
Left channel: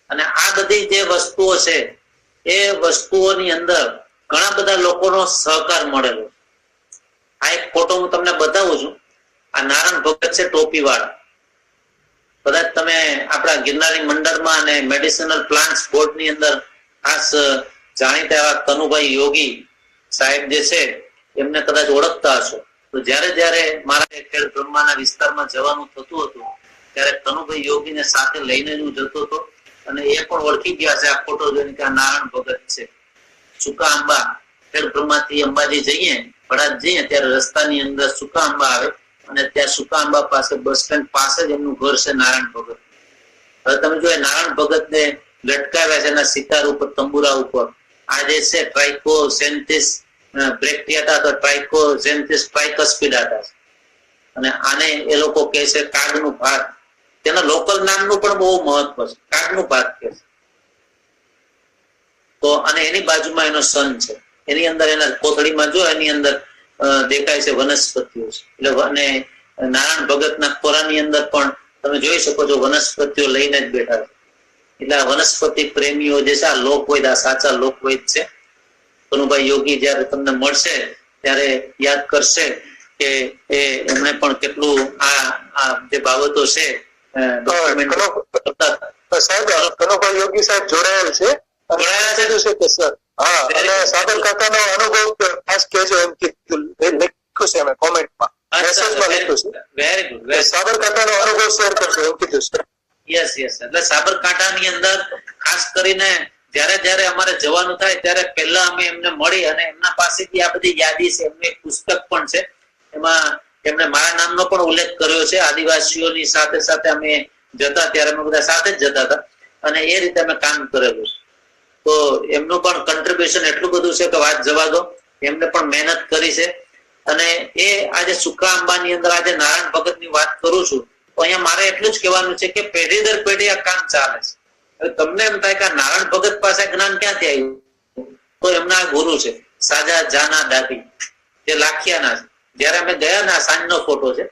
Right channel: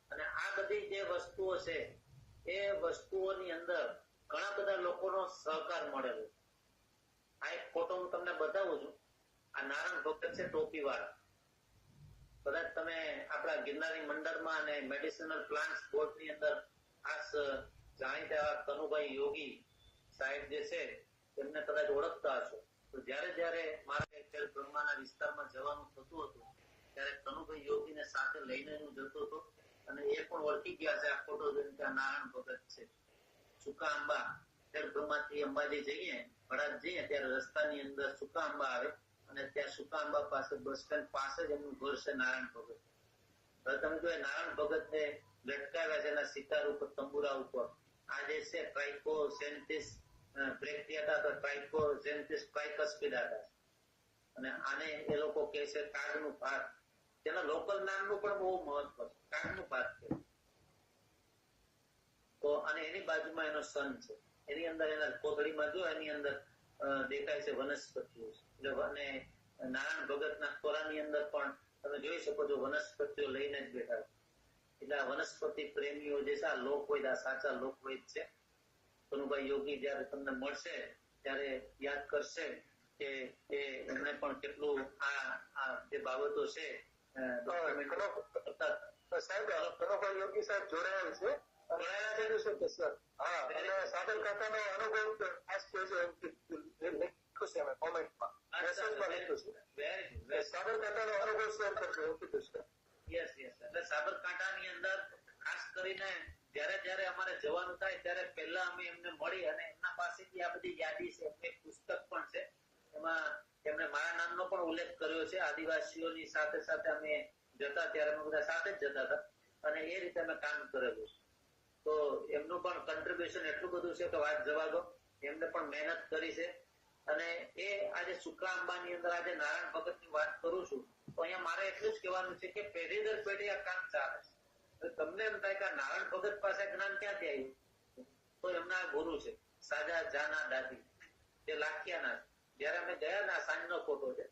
અને આ બધી જે વસ્તુઓ છે એ વસ્તુઓની અંદર ઘણા બધા લોકોનો સહકાર મળેલો. આ એક ફોટો હું તમને બતાવું છું. આ નારાયણ ભગત છે ટોપી વાળા. કદાચ તમે આપણા ગિરનારી મંડળમાં અને મેડિસિનલ પ્લાન્ટ્સ બોર્ડ ની અંદર ખાસ જાણીતા એવા કનુભાઈ યોગી સાહેબ જે છે એમને કદાચ ઓળખતા હશો. તો જયારે મારા ખેડ બ્રહ્માના વિસ્તારમાં જવાનું થતું હતું ત્યારે કનુભાઈ યોગીને સાથે લઈને હું જતો હતો અને એ પણ ઓળખી ગયા છે આ ફોટો જોઈને કે આ નારાયણ ભગત છે. સુકા આંબા ખેડ બ્રહ્માથી અંબાજી જઈએ ભડાત જઈએ ત્યારે રસ્તાની અંદર સુકા આંબા આવે અને ત્યાં સુકા આંબા પાસે બસ સ્ટેન્ડ પાસે જ એમનું ઘર છે નારાયણ ભગત. હવે તમે જો નારાયણ ભગત ને લટકાવ્યા છે એના સિતાર ઉપર તંબુરા ઉપર. આ જે છે ટ્રાઇકોસેન્થિસ બ્રેક્ટિયાટા તો ટ્રાઇકોસેન્થિસ ટ્રાઇકસ્પિડાટા અને આને એ લોકો કહે છે કાગનું ભાત. તેના લોકલ નામનું પણ બહુ મહત્વ છે. કાગનું ભાત કહે છે. તો અને એની બાજુમાં એનો સન છે. એની અંદર એના કોથળીમાં જો એની અંદર દેખાય છે વનસ્પતિઓ છે. એટલે અને નારાયણ ભગતના ખોરાની અંદર પણ તમે જોઈ શકો છો વનસ્પતિઓ લઈને જ બેઠા છે. એટલે આ વનસ્પતિ પ્રેમીઓ જે છે આ લોકવૈદ આ સાચા લોકવૈદ છે. કનુભાઈ યોગી જયારે તમને મળશે ત્યારે યાદ કરશે કે એમણે પણ કેટલું આ જે બાબતો છે સાહેબ કનુભાઈ યોગી સાહેબ જોડાયેલ છે કે સર? હા, અને સાબરકાંઠાનો અનુભવ ખાસ કહેજો એમ કીધું લખ્યું છે અમે કોમેન્ટમાં મેસેજમાં લખ્યું છે. Very good. સાબરકાંઠાનો અનુભવ શેર કરજો એમ કીધું છે. યસ એટલે સાબરકાંઠાની અંદર ખાસ કરીને જયારે અમારે જવાનું થાય ત્યારે પહેલા અમે એમને મળી અને એમના પાસેથી આ બધી યાદી છે. એમનું એક પુસ્તક પણ છે. એમાં એમણે મારા નામનો પણ ઉલ્લેખ કર્યો છે. આદિવાસીઓની સાથે સાથે અમે જતા ત્યારે અમે બધા સાથે જ જતા હતા અને એ રીતે અમે કામ કરેલું છે. તો એમનું પણ કન્ટ્રીબ્યુશન એટલું બધું છે કે વાત જવા દો. એમને પણ મહેનત કરી છે અને એ આજે સુકા આંબાની અંદર આજે નારાયણ ભગત ની વાત કરું છું તો અહીંયા મારે એટલું જ કહેવાનું છે કે પેઢી દર પેઢી આ કામ ચાલે છે. તમને એમ થાય કે નારાયણ ભગત પાસે જ્ઞાન ક્યાંથી આવ્યું? તો એમના ગુરુ છે સાજા જાના દાદી જે લાખિયાના છે. જયારે અમે ગયા ને સાંજનો ફોટો છે.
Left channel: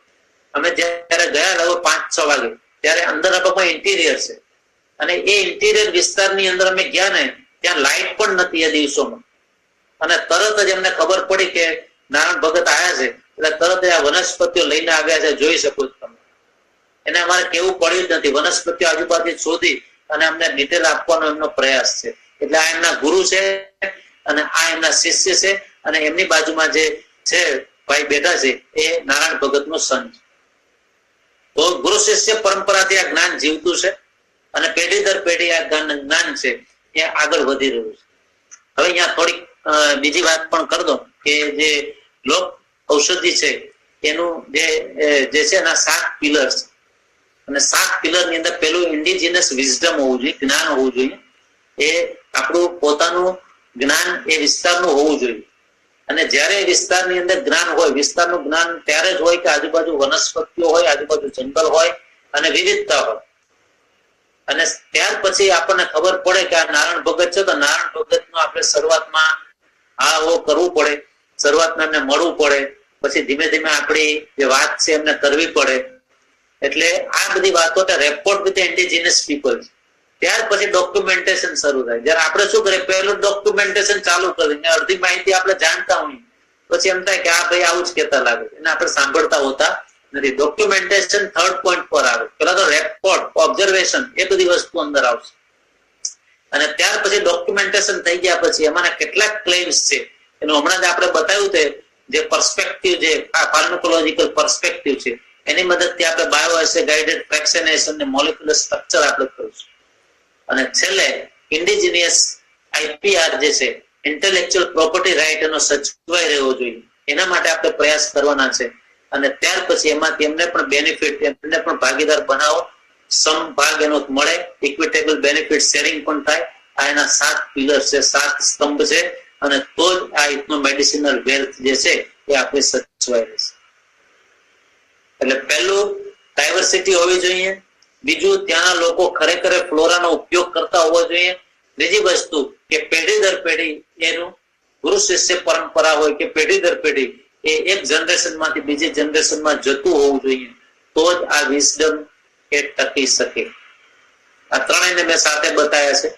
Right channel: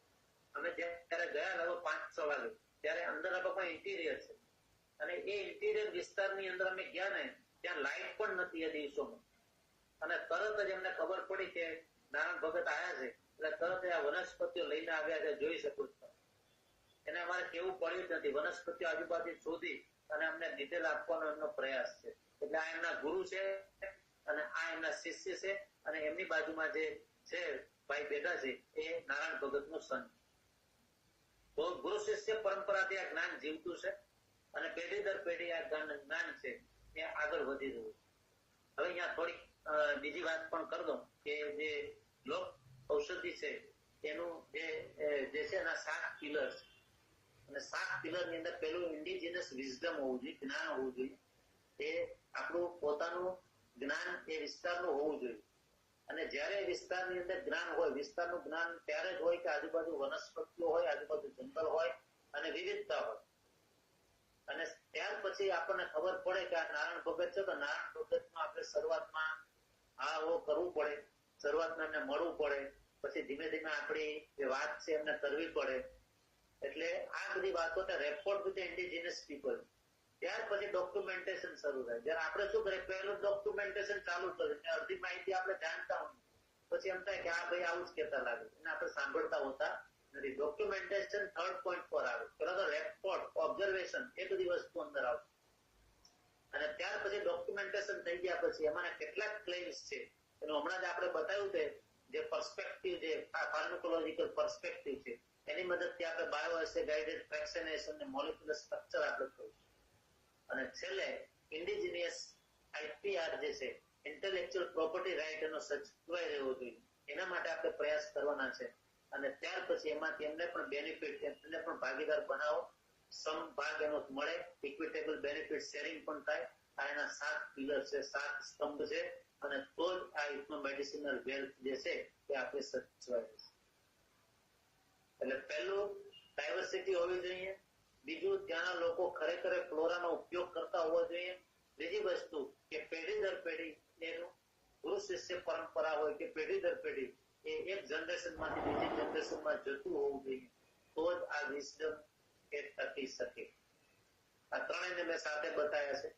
અમે જયારે ગયા લગભગ 5-6 વાગે ત્યારે અંદર ઇન્ટિરિયર છે અને એ ઇન્ટિરિયર વિસ્તારની અંદર અમે ગયા ને ત્યાં લાઇટ પણ નથી એ દિવસોમાં. અને તરત જ એમને ખબર પડી કે નારાયણ ભગત આવ્યા છે એટલે તરત જ આ વનસ્પતિઓ લઈને આવ્યા છે. જોઈ શકો છો તમે. એને અમારે કેવું પડ્યું જ નથી. વનસ્પતિઓ આજુબાજુ શોધી અને અમને ડિટેલ આપવાનો એમનો પ્રયાસ છે. એટલે આ એમના ગુરુ છે અને આ એમના શિષ્ય છે અને એમની બાજુમાં જે છે ભાઈ બેઠા છે એ નારાયણ ભગત નો સન છે. તો ગુરુ શિષ્ય પરંપરાથી આ જ્ઞાન જીવતું છે અને પેઢી દર પેઢી આ જ્ઞાન છે એ આગળ વધી રહ્યું છે. હવે અહીંયા થોડીક બીજી વાત પણ કરી દો કે જે લોક ઔષધિ છે એનું જે છે એના 7 પિલર્સ અને 7 પિલર ની અંદર પેલું ઇન્ડિજિનસ વિઝડમ હોવું જોઈએ, જ્ઞાન હોવું જોઈએ. એ આપણું પોતાનું જ્ઞાન એ વિસ્તારનું હોવું જોઈએ. અને જયારે વિસ્તારની અંદર જ્ઞાન હોય, વિસ્તારનું જ્ઞાન ત્યારે જ હોય કે આજુબાજુ વનસ્પતિઓ હોય, આજુબાજુ જંગલ હોય અને વિવિધતા હોય. અને ત્યાર પછી આપણને ખબર પડે કે આ નારાયણ ભગત છે તો નારાયણ ભગત નું આપણે શરૂઆતમાં કરવું પડે. શરૂઆતમાં એમને મળવું પડે. પછી ધીમે ધીમે આપણી જે વાત છે એમને કરવી પડે. એટલે આ બધી વાતો રેપોર્ટ વિથ ઇન્ડિજિનસ પીપલ. ત્યાર પછી ડોક્યુમેન્ટેશન શરૂ થાય. જયારે આપણે શું કરીએ પહેલું ડોક્યુમેન્ટેશન ચાલુ કરીને અડધી માહિતી આપણે જાણતા હોઈએ પછી એમ થાય કે આ ભાઈ આવું જ કહેતા લાગે એને આપણે સાંભળતા હોતા નથી. ડોક્યુમેન્ટેશન 3rd પોઈન્ટ પર આવે. પેલા તો રેકોર્ડ, ઓબ્ઝર્વેશન એ બધી વસ્તુ અંદર આવશે અને ત્યાર પછી ડોક્યુમેન્ટેશન થઈ ગયા પછી એમાંના કેટલાક ક્લેમ્સ છે એનું હમણાં જ આપણે બતાવ્યું છે. જે પર્સપેક્ટિવ જે ફાર્માકોલોજીકલ પર્સપેક્ટિવ છે એની મદદથી આપણે બાયોએસે ગાઇડેડ ફ્રેક્શનેશન ને મોલેક્યુલર સ્ટ્રક્ચર આપણે કરીશું. અને છેલ્લે ઇન્ડિજિનિયસ આઈપીઆર જે છે ઇન્ટેલેક્ચ્યુઅલ પ્રોપર્ટી રાઇટ એનો સચવાઈ રહેવો જોઈએ એના માટે આપણે પ્રયાસ કરવાના છે. અને ત્યાર પછી એમાંથી એમને પણ બેનિફિટ, એમને પણ ભાગીદાર બનાવો, સમભાગ એનો મળે, ઇક્વિટેબલ બેનિફિટ શેરિંગ પણ થાય. આ એના 7 પિલર છે, 7 સ્તંભ છે અને તો જ આ ઇથનો મેડિસિનલ વેલ્થ જે છે એ આપણે સચવાઈ રહેશે. એટલે પહેલું ડાયવર્સિટી હોવી જોઈએ. બીજું ત્યાંના લોકો ખરેખર ફ્લોરાનો ઉપયોગ કરતા હોવો જોઈએ. ત્રીજી વસ્તુ કે પેઢી દર પેઢી એનું ગુરુ શિષ્ય પરંપરા હોય કે પેઢી દર પેઢી એ એક જનરેશન માંથી બીજી જનરેશનમાં જતું હોવું જોઈએ, તો જ આ વિઝડમ એ ટકી શકે. આ ત્રણેયને મેં સાથે બતાવ્યા છે.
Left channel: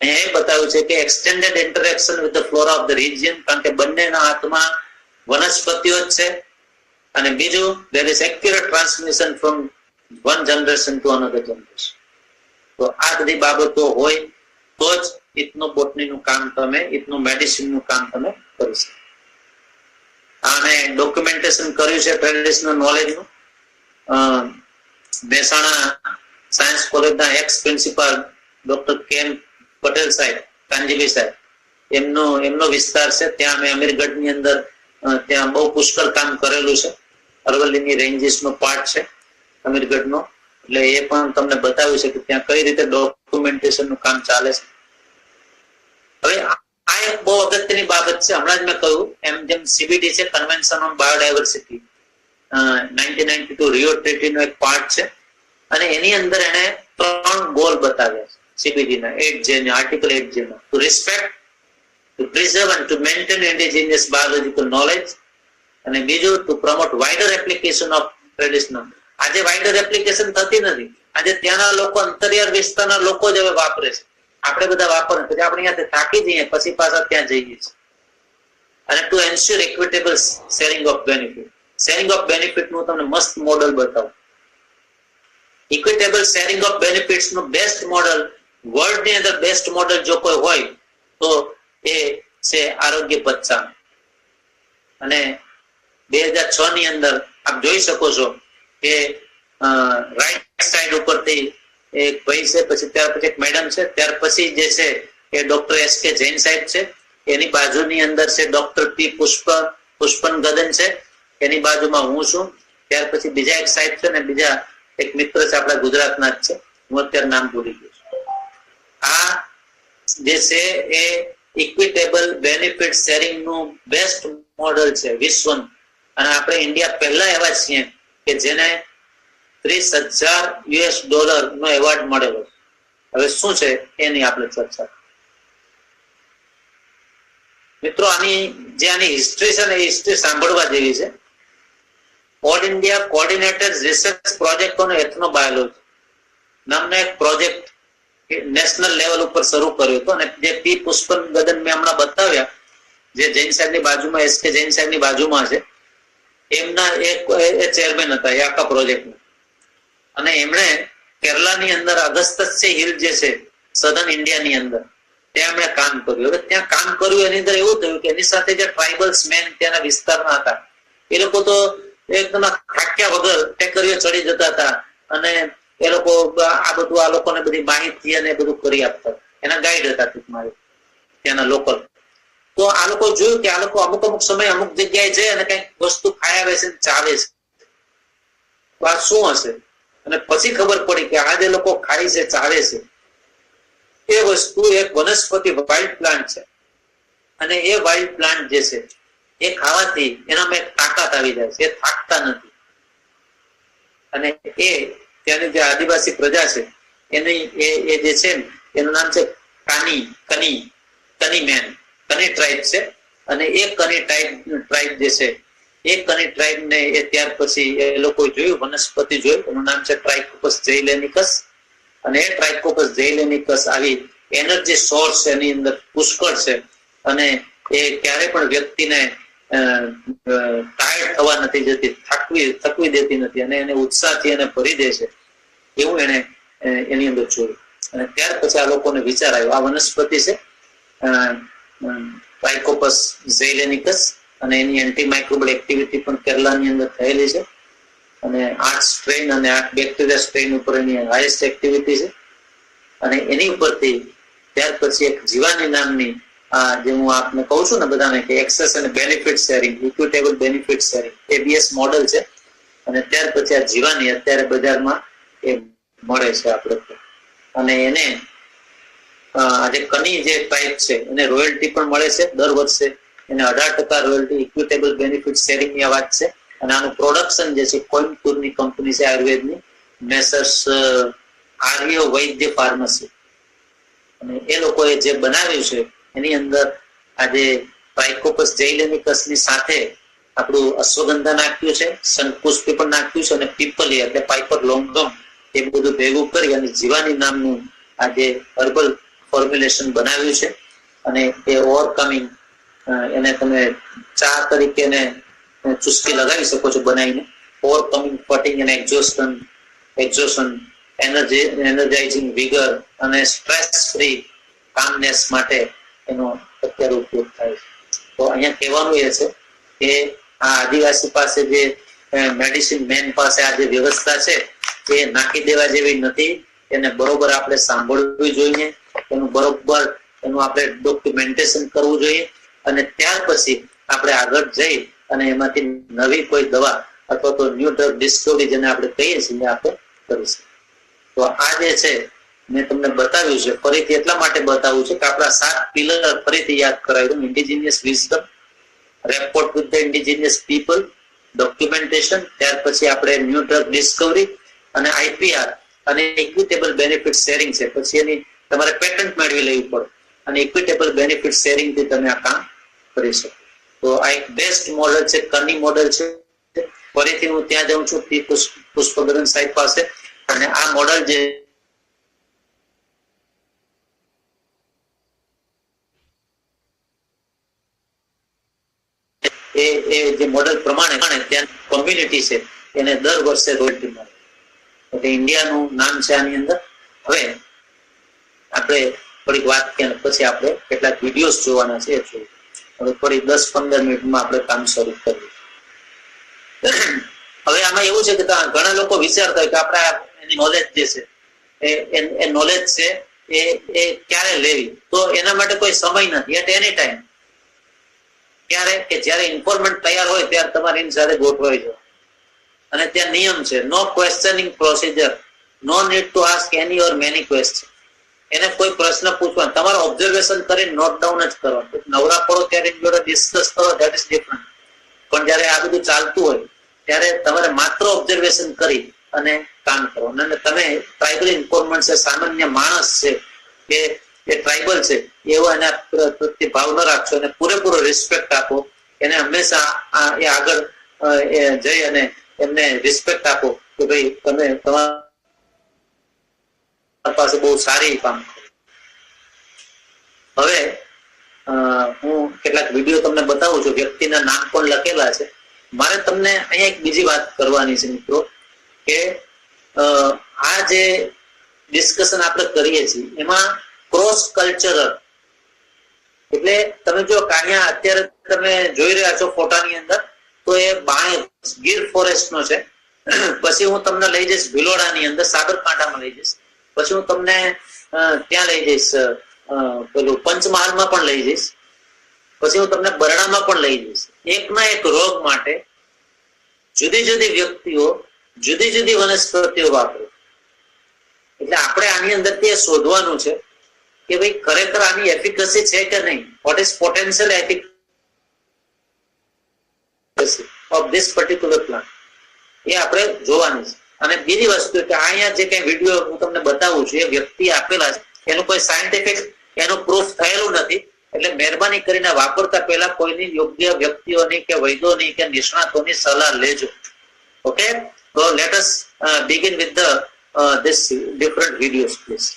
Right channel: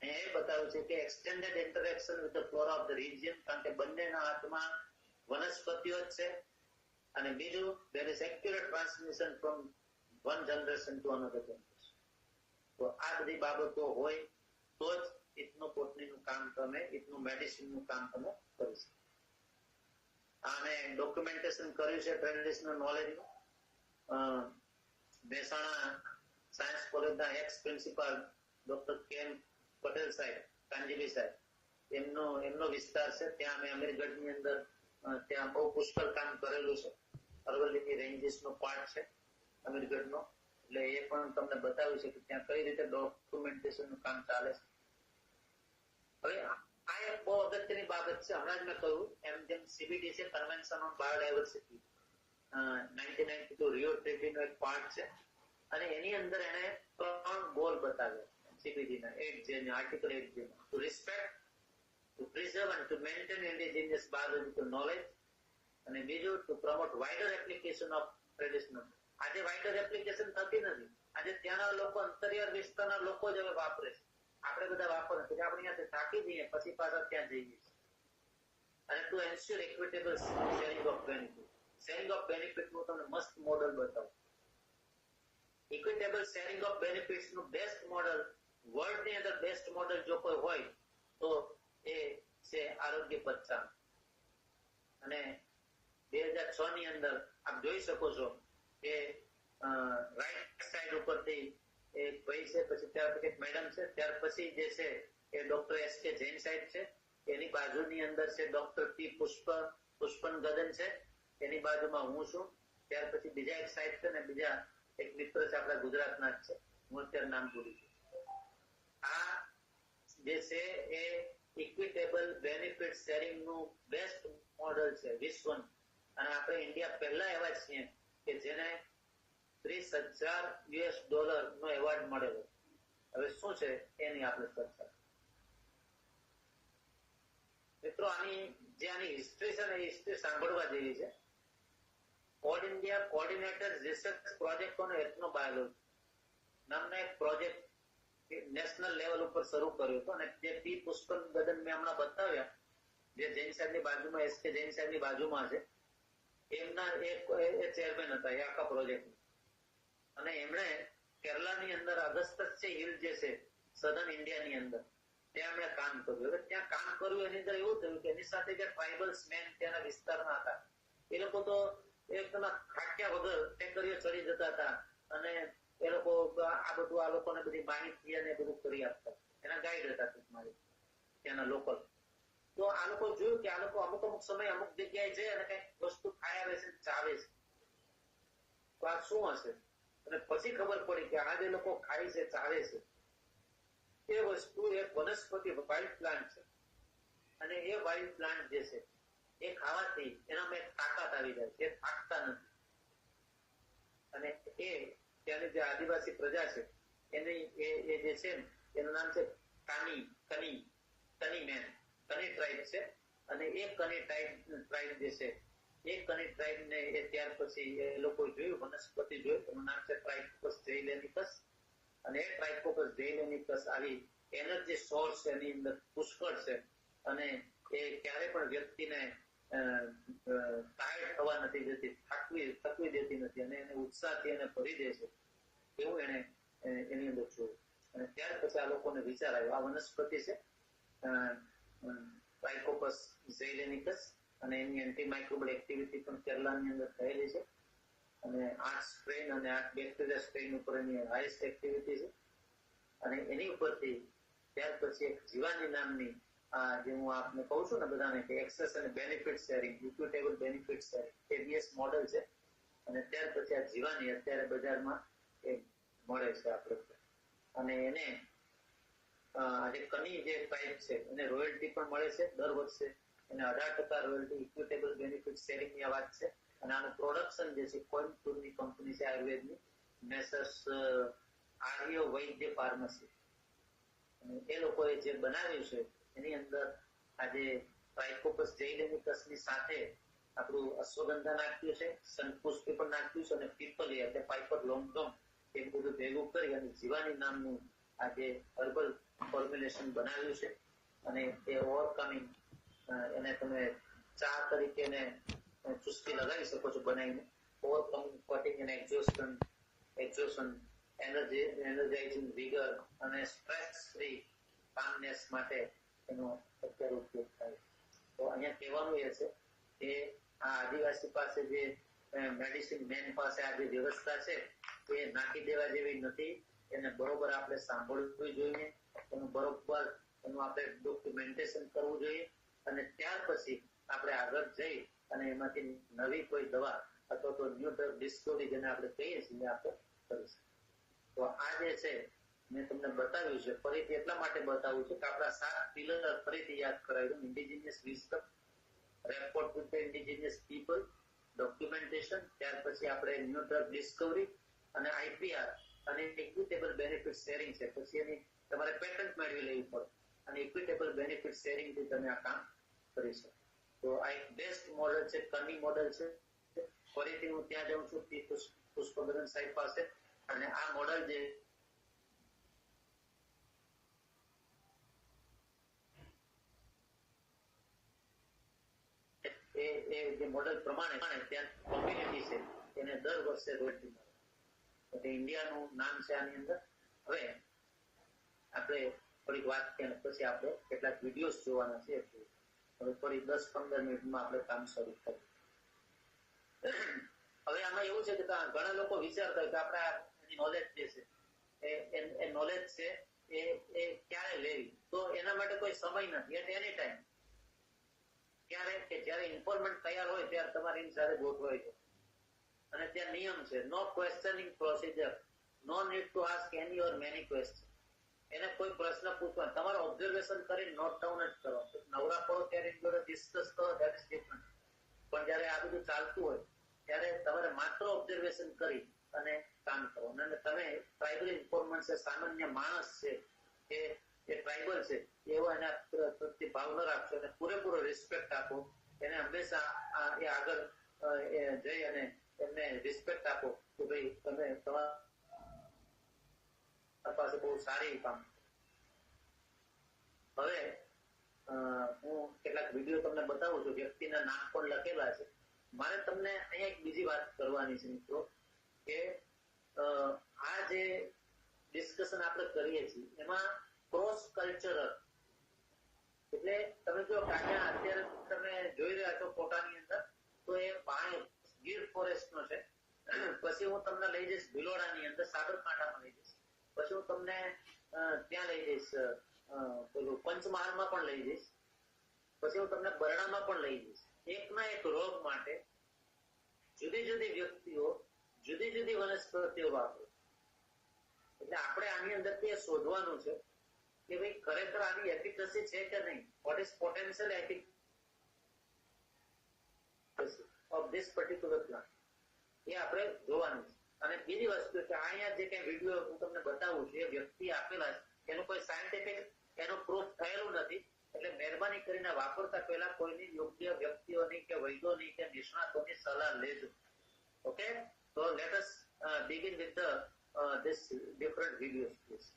અહીંયા એ બતાવ્યું છે કે extended interaction with the flora of the region, કારણ કે બંનેના હાથમાં વનસ્પતિઓ જ છે. અને બીજું, there is accurate transmission from one generation to another generation. તો આ બધી બાબતો હોય તો જ ઇથનોબોટનીનું કામ તમે, ઇથનોમેડિસિનનું કામ તમે કરી શકો. આને ડોક્યુમેન્ટેશન કર્યું છે ટ્રેડિશનલ નોલેજનું. મહેસાણા સાયન્સ કોલેજના x principal doctor can Patel સાહેબ, કાંજીભાઈ સાહેબ, એમનો વિસ્તાર છે. ત્યાં અમે અમીરગઢની અંદર ત્યાં બહુ પુષ્કળ કામ કરેલું છે. અરવલ્લીની રેન્જીસનો પાર્ટ છે અમીરગઢનો, એટલે એ પણ તમને બતાવ્યું છે કે ત્યાં કઈ રીતે ડોક્યુમેન્ટેશનનું કામ ચાલે છે. હવે આ એક બહુ અગત્યની બાબત છે. હમણાં જ મેં કહ્યું એમ, જેમ CBD છે, કન્વેન્શન ઓન બાયોડાયવર્સિટી, 1992 રિયો ટ્રીટીનો એક પાર્ટ છે. અને એની અંદર એને 3 ગોલ બતાવ્યા છે CBD ના 8J ના, આર્ટિકલ 8J ના. To respect, to preserve and to maintain indigenous biological knowledge. અને બીજું, to promote wider application of traditional. આજે વાઇડર એપ્લિકેશન થતી નથી. આજે ત્યાંના લોકો, અંતરિયાળ વિસ્તારના લોકો જ હવે વાપરે છે. આપણે બધા વાપરે, પછી આપણે અહીંયાથી થાકી જઈએ, પછી પાછા ત્યાં જઈએ છીએ. અને two ensure equitable sharing of benefit. Sharing of benefit નું તમને મસ્ત મોડલ બતાવું. ઇક્વિટેબલ શેરિંગ ઓફ બેનિફિટ્સ નું બેસ્ટ મોડલ, વર્લ્ડ ની અંદર બેસ્ટ મોડલ જો કોઈ હોય તો એ છે આરોગ્ય પચ્છા. અને 2006 ની અંદર આપ જોઈ શકો છો કે રાઈટ સાઈડ ઉપરથી એક ભાઈ છે, પછી ત્યાર પછી એક મેડમ છે, ત્યાર પછી જે છે એ ડોક્ટર SK જૈન સાહેબ છે, એની બાજુની અંદર છે ડોક્ટર P પુષ્પન ગદન છે, એની બાજુમાં હું છું, ત્યાર પછી બીજા એક સાહેબ છે ને બીજા એક મિત્ર છે આપણા ગુજરાતના જ છે, હું અત્યારે નામ ભૂલી ગયો છું. આ જે છે એ ઇક્વિટેબલ બેનિફિટ શેરિંગ નું બેસ્ટ મોડલ છે વિશ્વનું. અને આપણે ઇન્ડિયા પહેલા એવા છીએ કે જેને $30,000 નો એવોર્ડ મળેલો. હવે શું છે એની આપણે ચર્ચા. મિત્રો, આની હિસ્ટ્રી છે ને, હિસ્ટ્રી સાંભળવા જેવી છે. All India coordinated research project on ethnobiology નામનો એક પ્રોજેક્ટ નેશનલ લેવલ ઉપર શરૂ કર્યો હતો. અને જે P પુષ્પન ગદન મેં હમણાં બતાવ્યા, જે જૈન સાહેબની બાજુમાં, SK જૈન સાહેબની બાજુમાં છે, એમના એ ચેરમેન હતા એ આખા પ્રોજેક્ટના. અને એમણે કેરલાની અંદર અગસ્ત્ય હિલ જે છે સધર્ન ઇન્ડિયાની અંદર, ત્યાં એમણે કામ કર્યું. હવે ત્યાં કામ કર્યું એની અંદર એવું થયું કે એની સાથે જે ટ્રાઇબલ્સ મેન ત્યાંના વિસ્તારના હતા, એ લોકો તો એકદમ થાક્યા વગર ટેકરીઓ ચડી જતા હતા. અને એ લોકો આ બધું, આ લોકોને બધી માહિતી અને બધું કરી આપતા, એના ગાઈડ હતા ટૂંકમાં ત્યાંના લોકલ. તો આ લોકો જોયું કે આ લોકો અમુક સમય અમુક જગ્યાએ જાય અને કઈક વસ્તુ ખાઈ આવે છે, ચાવે છે, તો આ શું હશે? અને પછી ખબર પડી કે આ જે લોકો ખાય છે, ચાવે છે, એ વસ્તુ એક વનસ્પતિ વાઇલ્ડ પ્લાન્ટ છે. અને એ વાઇલ્ડ પ્લાન્ટ જે છે એ ખાવાથી એનામાં એક તાકાત આવી જાય છે, એ થાકતા નથી. અને એ ત્યાંની જે આદિવાસી પ્રજા છે એની એ જે છે એનું નામ છે કની ટ્રાઇબ છે. અને એ કની ટ્રાઇબ જે છે એ કની ટ્રાઇબ ને એ ત્યાર પછી એ લોકો જોયું, વનસ્પતિ જોયું, એનું નામ છે ટ્રાઇકોપસ ઝેઇલેનિકસ. અને એ ટ્રાઇકોપસ ઝેઇલેનિકસ આવી એનર્જી સોર્સ એની અંદર પુષ્કળ છે. અને એ ક્યારે પણ વ્યક્તિને ટાયર્ડ થવા નથી જતી, થકવી દેતી નથી, અને એને ઉત્સાહથી એને ભરી દે છે, એવું એને એની અંદર જોયું. અને ત્યાર પછી આ લોકોને વિચાર આવ્યો, આ વનસ્પતિ છે ટ્રાઇકોપસ ઝેઇલેનિકસ, અને એની એન્ટીમાઇક્રોબલ એક્ટિવિટી પણ કેરલાની અંદર થયેલી છે. અને 8 સ્ટ્રેન અને 8 બેક્ટેરિયા સ્ટ્રેન ઉપર એની હાઈએસ્ટ એક્ટિવિટી છે. અને એની ઉપરથી ત્યાર પછી એક જીવાની નામની, જે હું આપને કહું છું ને બધાને કે એક્સેસ અને benefit sharing, equitable benefit sharing, ABS model છે. અને ત્યાર પછી આ જીવાની અત્યારે બજારમાં એ મળે છે આપણે. અને એને આજે કની જે ટાઈપ છે એને રોયલ્ટી પણ મળે છે દર વર્ષે. એને 18% રોયલ્ટી, ઇક્વિટેબલ બેનિફિટ શેરિંગ ની વાત છે. અને આનું પ્રોડક્શન જે છે કોઇમ્બતુરની કંપની છે આયુર્વેદની, મેસર્સ આર્ય વૈદ્ય ફાર્મસી. અને એ લોકોએ જે બનાવ્યું છે એની અંદર આજે ટ્રાઇકોપસ ઝૈલેમિકસ ની સાથે આપણું અશ્વગંધા નાખ્યું છે, શંખપુષ્પી પણ નાખ્યું છે, અને પીપલી એટલે પાઇપર લોંગમ એ બધું ભેગું કરી અને જીવાની નામનું આજે હર્બલ ફોર્મ્યુલેશન બનાવ્યું છે. અને એ ઓવરકમિંગ એને તમે ચા તરીકે ચુસ્કી લગાવી શકો છો બનાવીને. ઓવરકમિંગ ફટિંગ એન્ડ એક્ઝોશન એનર્જાઇઝિંગ વિગર અને સ્ટ્રેસ ફ્રી કામનેસ માટે એનો અત્યારે ઉપયોગ થાય છે. તો અહીંયા કહેવાનું એ છે કે આ આદિવાસી પાસે જે મેડિસિન મેન પાસે આ જે વ્યવસ્થા છે એ નાખી દેવા જેવી નથી. એને બરોબર આપણે સાંભળવી જોઈએ, એનું બરોબર એનું આપણે ડોક્યુમેન્ટેશન કરવું જોઈએ, અને ત્યાર પછી આપણે આગળ જઈ અને એમાંથી નવી કોઈ દવા અથવા તો ન્યૂ ડ્રગ ડિસ્કવરી જેને આપણે કહીએ છીએ આપણે કરીશું. તો આ જે છે મેં તમને બતાવ્યું છે, ફરીથી એટલા માટે બતાવ્યું છે કે આપણા 7 પિલર ફરીથી યાદ કરાવ્યું. Indigenous wisdom, rapport with the indigenous people, documentation, ત્યાર પછી આપણે ન્યૂ ડ્રગ ડિસ્કવરી અને આઈપીઆર અને ઇક્વિટેબલ બેનિફિટ શેરિંગ છે. પછી એની તમારે પેટન્ટ મેળવી લેવી પડે અને ઇક્વિટેબલ બેનિફિટ શેરિંગ થી તમે આ કામ કરી શકો. તો આ એક બેસ્ટ મોડેલ છે, કની મોડેલ છે. ફરીથી હું ત્યાં જાઉં છું પુષ્પગરન સાહેબ પાસે, અને આ મોડેલ જે જે મોડેલ પ્રમાણે ત્યાં કોમ્યુનિટી છે એને દર વર્ષે રોયલ્ટી મળે. એટલે ઇન્ડિયાનું નામ છે આની અંદર. હવે આપણે થોડીક વાત કર્યા પછી આપણે કેટલાક વિડીયોઝ જોવાના છે. હવે થોડી 10-15 મિનિટમાં આપણે કામ શરૂ કરીએ. હવે આમાં એવું છે કે ઘણા લોકો વિચારતા હોય કે આપણે એની નોલેજ જે છે એ નોલેજ છે એ ક્યારે લેવી. તો એના માટે કોઈ સમય નથી. એટ એની ટાઈમ ક્યારે કે જ્યારે ઇન્ફોર્મેન્ટ તૈયાર હોય ત્યારે તમારે એની સાથે ગોઠવાઈ જવું. અને ત્યાં નિયમ છે, no questioning procedure, no need to ask any or many question. એને કોઈ પ્રશ્ન પૂછવા, તમારે ઓબ્ઝર્વેશન કરીને નોટ ડાઉન જ કરવા. નવરા પડો ત્યારે જોડે ડિસ્કસ કરો, ધેટ ઇઝ ડિફરન્ટ. પણ જયારે આ બધું ચાલતું હોય ત્યારે તમારે માત્ર ઓબ્ઝર્વેશન કરી અને કામ કરવાનું. અને તમે ટ્રાઇબલ ઇન્ફોર્મન્ટ છે, સામાન્ય માણસ છે કે એ ટ્રાઇબલ છે એવો એના પ્રત્યે ભાવ ન રાખશો, અને પૂરેપૂરો રિસ્પેક્ટ આપો. એને હંમેશા એ આગળ જઈ અને એમને રિસ્પેક્ટ આપો કે ભાઈ તમે તમારા પાસે બહુ સારી કામ. હવે હું કેટલાક વિડીયો તમને બતાવું છું. વ્યક્તિના નામ પણ લખેલા છે. મારે તમને અહીંયા એક બીજી વાત કરવાની છે મિત્રો, કે આ જે ડિસ્કશન આપણે કરીએ છીએ એમાં ક્રોસ કલ્ચરલ એટલે તમે જો અહીંયા અત્યારે તમે જોઈ રહ્યા છો ફોટાની અંદર, તો એ બાણે ગીર ફોરેસ્ટ નો છે. પછી હું તમને લઈ જઈશ ભિલોડાની અંદર, સાબરકાંઠામાં લઈ જઈશ. પછી હું તમને ત્યાં લઈ જઈશ પેલું પંચમહાલમાં પણ લઈ જઈશ. પછી હું તમને બરડામાં પણ લઈ જઈશ. એકના એક રોગ માટે જુદી જુદી વ્યક્તિઓ જુદી જુદી વનસ્પતિઓ વાપરે. એટલે આપણે આની અંદર તે શોધવાનું છે કે ભાઈ ખરેખર આની એફિકસી છે કે નહીં. What is potential efficacy of this particular plant, એ આપણે જોવાનું છે. અને બીજી વસ્તુ કે અહીંયા જે કઈ વિડીયો હું તમને બતાવું છું એ વ્યક્તિ આપેલા છે, એનું કોઈ સાયન્ટિફિક એનું પ્રૂફ થયેલું નથી. એટલે મહેરબાની કરીને વાપરતા પહેલા કોઈની યોગ્ય વ્યક્તિઓની કે વૈદોની કે નિષ્ણાતોની સલાહ લેજો. Okay, so let us begin with the this different videos please.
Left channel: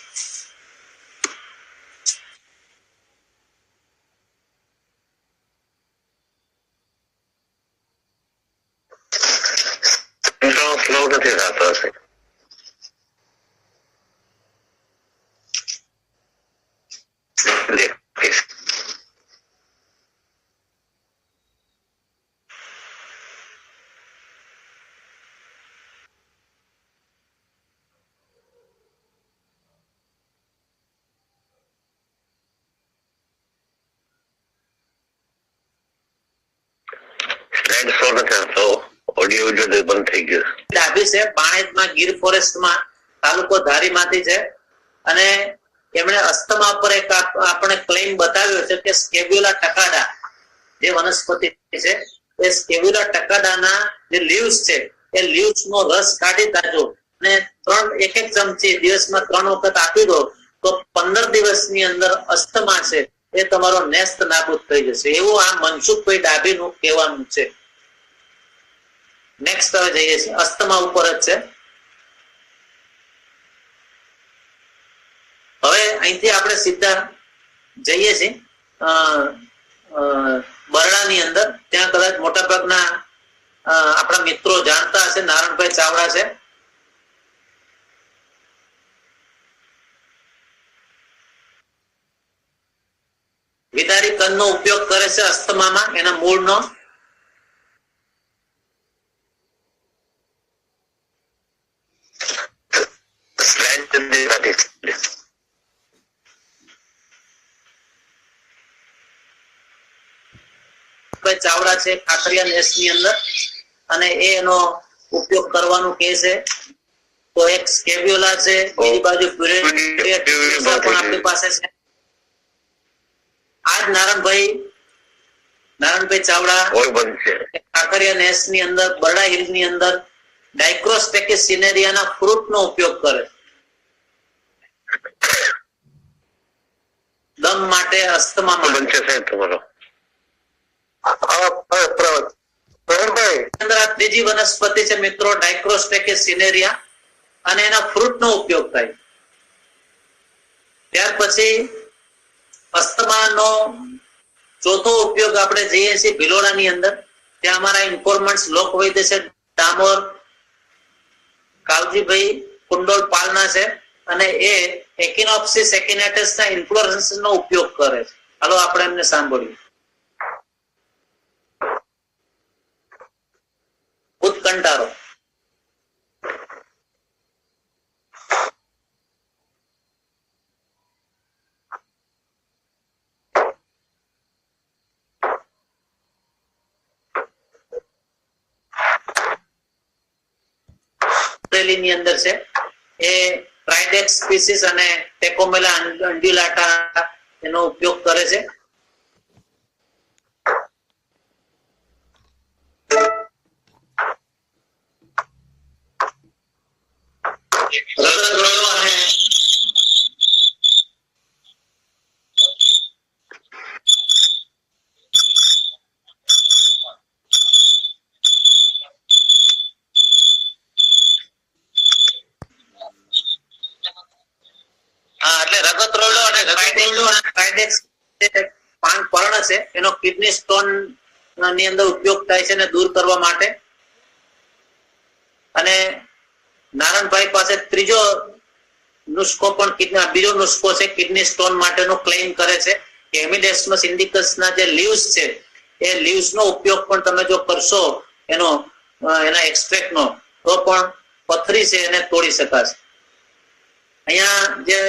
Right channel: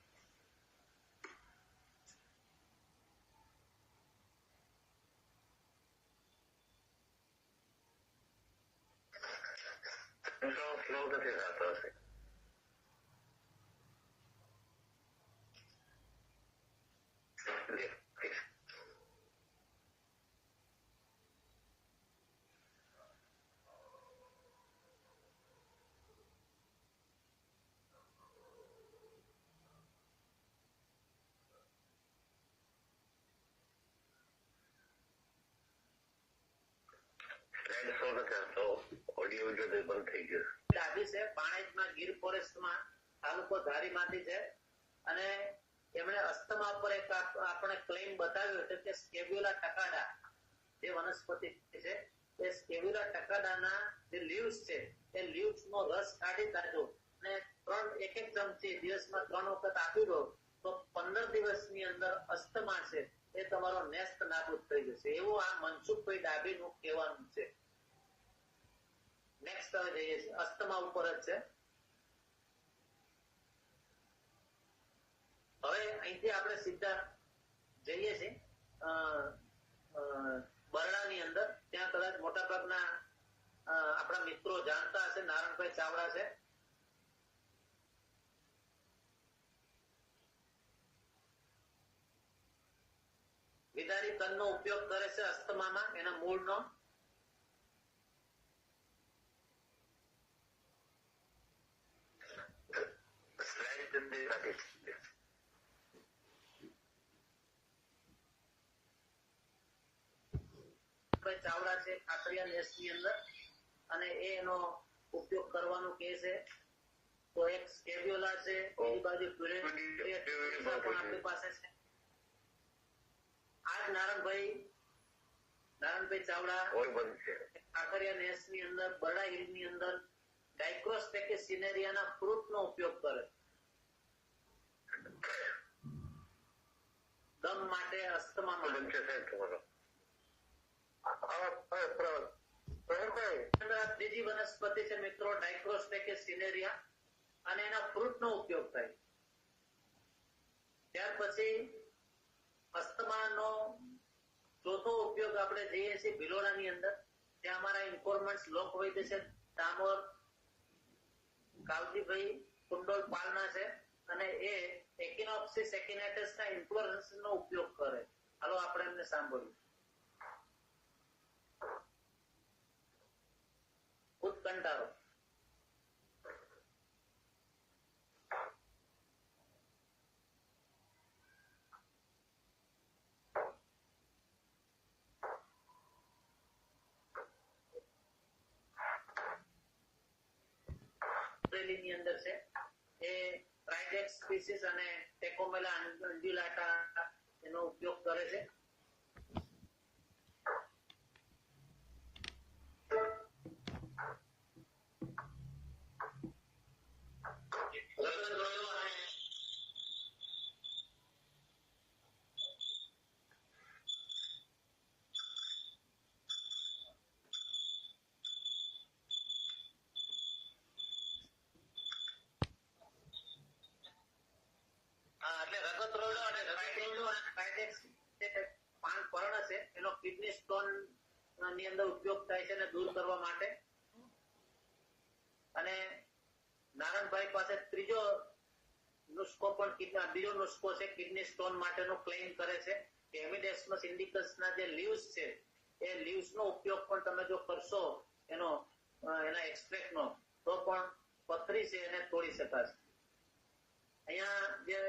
Slow નથી થતો હશે. ઓડિયો વિડિયો બંધ થઈ ગયો. ડાભી છે, બાણેજમાં ગીર ફોરેસ્ટમાં, તાલુકો ધારીમાંથી છે. અને એમણે અસ્થમા પર એક આપણે ક્લેમ બતાવ્યો છે કે સ્કેબ્યુલા ટકાડા જે વનસ્પતિ છે એ સ્કેબ્યુલા ટકાડાના જે લીવ્સ છે એ લીવ્સ નો રસ કાઢી કાઢો અને એક ચમચી દિવસમાં 3 વખત આપી દો તો 15 દિવસની અંદર અસ્થમા છે એ તમારો નેસ્ત નાબૂદ થઈ જશે, એવું આ મનસુખભાઈ ડાભીનું કહેવાનું છે. નેક્સ્ટ હવે જઈએ છીએ, અસ્થમા ઉપર જ છે. હવે અહીંથી આપણે સીધા જઈએ છીએ બરડાની અંદર. ત્યાં કદાચ મોટા ભાગના આપણા મિત્રો જાણતા હશે, નારણભાઈ ચાવડા છે. વિદારી કંદનો ઉપયોગ કરે છે અસ્થમામાં, એના મૂળનો. ચાવડા છે ખાખરિયા નેસ ની અંદર, અને એનો ઉપયોગ કરવાનું કે છે. તો એક સ્કેબ્યુલા છે, બીજી બાજુ પણ આપણી પાસે છે. આજ નારણભાઈ ચાવડા ખાખરિયા નેસ ની અંદર, બરડા હિલ ની અંદર ડાયક્રોસ્ટેકિસ સિનેરિયાના ફ્રૂટ નો ઉપયોગ કરે, દમ માટે, અસ્થમા માટે. ત્રીજી વનસ્પતિ છે મિત્રો ડાયક્રોસ્ટેકિસ સિનેરિયા, અને એના ફ્રૂટ નો ઉપયોગ થાય. ત્યાર પછી અસ્થમાનો ચોથો ઉપયોગ આપણે જઈએ છીએ ભિલોડાની અંદર. ત્યાં અમારા ઇન્ફોર્મન્ટ્સ લોકવૈદ્ય છે ડામોર કાવજીભાઈ કુંડોલ પાલના છે, અને એ એકિનોપ્સિસ એકિનેટસ ના ઇન્ફ્લોરન્સ નો ઉપયોગ કરે છે. હાલો આપણે એમને સાંભળીએ. ઉત્કંઠારો. ની અંદર છે એ ટ્રાઇડેક્સ સ્પીસીસ અને ટેકોમેલા અંડ્યુલાટા એનો ઉપયોગ કરે છે. પર્ણ છે એનો કિડની સ્ટોન ની અંદર ઉપયોગ થાય છે ને દૂર કરવા માટે. અને નારણભાઈ પાસે ત્રીજો નુસ્ખો પણ બીજો નુસ્ખો છે કિડની સ્ટોન માટેનો ક્લેમ કરે છે કે હેમિડેસ્મસ ઇન્ડિકસ ના જે લીવ્સ છે એ લીવ્સ નો ઉપયોગ પણ તમે જો કરશો એના એક્સ્ટ્રેક્ટ નો, તો પણ પથરી છે એને તોડી શકાશે. અહીંયા જે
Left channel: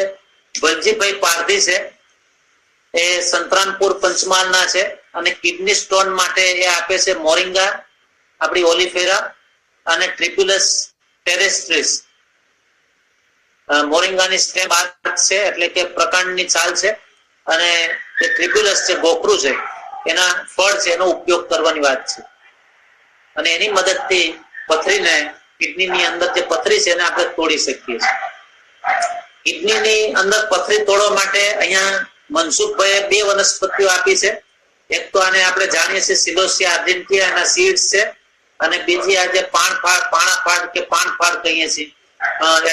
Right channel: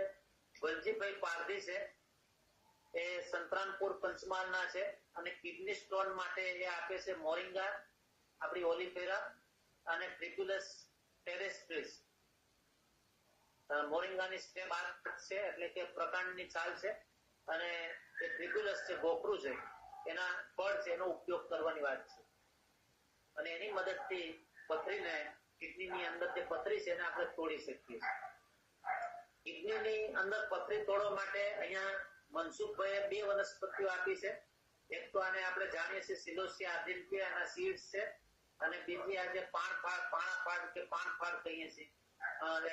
વલજીભાઈ પારધી છે એ સંતરામપુર પંચમહાલ ના છે, અને કિડની સ્ટોન માટે એ આપે છે મોરિંગા, આપણી ઓલિફેરા અને ટ્રિપ્યુલસ ટેરેસ્ટ્રીસ. મોરિંગાની સ્ટેમ છે એટલે કે પ્રકાંડની છાલ છે, અને જે ટ્રિપ્યુલસ છે ગોખરું છે એના ફળ છે એનો ઉપયોગ કરવાની વાત છે. અને એની મદદથી પથરીને, કિડનીની અંદર જે પથરી છે એને આપણે તોડી શકીએ છીએ. કિડનીની અંદર પથરી તોડવા માટે અહીંયા મનસુખભાઈએ 2 વનસ્પતિઓ આપી છે. એક તો આને આપણે જાણીએ છીએ સિલોસિયા આર્જેન્ટિયા, એના સીડ્સ છે, અને બીજી આ જે પાણાફાડ કે પાનફાડ કહીએ છીએ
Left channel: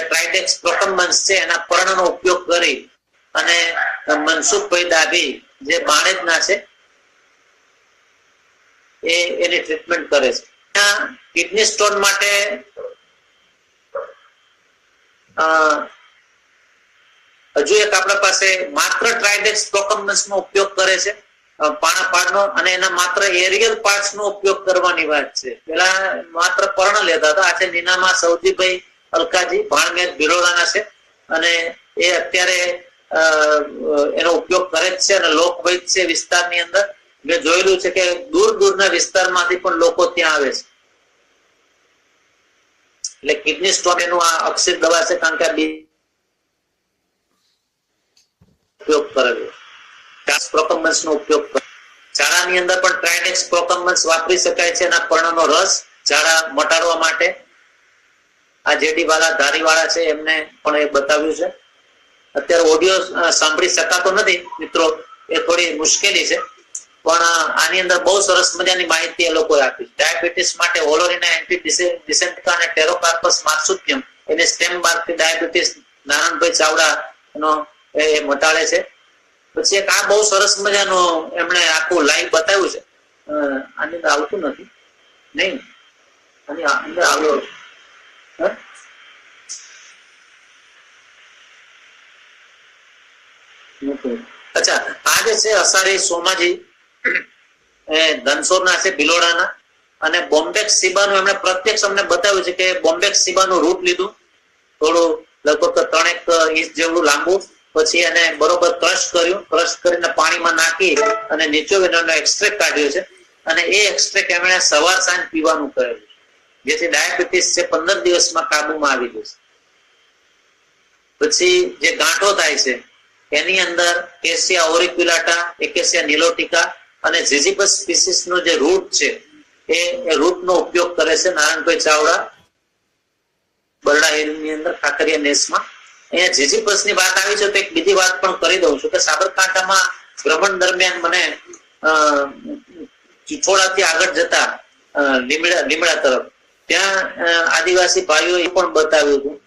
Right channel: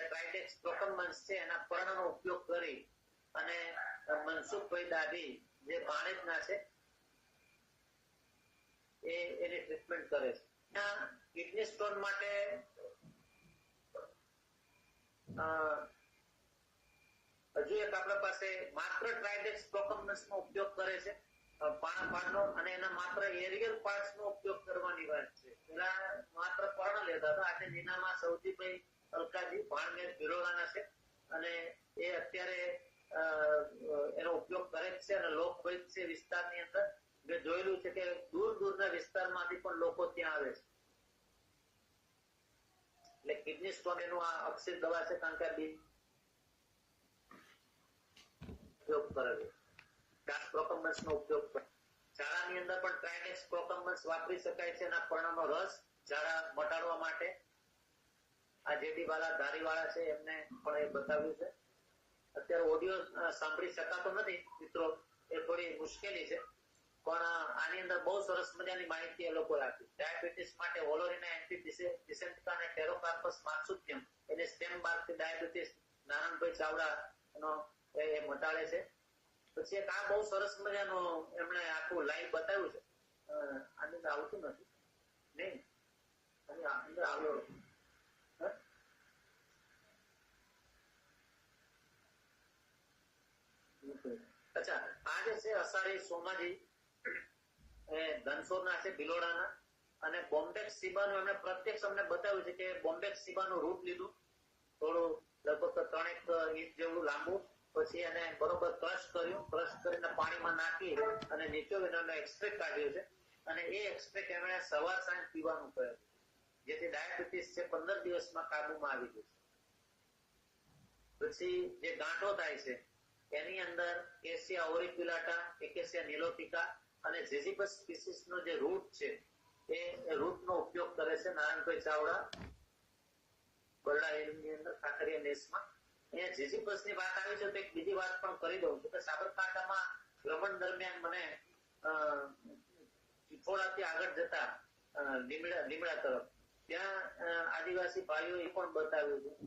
ટ્રાઇડેક્સ પ્રોકમ્બન્સ છે, એના પર્ણનો ઉપયોગ કરી અને મનસુખભાઈ ડાભી જે બાણેજના છે એની ટ્રીટમેન્ટ કરે છે. કિડની સ્ટોન માટે હજુ એક આપણા પાસે માત્ર ટ્રાઇડેક્સ પ્રોકમ્બન્સ નો ઉપયોગ કરે છે પાણાફાડનો, અને એના માત્ર એરિયલ પાર્ટ્સ નો ઉપયોગ કરવાની વાત છે. પેલા માત્ર પર્ણ લેતા હતા. આજે નીનામાં સૌજીભાઈ અલકાજી ભાણમેર ભિલોડાના છે, અને એ અત્યારે એનો ઉપયોગ કરે જ છે, અને લોકવૈદ છે વિસ્તારની અંદર. મેં જોયેલું છે કે દૂર દૂરના વિસ્તારમાંથી પણ લોકો ત્યાં આવે છે. એટલે કિડની સ્ટોન એનું આ અક્ષિત દવા છે, કારણ કે આ ઉપયોગ કરેલો પ્રોકમ્બન્સ નો ઉપયોગ કરે. ઝાડાની અંદર પણ ટ્રાઇડેક્સ પ્રોકમ્બન્સ વાપરી શકાય છે. એના પર્ણનો રસ ઝાડા મટાડવા માટે. આ જેડી વાળા ધારીવાળા છે એમને પણ એ બતાવ્યું છે. અત્યારે ઓડિયો સાંભળી શકાતો નથી મિત્રો, એ થોડી મુશ્કેલી છે, પણ આની અંદર બહુ સરસ મજાની માહિતી એ લોકોએ આપી. ડાયાબિટીસ માટે ઓલોરીના એન્ટીડિસેન્ટિકા અને ટેરોકાર્પસ માર્સુપિયમ એની સ્ટેમ બારથી ડાયાબિટીસ નારાયણભાઈ ચાવડા નો એ મટાડે છે. પછી એક આ બહુ સરસ મજાનું એમણે આખું લાઈવ બતાવ્યું છે. આની અંદર આવતું નથી, નહીં આની અંદર આવ્યો. અચ્છા, આ જે છે અસારી સોમાજી ધનસોરના છે, ભિલોડાના, અને બોમ્બેક્સ સીબાનું એમણે પ્રત્યક્ષ અમને બતાવ્યું છે કે બોમ્બેક્સ સીબાનું રૂટ લીધું, થોડું લગભગ 3 ઇંચ જેવડું લાંબુ, પછી એને બરોબર ક્રશ કર્યું, ક્રશ કરીને પાણીમાં નાખી અને નીચોવીને એનો એક્સ્ટ્રેક્ટ કાઢ્યો છે, અને એ એક્સ્ટ્રેક્ટ એમણે સવાર સાંજ પીવાનું કરેલું, જેથી ડાયાબિટીસ છે 15 દિવસમાં કાબુમાં આવી જશે. પછી જે ગાંઠો થાય છે એની અંદર કેસિયા ઓરિક્યુલાટા, એકેસિયા નિલોટિકા અને ઝિઝિપસ સ્પીસીસ નો જે રૂટ છે એ રૂટ નો ઉપયોગ કરે છે નારાયણભાઈ ચાવડા બરડા હિલની અંદર કાંકરિયા નેસમાં. અહીંયા ઝિઝિપસ ની વાત આવી છે તો એક બીજી વાત પણ કરી દઉં છું કે સાબરકાંઠામાં ભ્રમણ દરમિયાન મને ચિચોડાથી આગળ જતા લીમડા તરફ ત્યાં આદિવાસી ભાઈઓ એ પણ બતાવ્યું હતું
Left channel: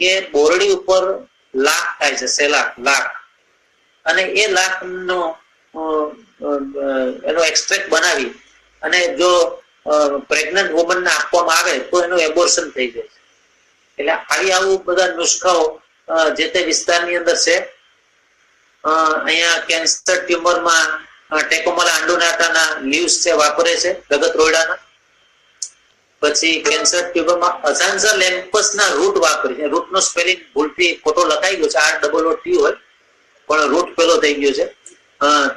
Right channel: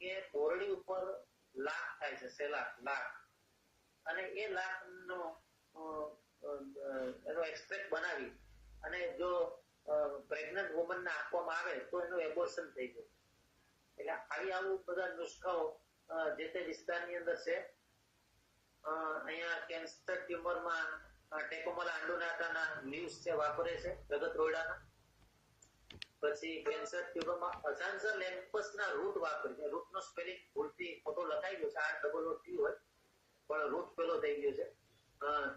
કે બોરડી ઉપર લાખ થાય છે, સેલાક લાખ, અને એ લાખ નો એનો એક્સ્ટ્રેક્ટ બનાવી અને જો પ્રેગ્નન્ટ વુમન ને આપવામાં આવે તો એનું એબોર્શન થઈ જાય છે. એટલે આવું બધા નુસ્ખાઓ જે તે વિસ્તારની અંદર છે. અહીંયા કેન્સર ટ્યુમરમાં ટેકોમલા આંડોનાટાના લીવ્સ છે વાપરે છે, રગત રોયડાના. પછી કેન્સર ટ્યુમરમાં અઝાન્ઝા લેમ્પસના રૂટ વાપરે છે. રૂટનો સ્પેલિંગ ભૂલથી ખોટો લખાઈ ગયો છે, ROOT હોય પણ રૂટ પેલો થઈ ગયો છે.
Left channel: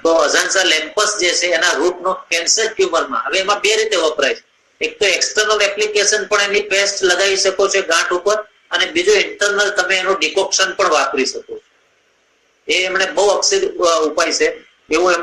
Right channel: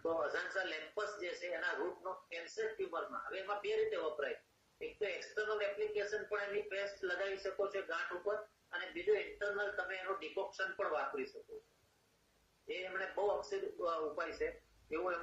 તો અઝાન્ઝા લેમ્પસ જે છે એના રૂટનો કેન્સર ટ્યુમરમાં, હવે એમાં 2 રીતે વપરાય છે. એક તો એક્સટર્નલ એપ્લિકેશન પણ એની પેસ્ટ લગાવી શકો છો ગાંઠ ઉપર, અને બીજું ઇન્ટરનલ તમે એનું ડિકોક્શન પણ વાપરી શકો છો. એ એમણે બહુ અક્ષર ઉપાય છે એવું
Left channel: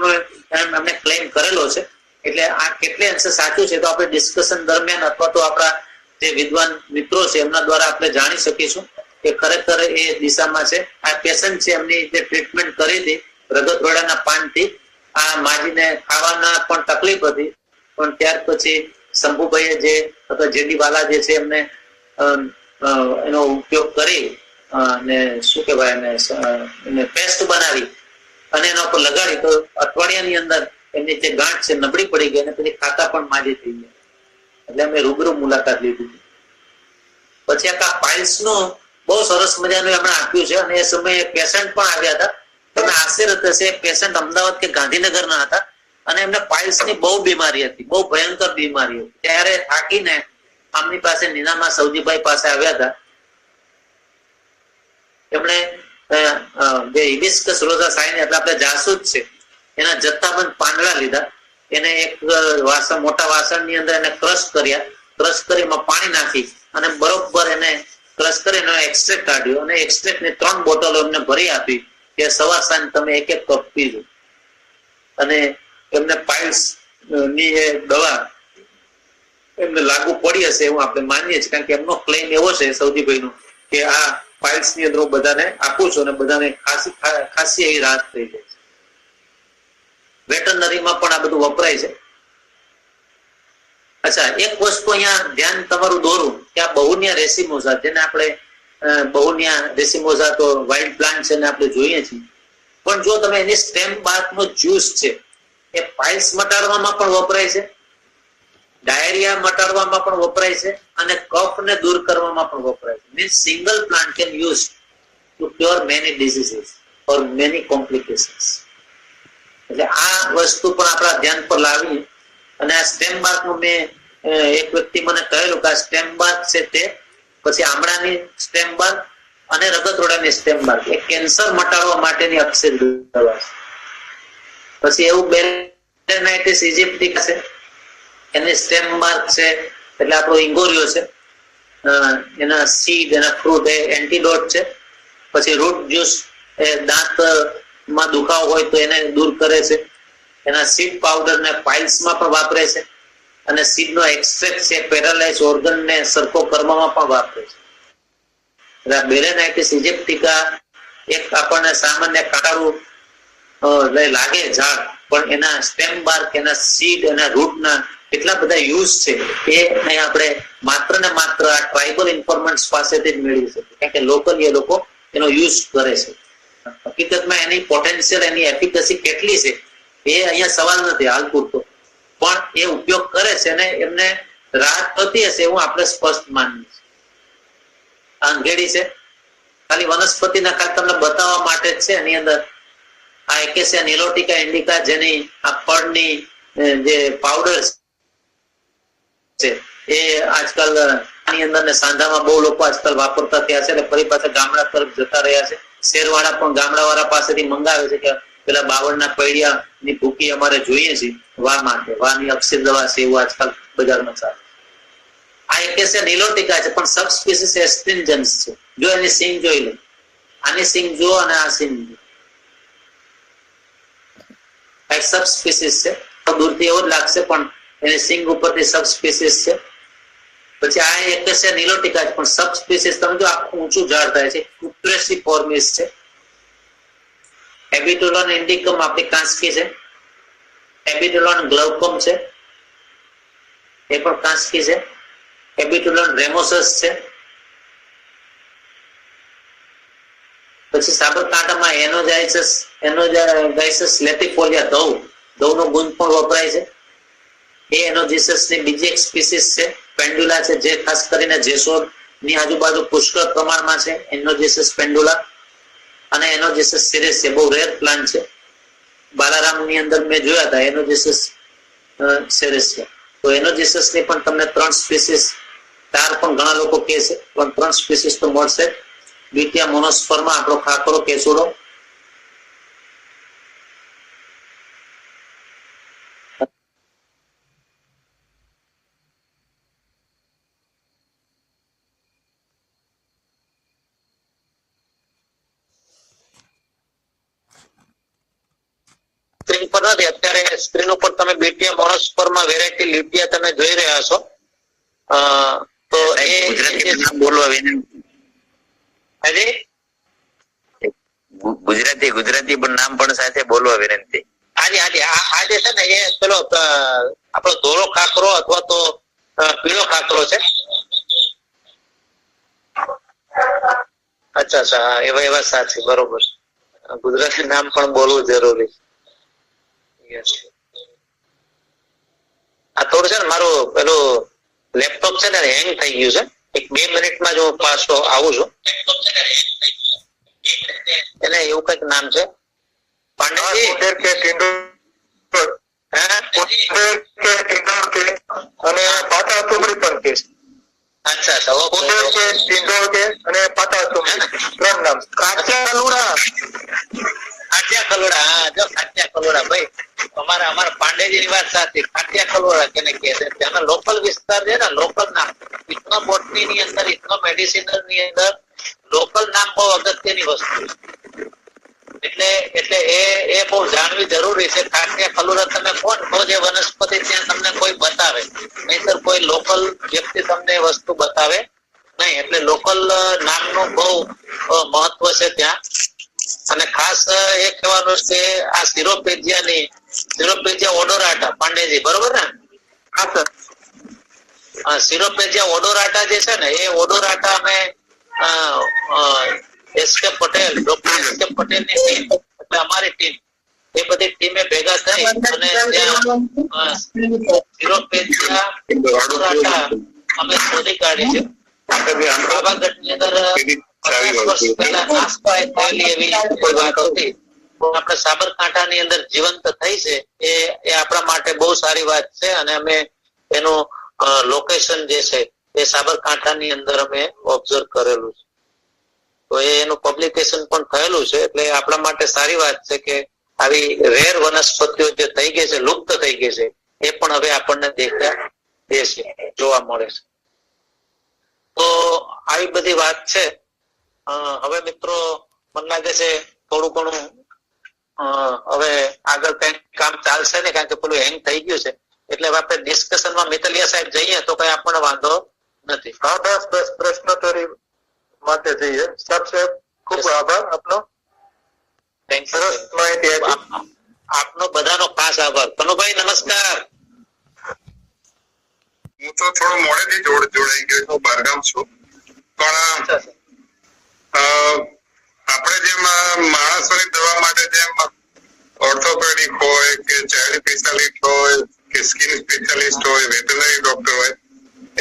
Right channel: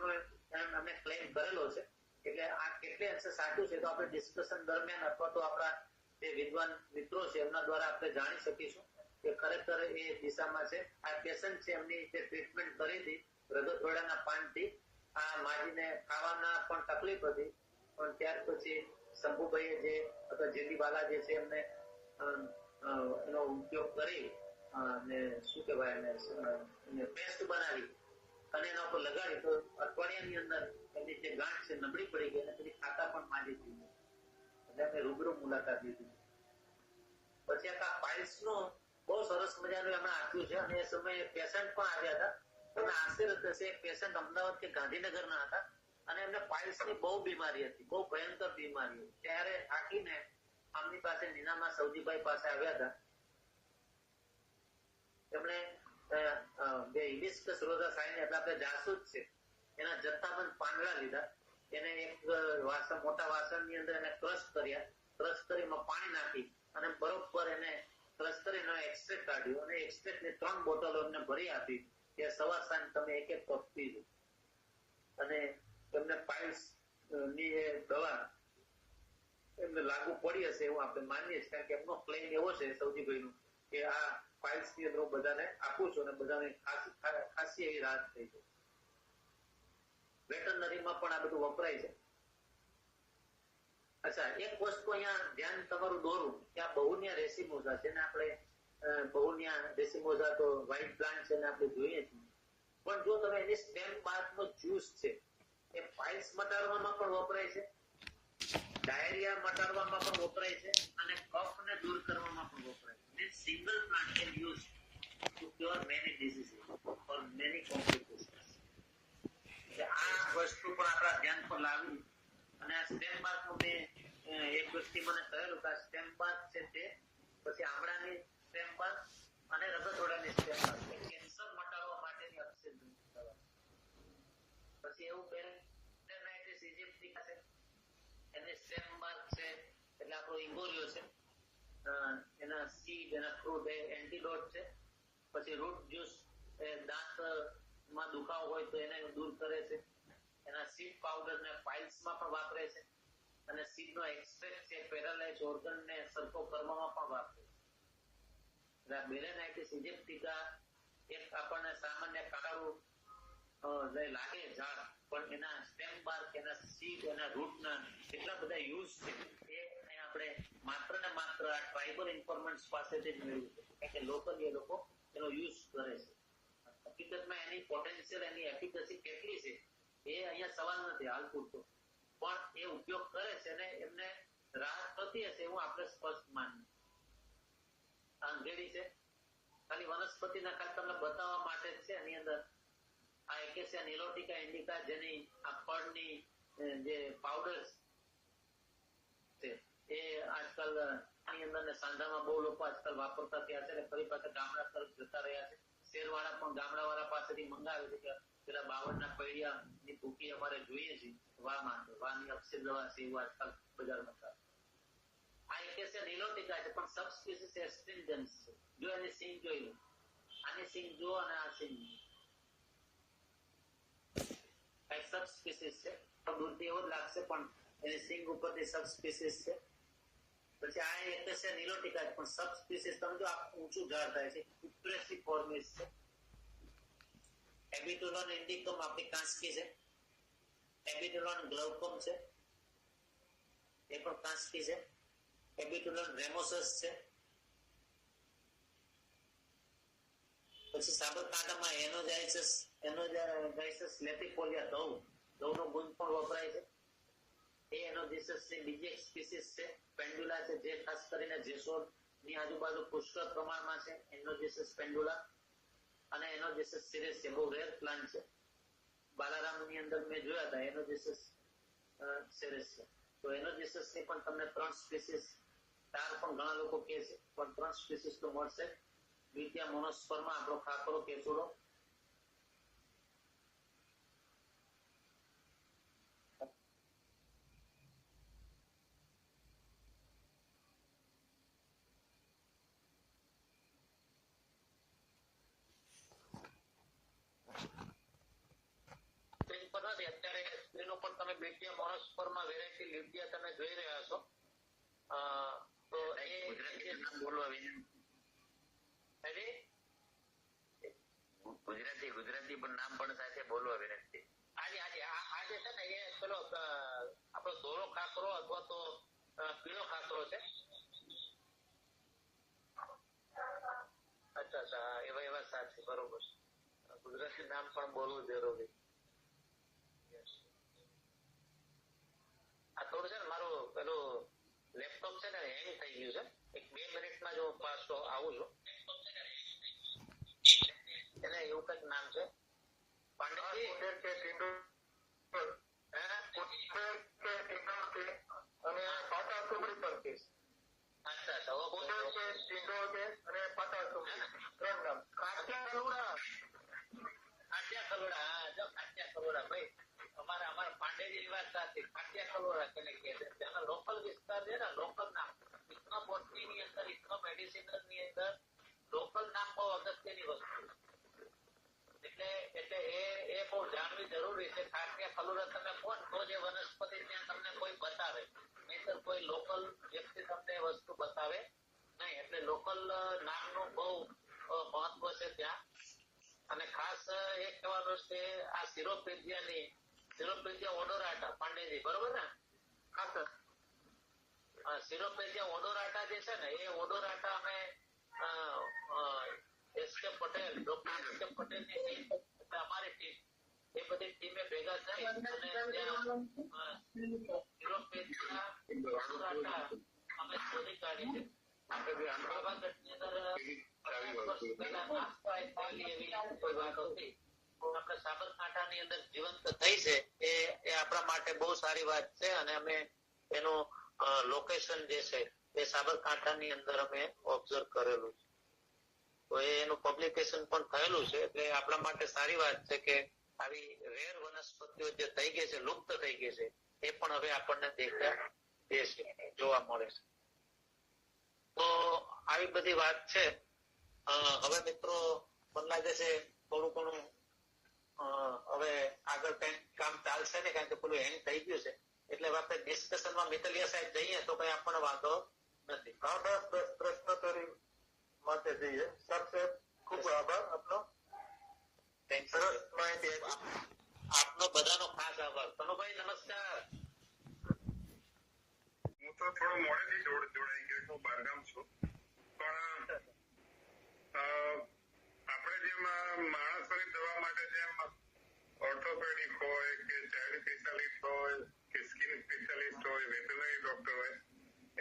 એમણે ક્લેમ કરેલો છે. એટલે આ કેટલે અંશે સાચું છે તો આપણે ડિસ્કશન દરમિયાન અથવા તો આપણા જે વિદ્વાન મિત્રો છે એમના દ્વારા આપણે જાણી શકીશું કે ખરેખર એ દિશામાં છે. આ પેશન્ટ છે એમની જે ટ્રીટમેન્ટ કરી હતી રગતરોડાના પાનથી, આ માજીને ખાવાના પણ તકલીફ હતી, પણ ત્યાર પછી શંભુભાઈએ જે અથવા જેડી વાલા જે છે એમને એનો ઉપયોગ કરી અને શું કહેવાય એને પેસ્ટ બનાવી અને એના ઉપર લગાડી તો અઠવાડિયાની અંદર એમની જે ગાંઠ છે નબળી પડી ગઈ અને પછી ખાતા પણ માજી થઈ ગયા. એટલે અમે રૂબરૂ મુલાકાત લીધી. પછી આ પાઇલ્સ નું બહુ સરસ મજાનું એમણે આપ્યું છે, અને એ સમયે પેશન્ટ પણ આવ્યા હતા. તમે આશ્ચર્ય થશે, પેશન્ટ અમદાવાદ કે ગાંધીનગર ના હતા અને એમને પાઇલ્સ ની બહુ બીમારી હતી, બહુ ભયંકર બીમારી હતી. ત્યારે થાકીને આમની પાસે નીનામાં સૌજીભાઈ પાસે આવ્યા હતા. એમણે જે હિબિસ્કસ રોઝા સાઇન એટલે આપણે જાસૂદ છે એના જથ્થાબંધ પાંદડા લીધા, એને એક વાસણ મોટા વાસણની અંદર એને ક્રશ કર્યા, ક્રશ કરી એમાં પાણી નાખી અને બરોબર એને ક્રશ કરી એનો એક્સ્ટ્રેક્ટ કાઢ્યો અને એક્સ્ટ્રેક્ટ ની 3 બોટલો એમને ભરી આપી કે સવાર સાંજ તમે 1-1 કપ પીજો. અને એમને પાઇલ્સ ની એ દવા એમને લાગુ પડી હશે એવું આપણે માનીએ છીએ, કારણ કે એમનો ક્લેમ એવો છે સૌજીભાઈનો કે આ પાઇલ્સ ની અંદર હું બધાને આપું છું અને બધાને ખાસી એવી રાહત થઈ જાય છે. વેટરનરીમાં પણ આ બધું વપરાય છે. અચ્છા, એક વસ્તુ અહીંયા ધ્યાન તમારું દોરું કે આ બહુનિયા રેસિમોઝા, જેને આપણે બહુનિયા રેસિમોઝા તો વાઇલ્ડ પ્લાન્ટ છે ને આપણે જોઈએ છીએ, પણ જો તમે એની સ્ટેમ બાર્કનો જ્યુસ છે એ પાઇલ્સ મટાડવામાં પણ વપરાય છે, ડાયરિયા મટાડવામાં પણ વપરાય છે, અને કફને દૂર કરવામાં પણ વપરાય છે. Means single plant can use to cure many diseases or many complications. એટલે આ વસ્તુ પણ આપણા ધ્યાન પર લાવી. અને આ સ્ટેમ બાર્ક નું મેં એક વ્યક્તિ મને કહેલું કે આ સ્ટેમ બાર્ક છે તે પછી આમળાની સ્ટેમ બાર્ક અને રગતરોડાની સ્ટેમ બાર્ક એ કેન્સર મટાડવા માટેની અક્ષર દવા છે. પછી એવું બેલેનાઇટિસ ઇજિપ્ટિકા છે, એની સ્ટેમ બાર્ક છે એટલે આપણો ઇંગોરિયો છે, એના સીડ એના ફ્રૂટ એ એન્ટીડોટ છે. પછી રૂટ જ્યુસ એ દાંત માં દુખાવો હોય તો એને દૂર કરે છે. એના સીડ પાવડર ને પાઇલ્સ માં પણ વાપરે છે, અને સીડ નો એક્સ્ટ્રેક્ટ છે પેરાલાઇઝ ઓર્ગન ને સરખો કરવામાં પણ વાપરે છે. એટલે બેલેનાઇટિસ ઇજિપ્ટિકા એક આપણને સામાન્ય કાળું લાગે ઝાડ, પણ એના સ્ટેમ બાર્ક, એના સીડ, એના રૂટના કેટલા બધા યુઝ છે એ અહીં આપણે માત્ર ને માત્ર આ ટ્રાઇબલ ઇન્ફોર્મન્ટ્સ પાસેથી જ મેળવી શકીએ, કારણ કે લોકલી એ લોકો એનો યુઝ કરે છે. હકીકતમાં એની પોટેન્શિયલ, એની એફિકસી કેટલી છે એ અહીંયા સવાલ નથી હાલ પૂરતો, પણ એ ઉપયોગ કરે છે અને એમને રાહત થતી હશે એવું આપણે સ્પષ્ટ માનીએ છીએ. અંગેડી છે ખાલી વનસ્પતિના ખાલી તમને બતાવવા માટે જ છે. એની અંદર આ એકેસિયા નિલોટિકા ઇન્ડિકા જેની આ ફળની જે પાવડર છે એ આજકાલ આની અંદર ને સાંધામાં બહુ લોકો આજકાલ વાપરતા થયા છે, એટલે ફરી પાછા ગામડા તરફ જતા રહ્યા છે. શહેરવાળા પણ ગામડાવાળા પાસેથી મંગાવે છે કે પેલા બાવળના પૈડિયાની ભૂકી અમારે જોઈએ છે વા માટે, વાની અક્ષર દવા છે એવું આજકાલ બજારમાં ચાલે. આ એકેસિયા નિલોટિકા છે પણ સબ સ્પીસીસ એસ્ટ્રિન્જન્સ છે. જો એની સિંગ જોઈ લે, આની સિંગ જો અને આ સિંગ જો, એક સબ સ્પીસીસ છે. દૂરથી એવો જ લાગશે પણ એની સિંગ ઉપરથી સબ સ્પીસીસ છે. પછી આ એકેસિયા નિલોટિકા છે પણ સબ સ્પીસીસ તમે જો આખું ઊંચું ઝાડ થાય છે, ક્યુપ્રેસિફોર્મિસ છે. એબિટોલોન ઇન્ડિકમ આપણી કાંસકી છે. એબિટોલોન ગ્લાઉકમ છે, એ પણ કાંસકી છે. એબિટોલોન રેમોસસ છે. પછી સાબરકાંઠામાં એનોજાઇસસ લેટિફોલિયા દવનો ગુંદ પણ વપરાય છે. એ એનોજીસસ ની બીજી એક સ્પીસીસ છે. પેન્ડુલા છે જે ખાસ કરીને જેસોર ની આજુબાજુ પુષ્કળ પ્રમાણમાં છે. એનોજીસસ પેન્ડુલા અને એનોજીસસ સિરેસિયા બહુ રેર પ્લાન્ટ છે. બાલારામ ની અંદર મેં જોયા હતા એનોજીસસ સિરેસિયા. તો એનોજીસસ ની પણ તમને 3 સ્પીસીસ, 4 પણ ઘણા લોકો કહે છે, પણ 3 સ્પીસીસ તો મળશે. બીટિયા મોનોસ્પર્મા, આપણો ખાખરો કેસુડો, સ્ક્રીન પર નથી અત્યારે, સ્ક્રીન ઉપર તમે બીટિયા મોનોસ્પર્મા વેરાયટી લીટિયા તમે જોઈ રહ્યા છો. તો એ ગુજરાતી નામ બોલવા વિનંતી. હાજી ગુજરાતી પણ નામ પણ સાથે બોલવા વિનંતી. હાજી હાજી આ જે છે ને એ પેલો આપણો ધોળો ખાખરો અથવા તો પીળો ખાખરો છે. અચ્છા અચ્છા, એવા સાચી, બરોબર. ગુજરાતી નામ પણ બોલવું જરૂરી. આ થોડું છે ને મારું પેલું લેપટોપ છે ને હેંગ થઈ ગયું છે. એક 2 મિનિટમાં જ હું પાછો આવું છું. એને એવું કઈક નામ છે પાંડેજી અને પાટા ટુમડી પણ કે. અચ્છા અચ્છા, ઓકે. અને પાટા ટુમડી 3 નામ. કાચા કલુડા, કાચિયા કલોડા. હા જો કાચિયા કલોડા ભાઈ, અમારા પાંડેજી ની વાત સાચી. કાચિયા કલોડા કેને કહે છે, ત્યાંના લોકલ વિસ્તાર છે ને, લોકલ નામ. ઇથનો બોટની ની અંદર, ઇથનો મેડિસિનલ ની અંદર લોકલ નામ બહુ અગત્યની વસ્તુ છે. એટલે એ બહુ જાણવી જરૂરી છે. કાચિયા કલોડા તમે કોણ તો જે વનસ્પતિ ત્યાં તમને કોઈ બતાવે, નહીતર કોઈ લોકલ વ્યક્તિ તમને વસ્તુ બતાવે નહીં. એટલે લોકલ નામનું બહુ મહત્વ છે ત્યાં. અને ખાસ એ કહેવાનું છે આ સિરોપેજિયા ઓડોરાટા પાંડેજી, બરોબર ને? હા સર. સિરોપેજિયા ઓડોરાટા જે છે ને એ ઓડોરાટા અમે SK Patel, doctor SK Patel ની ટીમ, એટલે અમારી ટીમ, એ બધી ટીમે ભેગા થઈ અને ત્યાં સિરોપેજિયા ઓડોરાટા અમે શોધી કાઢી છે. પાવાગઢની અંદર 50 વર્ષ પહેલા નાશ થયેલી એવી કોઈ વાત હતી, આપણે સાબરકાંઠાની અંદર જીવંત થઈ છે. એ આપણા માટે બહુ સારી વાત છે. અને અમે એનું લોકેશન જે છે એ સાબરકાંઠાની અંદર અમે ઓબ્ઝર્વ કરેલું છે. તો એનું પબ્લિકેશન પણ થયેલું છે. એટલે આપણા માટે સારી વાત છે કે આવી રેર વનસ્પતિઓ જે થઈ ગઈ છે, લુપ્ત થઈ ગઈ છે, એ પણ હવે આપણને દેખાય દે છે, જોવા મળે છે. તો આવી બધી વાત છે. હવે મિત્રો મને લાગે છે થોડું ઘણું હવે આગળ કઈ કામ ચાલશે ને, કારણ કે પેલું હેંગ થઈ ગયું છે. એટલે આપણે ડિસ્કશનમાં મિતલિયા સાહેબ જઈએ તો કઈ આપણને વાંધો નથી. હા બસ પ્રશ્નોત્તરી માટે જઈએ. સાહેબ ખૂબ આભાર આપનો. થેન્ક સરસ માહિતી આપી. આપનો બધાનો ખાસ આભાર. કનુભાઈ નમસ્કાર. હું તો થોડો મોડેથી જોડાઈ ગયો છું, બહારગામ છું, પણ આપણે જેમ માણસોની દવા માટે જેમ ઓર્થોપેડિક હોય કે ચાઇલ્ડ સ્પેશિયાલિસ્ટ હોય કે સ્કિન સ્પેશિયાલિસ્ટ હોય, વેટરનરી ડોક્ટર હોય,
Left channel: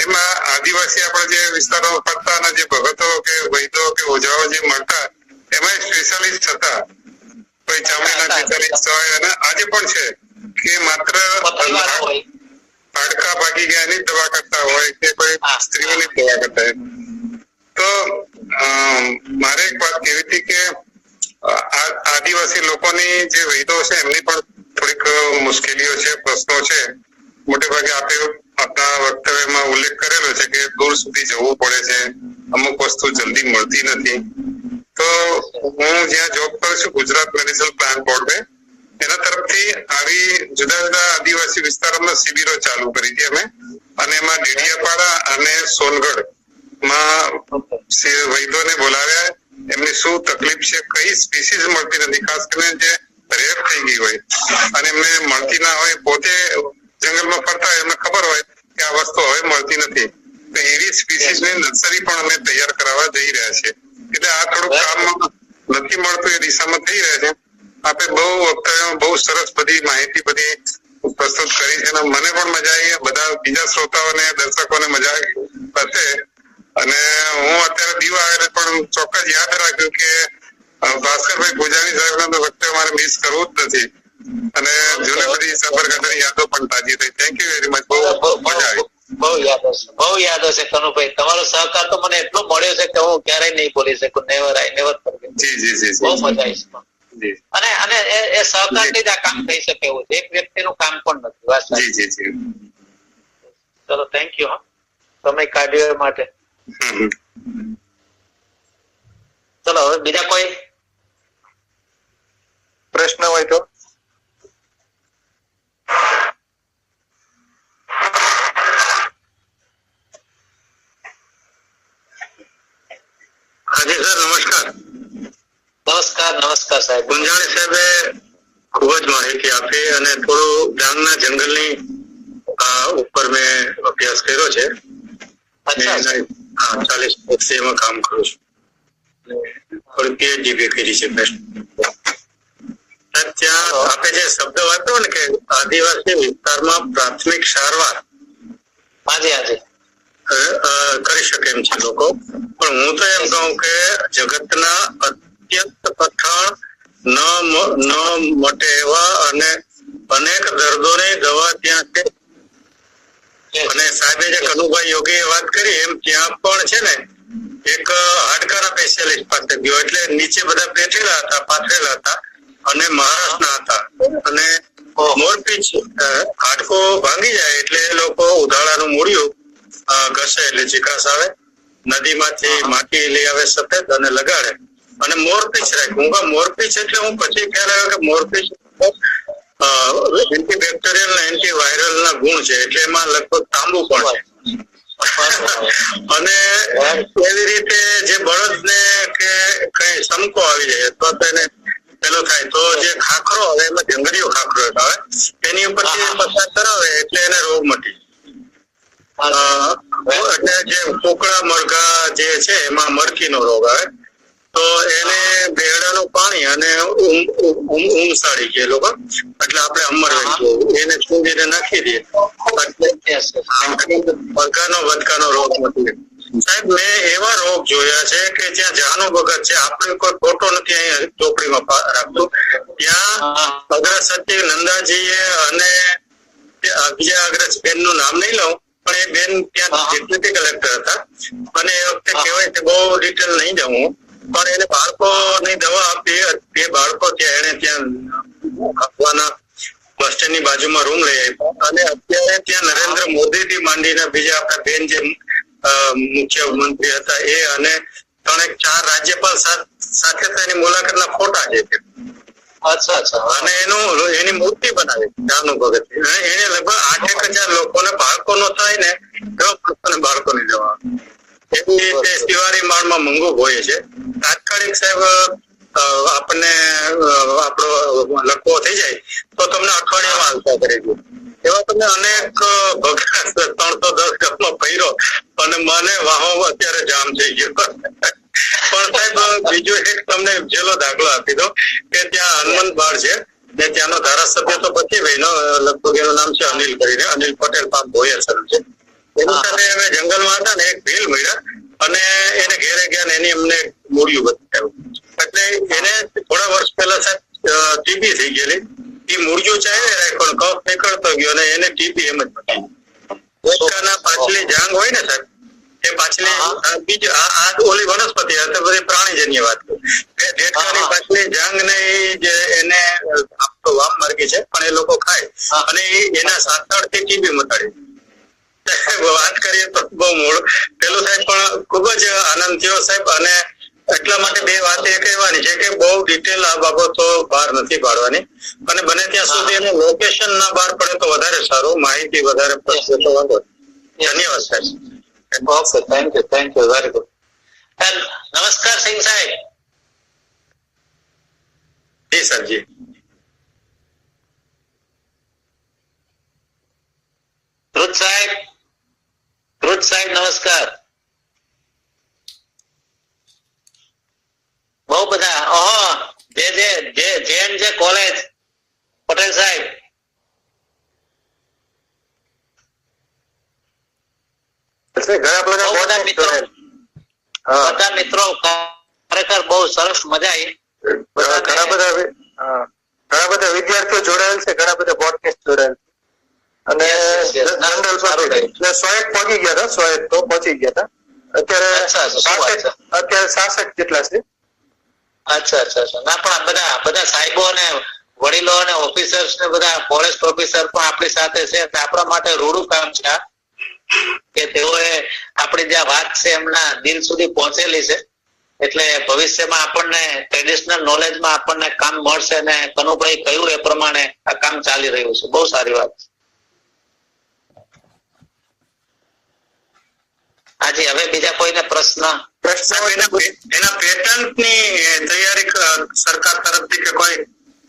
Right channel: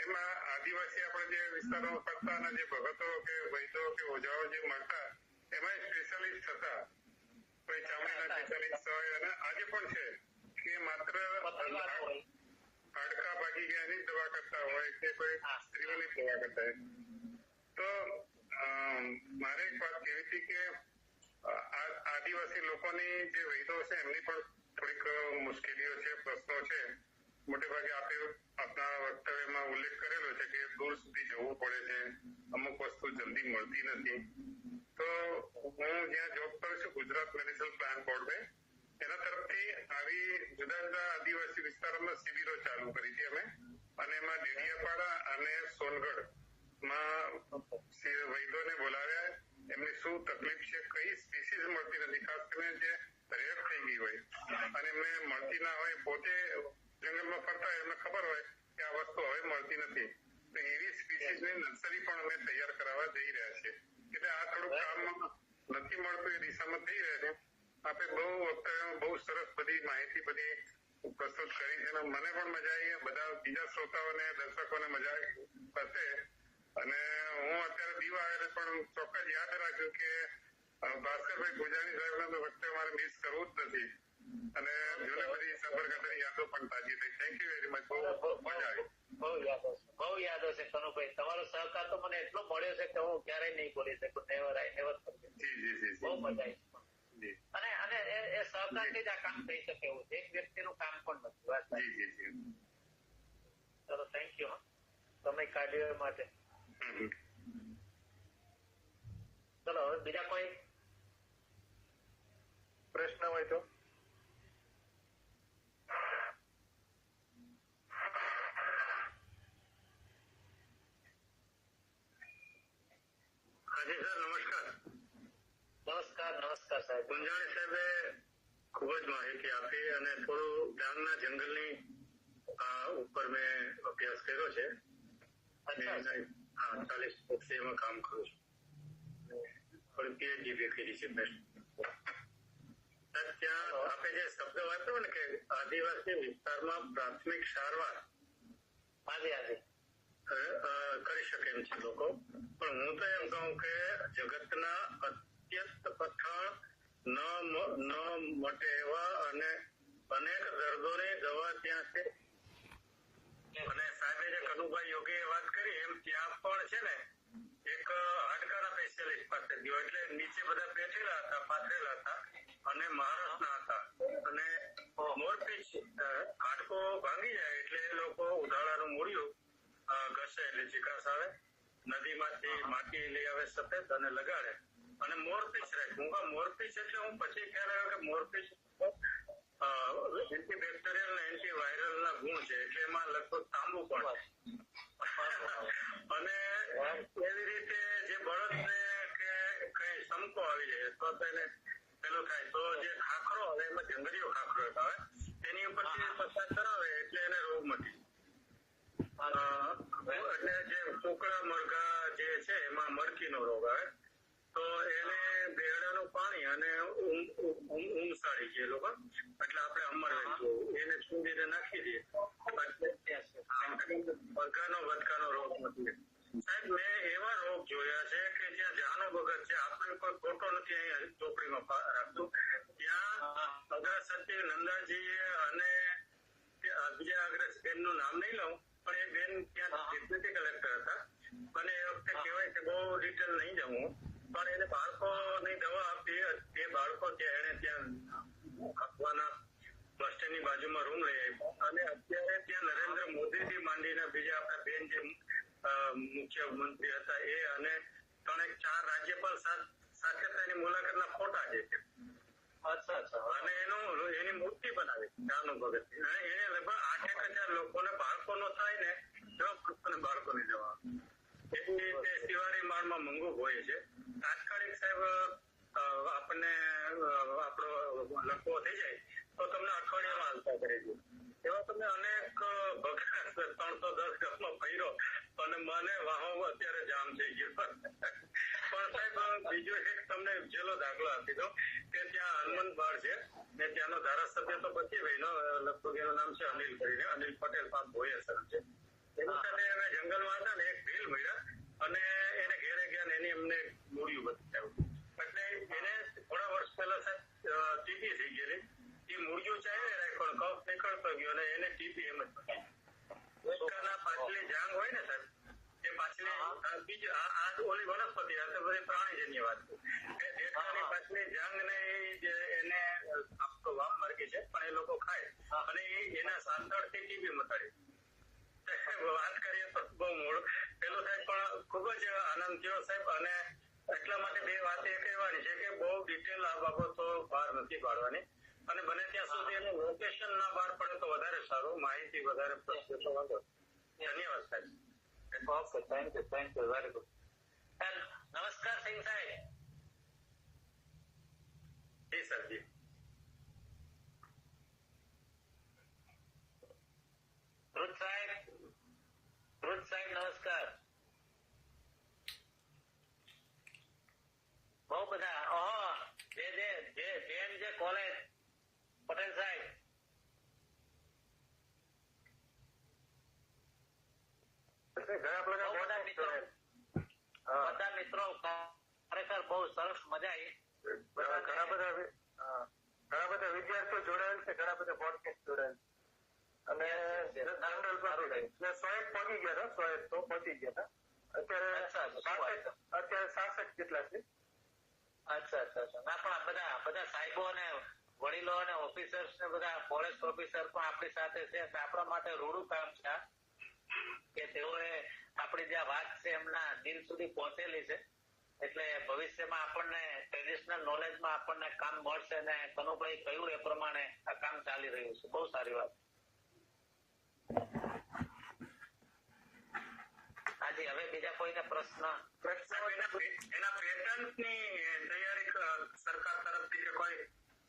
એમાં આદિવાસી આપણે જે વિસ્તારોમાં ફરતા અને જે ભગતો કે વૈદ્યો કે ઓઝાઓ જે મળતા એમાં સ્પેશિયાલિસ્ટ હતા. કોઈ ચામડીના સ્પેશિયાલિસ્ટ હોય અને આજે પણ છે કે માત્ર હાડકા ભાગી ગયા એની દવા કરતા હોય કે કોઈ સ્ત્રીઓની દવા કરતા હોય. તો મારે એક વાત કહેવી હતી કે આદિવાસી લોકોની જે વૈદ્યો છે એમની પણ થોડીક મુશ્કેલીઓ છે, પ્રશ્નો છે. મોટે ભાગે આપણા વક્તવ્યમાં ઉલ્લેખ કરેલો છે કે દૂર સુધી જવું પડે છે, અમુક વસ્તુ જલ્દી મળતી નથી. તો હું જ્યાં જોબ કરું છું, ગુજરાત મેડિસિનલ પ્લાન્ટ બોર્ડ એના તરફથી આવી જુદા જુદા આદિવાસી વિસ્તારોમાં શિબિરો ચાલુ કરી હતી અમે, અને એમાં ડેડિયાપાડા અને સોનગઢ માં વૈદ્યોને બોલાવ્યા. એમની શું તકલીફ છે, કઈ સ્પીસીસ મળતી નથી, ખાસ કરીને જે રેર થઈ ગઈ હોય અને એમને મળતી ના હોય, પોતે જંગલમાં ફરતા હોય, એમને ખબર હોય કે આ વસ્તુ હવે મળતી નથી, તો એવી સ્પીસીસ ની નર્સરી પણ અમે તૈયાર કરાવવા જઈ રહ્યા છીએ. એટલે આ થોડુંક કામ નથી મળતું એ દિશામાં થઈ રહ્યા છે. આપે બહુ વક્તવ્યમાં બહુ સરસ બધી માહિતી બધી પ્રસ્તુત કરી છે અને મને પણ મજા આવી, બધા બીજા શ્રોતાઓને દર્શકોને મજા હશે. અને હું અત્યારે દીવ આવેલો પણ ચોક્કસ યાદ રાખ્યું કે ભાસ્કરભાઈ પૂજાની સાહેબના વખતે મારે મિસ કરવું જ નથી અને જૂની બધી સાબરકાંઠાની યાદો પણ તાજી થઈ. Thank you very much. બહુ મજા આવી. બહુ યાદ હશે કનુભાઈ. તમારો સહકાર તો મને એટલો મળ્યો છે કે હું ક્યારેય નહીં ભૂલી શકું. Never I never forget. જી બહુ મજા આવી. અને એ સહકારથી જ આ કામ થઈ શકે એવું છે. એક વ્યક્તિનું કામ પણ નથી. વાત સાચી. જી. ચલો થેન્ક યુ. સમય કાઢ્યો એ માટે. ચલો હવે બીજા કોઈ પ્રશ્ન હોય તો હાજી સર, નમસ્કાર. નમસ્કાર સાહેબ. ગુંજાણી સાહેબે ખૂબ જ માહિતી આપી અને થોડું ડાંગના જંગલની ઉપર મેં અભ્યાસ કર્યો છે. 40 વર્ષથી એમાં કામ કરું છું. થોડી પીએચડી બી કરી છે. ત્યાં આપે જે શબ્દ વાપર્યો ને કે આદિવાસી વિસ્તારમાં પ્રાથમિક સારવાર કરી શકે એમ છે લોકો, પણ હું તો એમ કહું કે જગતના અત્યંત કઠણ ન મટે એવા અને અનેક દર્દોની દવા ત્યાં છે. અને સાહેબે જે કનુભાઈ યોગીએ વાત કરી એમ ત્યાં પણ છે ને એક હાડકાના સ્પેશિયાલિસ્ટ પાસે ગયો, એટલે નીચે બધા બેઠેલા હતા, પાથરેલા હતા અને મહારાષ્ટ્રના હતા. અને મોરપીંછ હાડકો ભાંગી જાય એટલે એ લોકો ઉધાળાનું મૂળિયું ઘસે એટલે ચીકાશ આવે, નદીમાંથી માટી લઈ આવે સફેદ અને લગાડે અને મોરપીંછ રાખે. મોરપીંછ એટલે હું પછી ખ્યાલ આવ્યો કે મોરપીંછ એન્ટીબેક્ટેરિયલ ને એન્ટીવાયરલ ના ગુણ છે, એટલે એમાં લગભગ તાંબુ પણ છે. અને એવી રીતે જે બળદ ને કે કઈ સમકો આવી જાય અથવા તો એને પેલું થાય તો જે ખાખરો આવે એમાં જંગલીયો ખાખરો આવે એની ઉપરથી પસાર કરાવે એટલે એને રોગ મટી. એટલે જે કોકડા મરઘા જે છે એમાં મરઘીનો રોગ આવે તો એને બેડાનું પાણી અને ઊંઘસાડી કે લોકો એટલે આપણે અમર એને ચૂંદીને નાખી દઈએ મરઘાનો વધકાનો રોગ મટી. સાહેબ મેં એવા રોગ જોયા છે કે જ્યાં જાનો ભગત છે, આપણે કોઈ ફોટો નથી અહીંયા ચોપડીમાં રાખતું, ત્યાં અગ્રસચિવ નંદાજીએ અને બીજા અગ્રસચિવ નું નામ નહીં લઉં પણ એ બેન ત્યાં ડેપ્યુટી કલેક્ટર હતા અને એ વખતે કહેવાય કે બહુ ડિટેલ નહીં જવું પણ એને બાળકોની દવા આપી. એ બાળકો ત્યાં એને ત્યાં આપવાના બસ સ્ટેન્ડ ની બાજુમાં રૂમ લઈ આપ્યો અને અત્યારે ત્યાં નરેન્દ્ર મોદી થી માંડીને બીજા આપણા બેન જે મુખ્યમંત્રી હતા એ અને 3-4 રાજ્યપાલ સાથે તેની મુલાકાતના ફોટા છે. અને એની મૂર્તિ બનાવી જાનુ ભગત. એને લગભગ 8,000 લોકોને બાળકો નો થાય ને એવા બાળકોની દવા એવી રીતે શિવારી માળમાં મંગુ હોય છે. તાત્કાલિક સાહેબ આપણને આપણો લખવો થઈ જાય તો તમને અઠવાડિયામાં આવતા કરી દઉં. એવા તમે અનેક ભગા 310 ગામમાં ફર્યો અને મને વાહો અત્યારે જામ થઈ ગયો. પણ સાહેબ બીજો એક તમને જેલો દાખલો આપી દો કે ત્યાં હનુમંત બાર છે ને ત્યાંનો ધારાસભ્ય તો પછી ભાઈ લગભગ એનું નામ છે અનિલ કરીને, અનિલ પટેલ પાક ભોયર છે. એની સાથે અમે જંગલમાં હતા ને એક ભીલ મળ્યા અને એને ઘેરે ગયા ને એની અમને મૂળિયું બતાવ્યું. એટલે એને થોડા વર્ષ પહેલા સાહેબ ટીબી થઈ ગયેલી. એ મૂળિયું ચાલે રાખ્યો કફ નીકળતો ગયો અને એને ટીબી એમ જ પતી. ડેડકાના પાછલી જાંગ હોય ને સાહેબ એ પાછલી બીજી આ ઓલી વનસ્પતિ બધી પ્રાણીજન્ય વાત કરું. ડેડકાની પાછલી જાંગ ને જે એને વામ માર્ગી છે પણ એ લોકો ખાય અને એના સાતળથી ટીબી મટાડી. વાત કરીએ તો બહુ મૂળ પેલું સાહેબ પણ ખુબ જ આનંદ થયો સાહેબ. અને એટલા માટે બે વાત એ કહેવાની છે કે બહુ ડિટેલ આ બાબતો બહાર નથી પાડવાની અને બને ત્યાં સુધી એનું લોકેશન ના બહાર પડે તો વધારે સારું, માહિતી વધારે પડશે તો વાંધો. ધન્યવાદ સાહેબ. Okay, thank you very good. નમસ્કાર સિંહ સાહેબ. જી સરજી. ધ્રુજ સાહેબ નમસ્કાર. બહુ બધા જે કોલેજ પટેલ સાહેબ. બધા મિત્રો ખરેખર બહુ સરસ મજા આવી. ઘણા બધા વિદ્યાર્થીઓ જોડાયેલ છે, ઘણા બધા પોડકાસ્ટ જોડાયેલ અને જનરલ 100 પહોંચી ગયા હતા, 100 તો પહોંચી ગયા હતા. અત્યારે 66 જેટલા છે. અચ્છા. ના પણ બધા સાહેબો અને વડીલો અને ઓફિસર્સ ને બધા ફોરેસ્ટ ઓફિસર પણ આપણી સાથે છે. આપણા માટે રૂડું કામ છે કે તેઓએ આપણી જે વાત છે એમના દિલ સુધી પહોંચેલી છે. એટલે ભવિષ્યમાં આપણને ટ્રેડિશનલ નોલેજમાં આપણને કામ મળશે અને કનુભાઈ કહ્યું એ પ્રમાણે આ કામ ચાલી રહ્યું છે. બહુ સારી વાત છે. આજે હવે બીજા કોઈને પ્રશ્ન એના પેટન્ટ ની તૈયારી સરકાર તરફથી કે કોઈ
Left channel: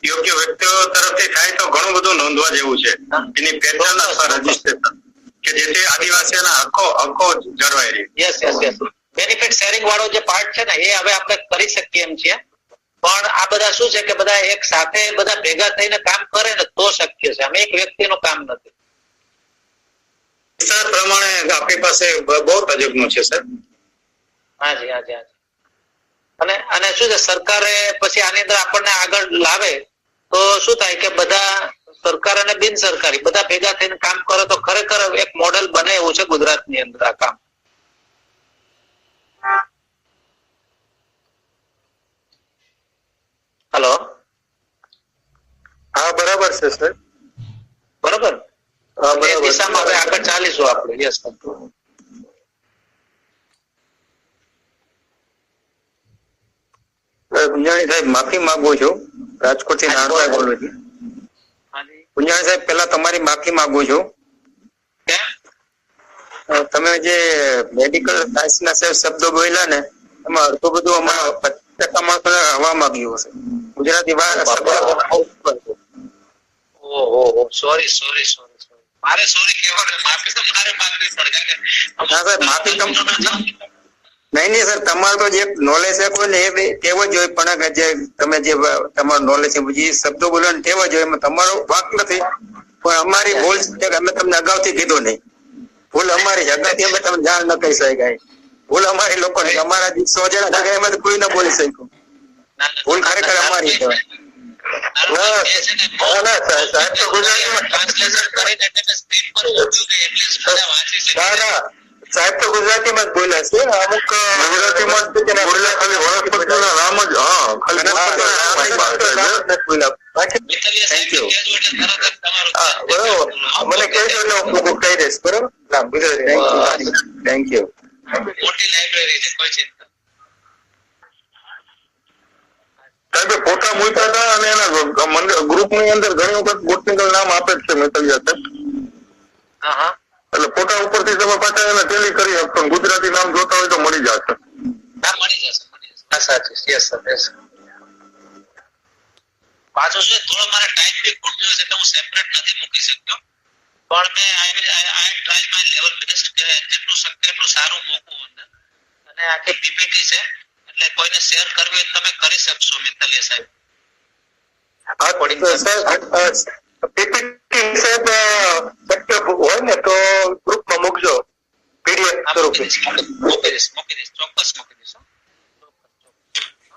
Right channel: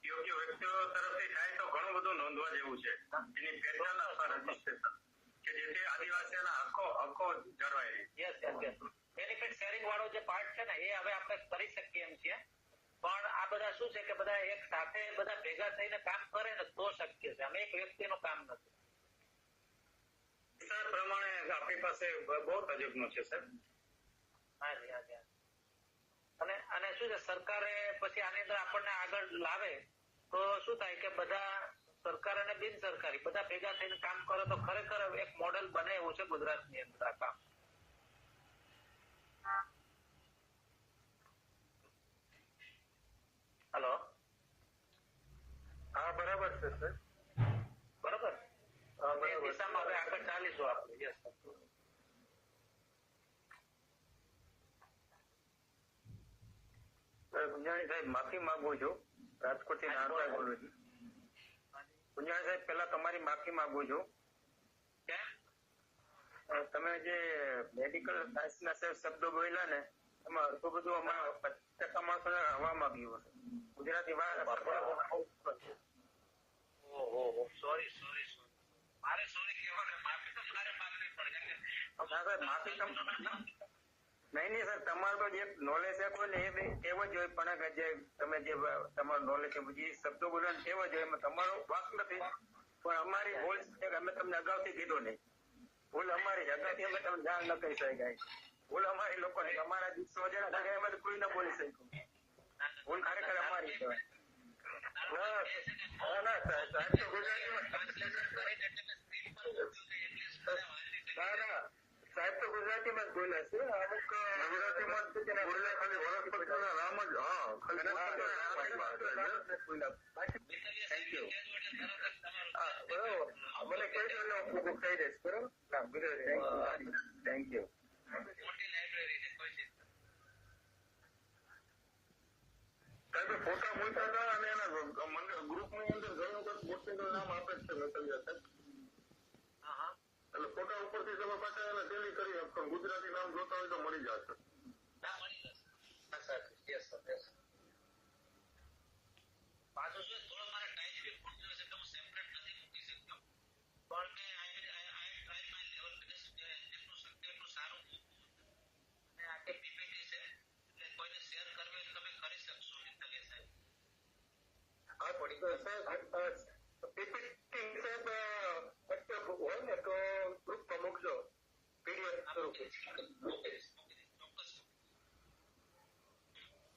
યોગ્ય વ્યક્તિઓ તરફથી થાય તો ઘણું બધું નોંધવા જેવું છે. એની પેટન્ટ અથવા રજીસ્ટ્રેશન કે જેથી આદિવાસીઓના હકો જળવાઈ રહે. યસ બેનિફિટ શેરિંગ વાળો જે પાર્ટ છે ને એ હવે આપણે કરી શકીએ એમ છીએ. પણ આ બધા શું છે કે બધા એક સાથે બધા ભેગા થઈને કામ કરે ને તો શક્ય છે. આમ એક વ્યક્તિનું કામ નથી. સર પ્રમાણે આપણી પાસે બહુ તજજ્ઞો છે સર. હાજી. અને શું છે સરકારે પછી આની અંદર આપણને આગળ લાવે તો શું થાય કે બધા સરકાર અને બિન સરકારી બધા ભેગા થઈને કામ કરે તો ખરેખર એક મોડેલ બને એવું છે ગુજરાતની અંદર આ કામ. હેલો. હા બરાબર છે સર. બરાબર. એ દિશામાં હવે આગળ ચાલીશું આપણે. યસ. પુંજાણી સાહેબ માફી માંગુ છું, રાજકોટ થી નારાયણ બોલું છું. પુંજાણી સાહેબ પહેલા તમારી માફી માંગુ છું. તમે જે મેડિકલ સાયન્સ ના શબ્દો બોલ્યા ને એમાં અડધું બધું અમારા 50% માણસો હવામાં ગયું હશે. ગુજરાતી સોરી મારે સોરી કહેવાનું, માફી તો મારે માંગવી પડે. નહીં સર, તમારું તો જે નોલેજ છે કોઈ ને એ તેવો જ હોય, પણ જે તમે જે તમારું નોલેજ છે જે શબ્દો બોલો ને તેવો જ હોય, એમાં તમારો વાંક નથી. પણ અમારી ભૂલ છે કે અમે તમને અગાઉથી કીધું નહીં. ભૂલ અમારી છે, અગાઉથી અમે તમને જાણ ન કહી શકાય. ભૂલ અમારી લોકોની, અમારા 100 જણા ભેગા એમાં કોઈ ન બોલી શક્યું. ભૂલ ખરેખર અમારી છે. સાહેબ તો ગુજરાતીમાં જ બોલ્યા છે. અમુક ગુજરાતીમાં જ ખાલી વનસ્પતિના નામ જ બરોબર. મને કહેજો એટલે હું કહી દઈશ. બરોબર. Thank you. મોટી લાઇબ્રેરી છે, કોઈ ચિંતા. સાહેબે ફોટા મૂક્યા હતા અને એના ગ્રુપ ની અંદર ઘણી વખત બોટનિકલ નામ આપે જ છે મેતલિયા સાહેબ. એટલે ફોટા ઉપરથી તમે પાછા એને ટેલી કરી શકશો. ગુજરાતી નામ જોતા હોય તો મળી જશે. મળી જશે. સાચું. Yes sir. પાછું છે થોડો મારે ટાઈમ બી ખૂટતો હશે એટલે હું સેપરેટ નથી મૂકી શકતો, પણ મેં આઈ ટ્રાય માય લેવલ બેસ્ટ કે જેટલું શક્ય એટલું સારું મૂકું અંદર. અને આખી પીપીટી છે એટલે કોઈને શેર કરવી હોય તો તમે કરી શકશો મિત્તલિયા સાહેબ. પીપીટી સાહેબ શક્ય હોય ને તો ગ્રુપમાં મૂકજો પીડીએફ સ્વરૂપે. મૂકી દઈશ ચોક્કસ મૂકી દઈશ.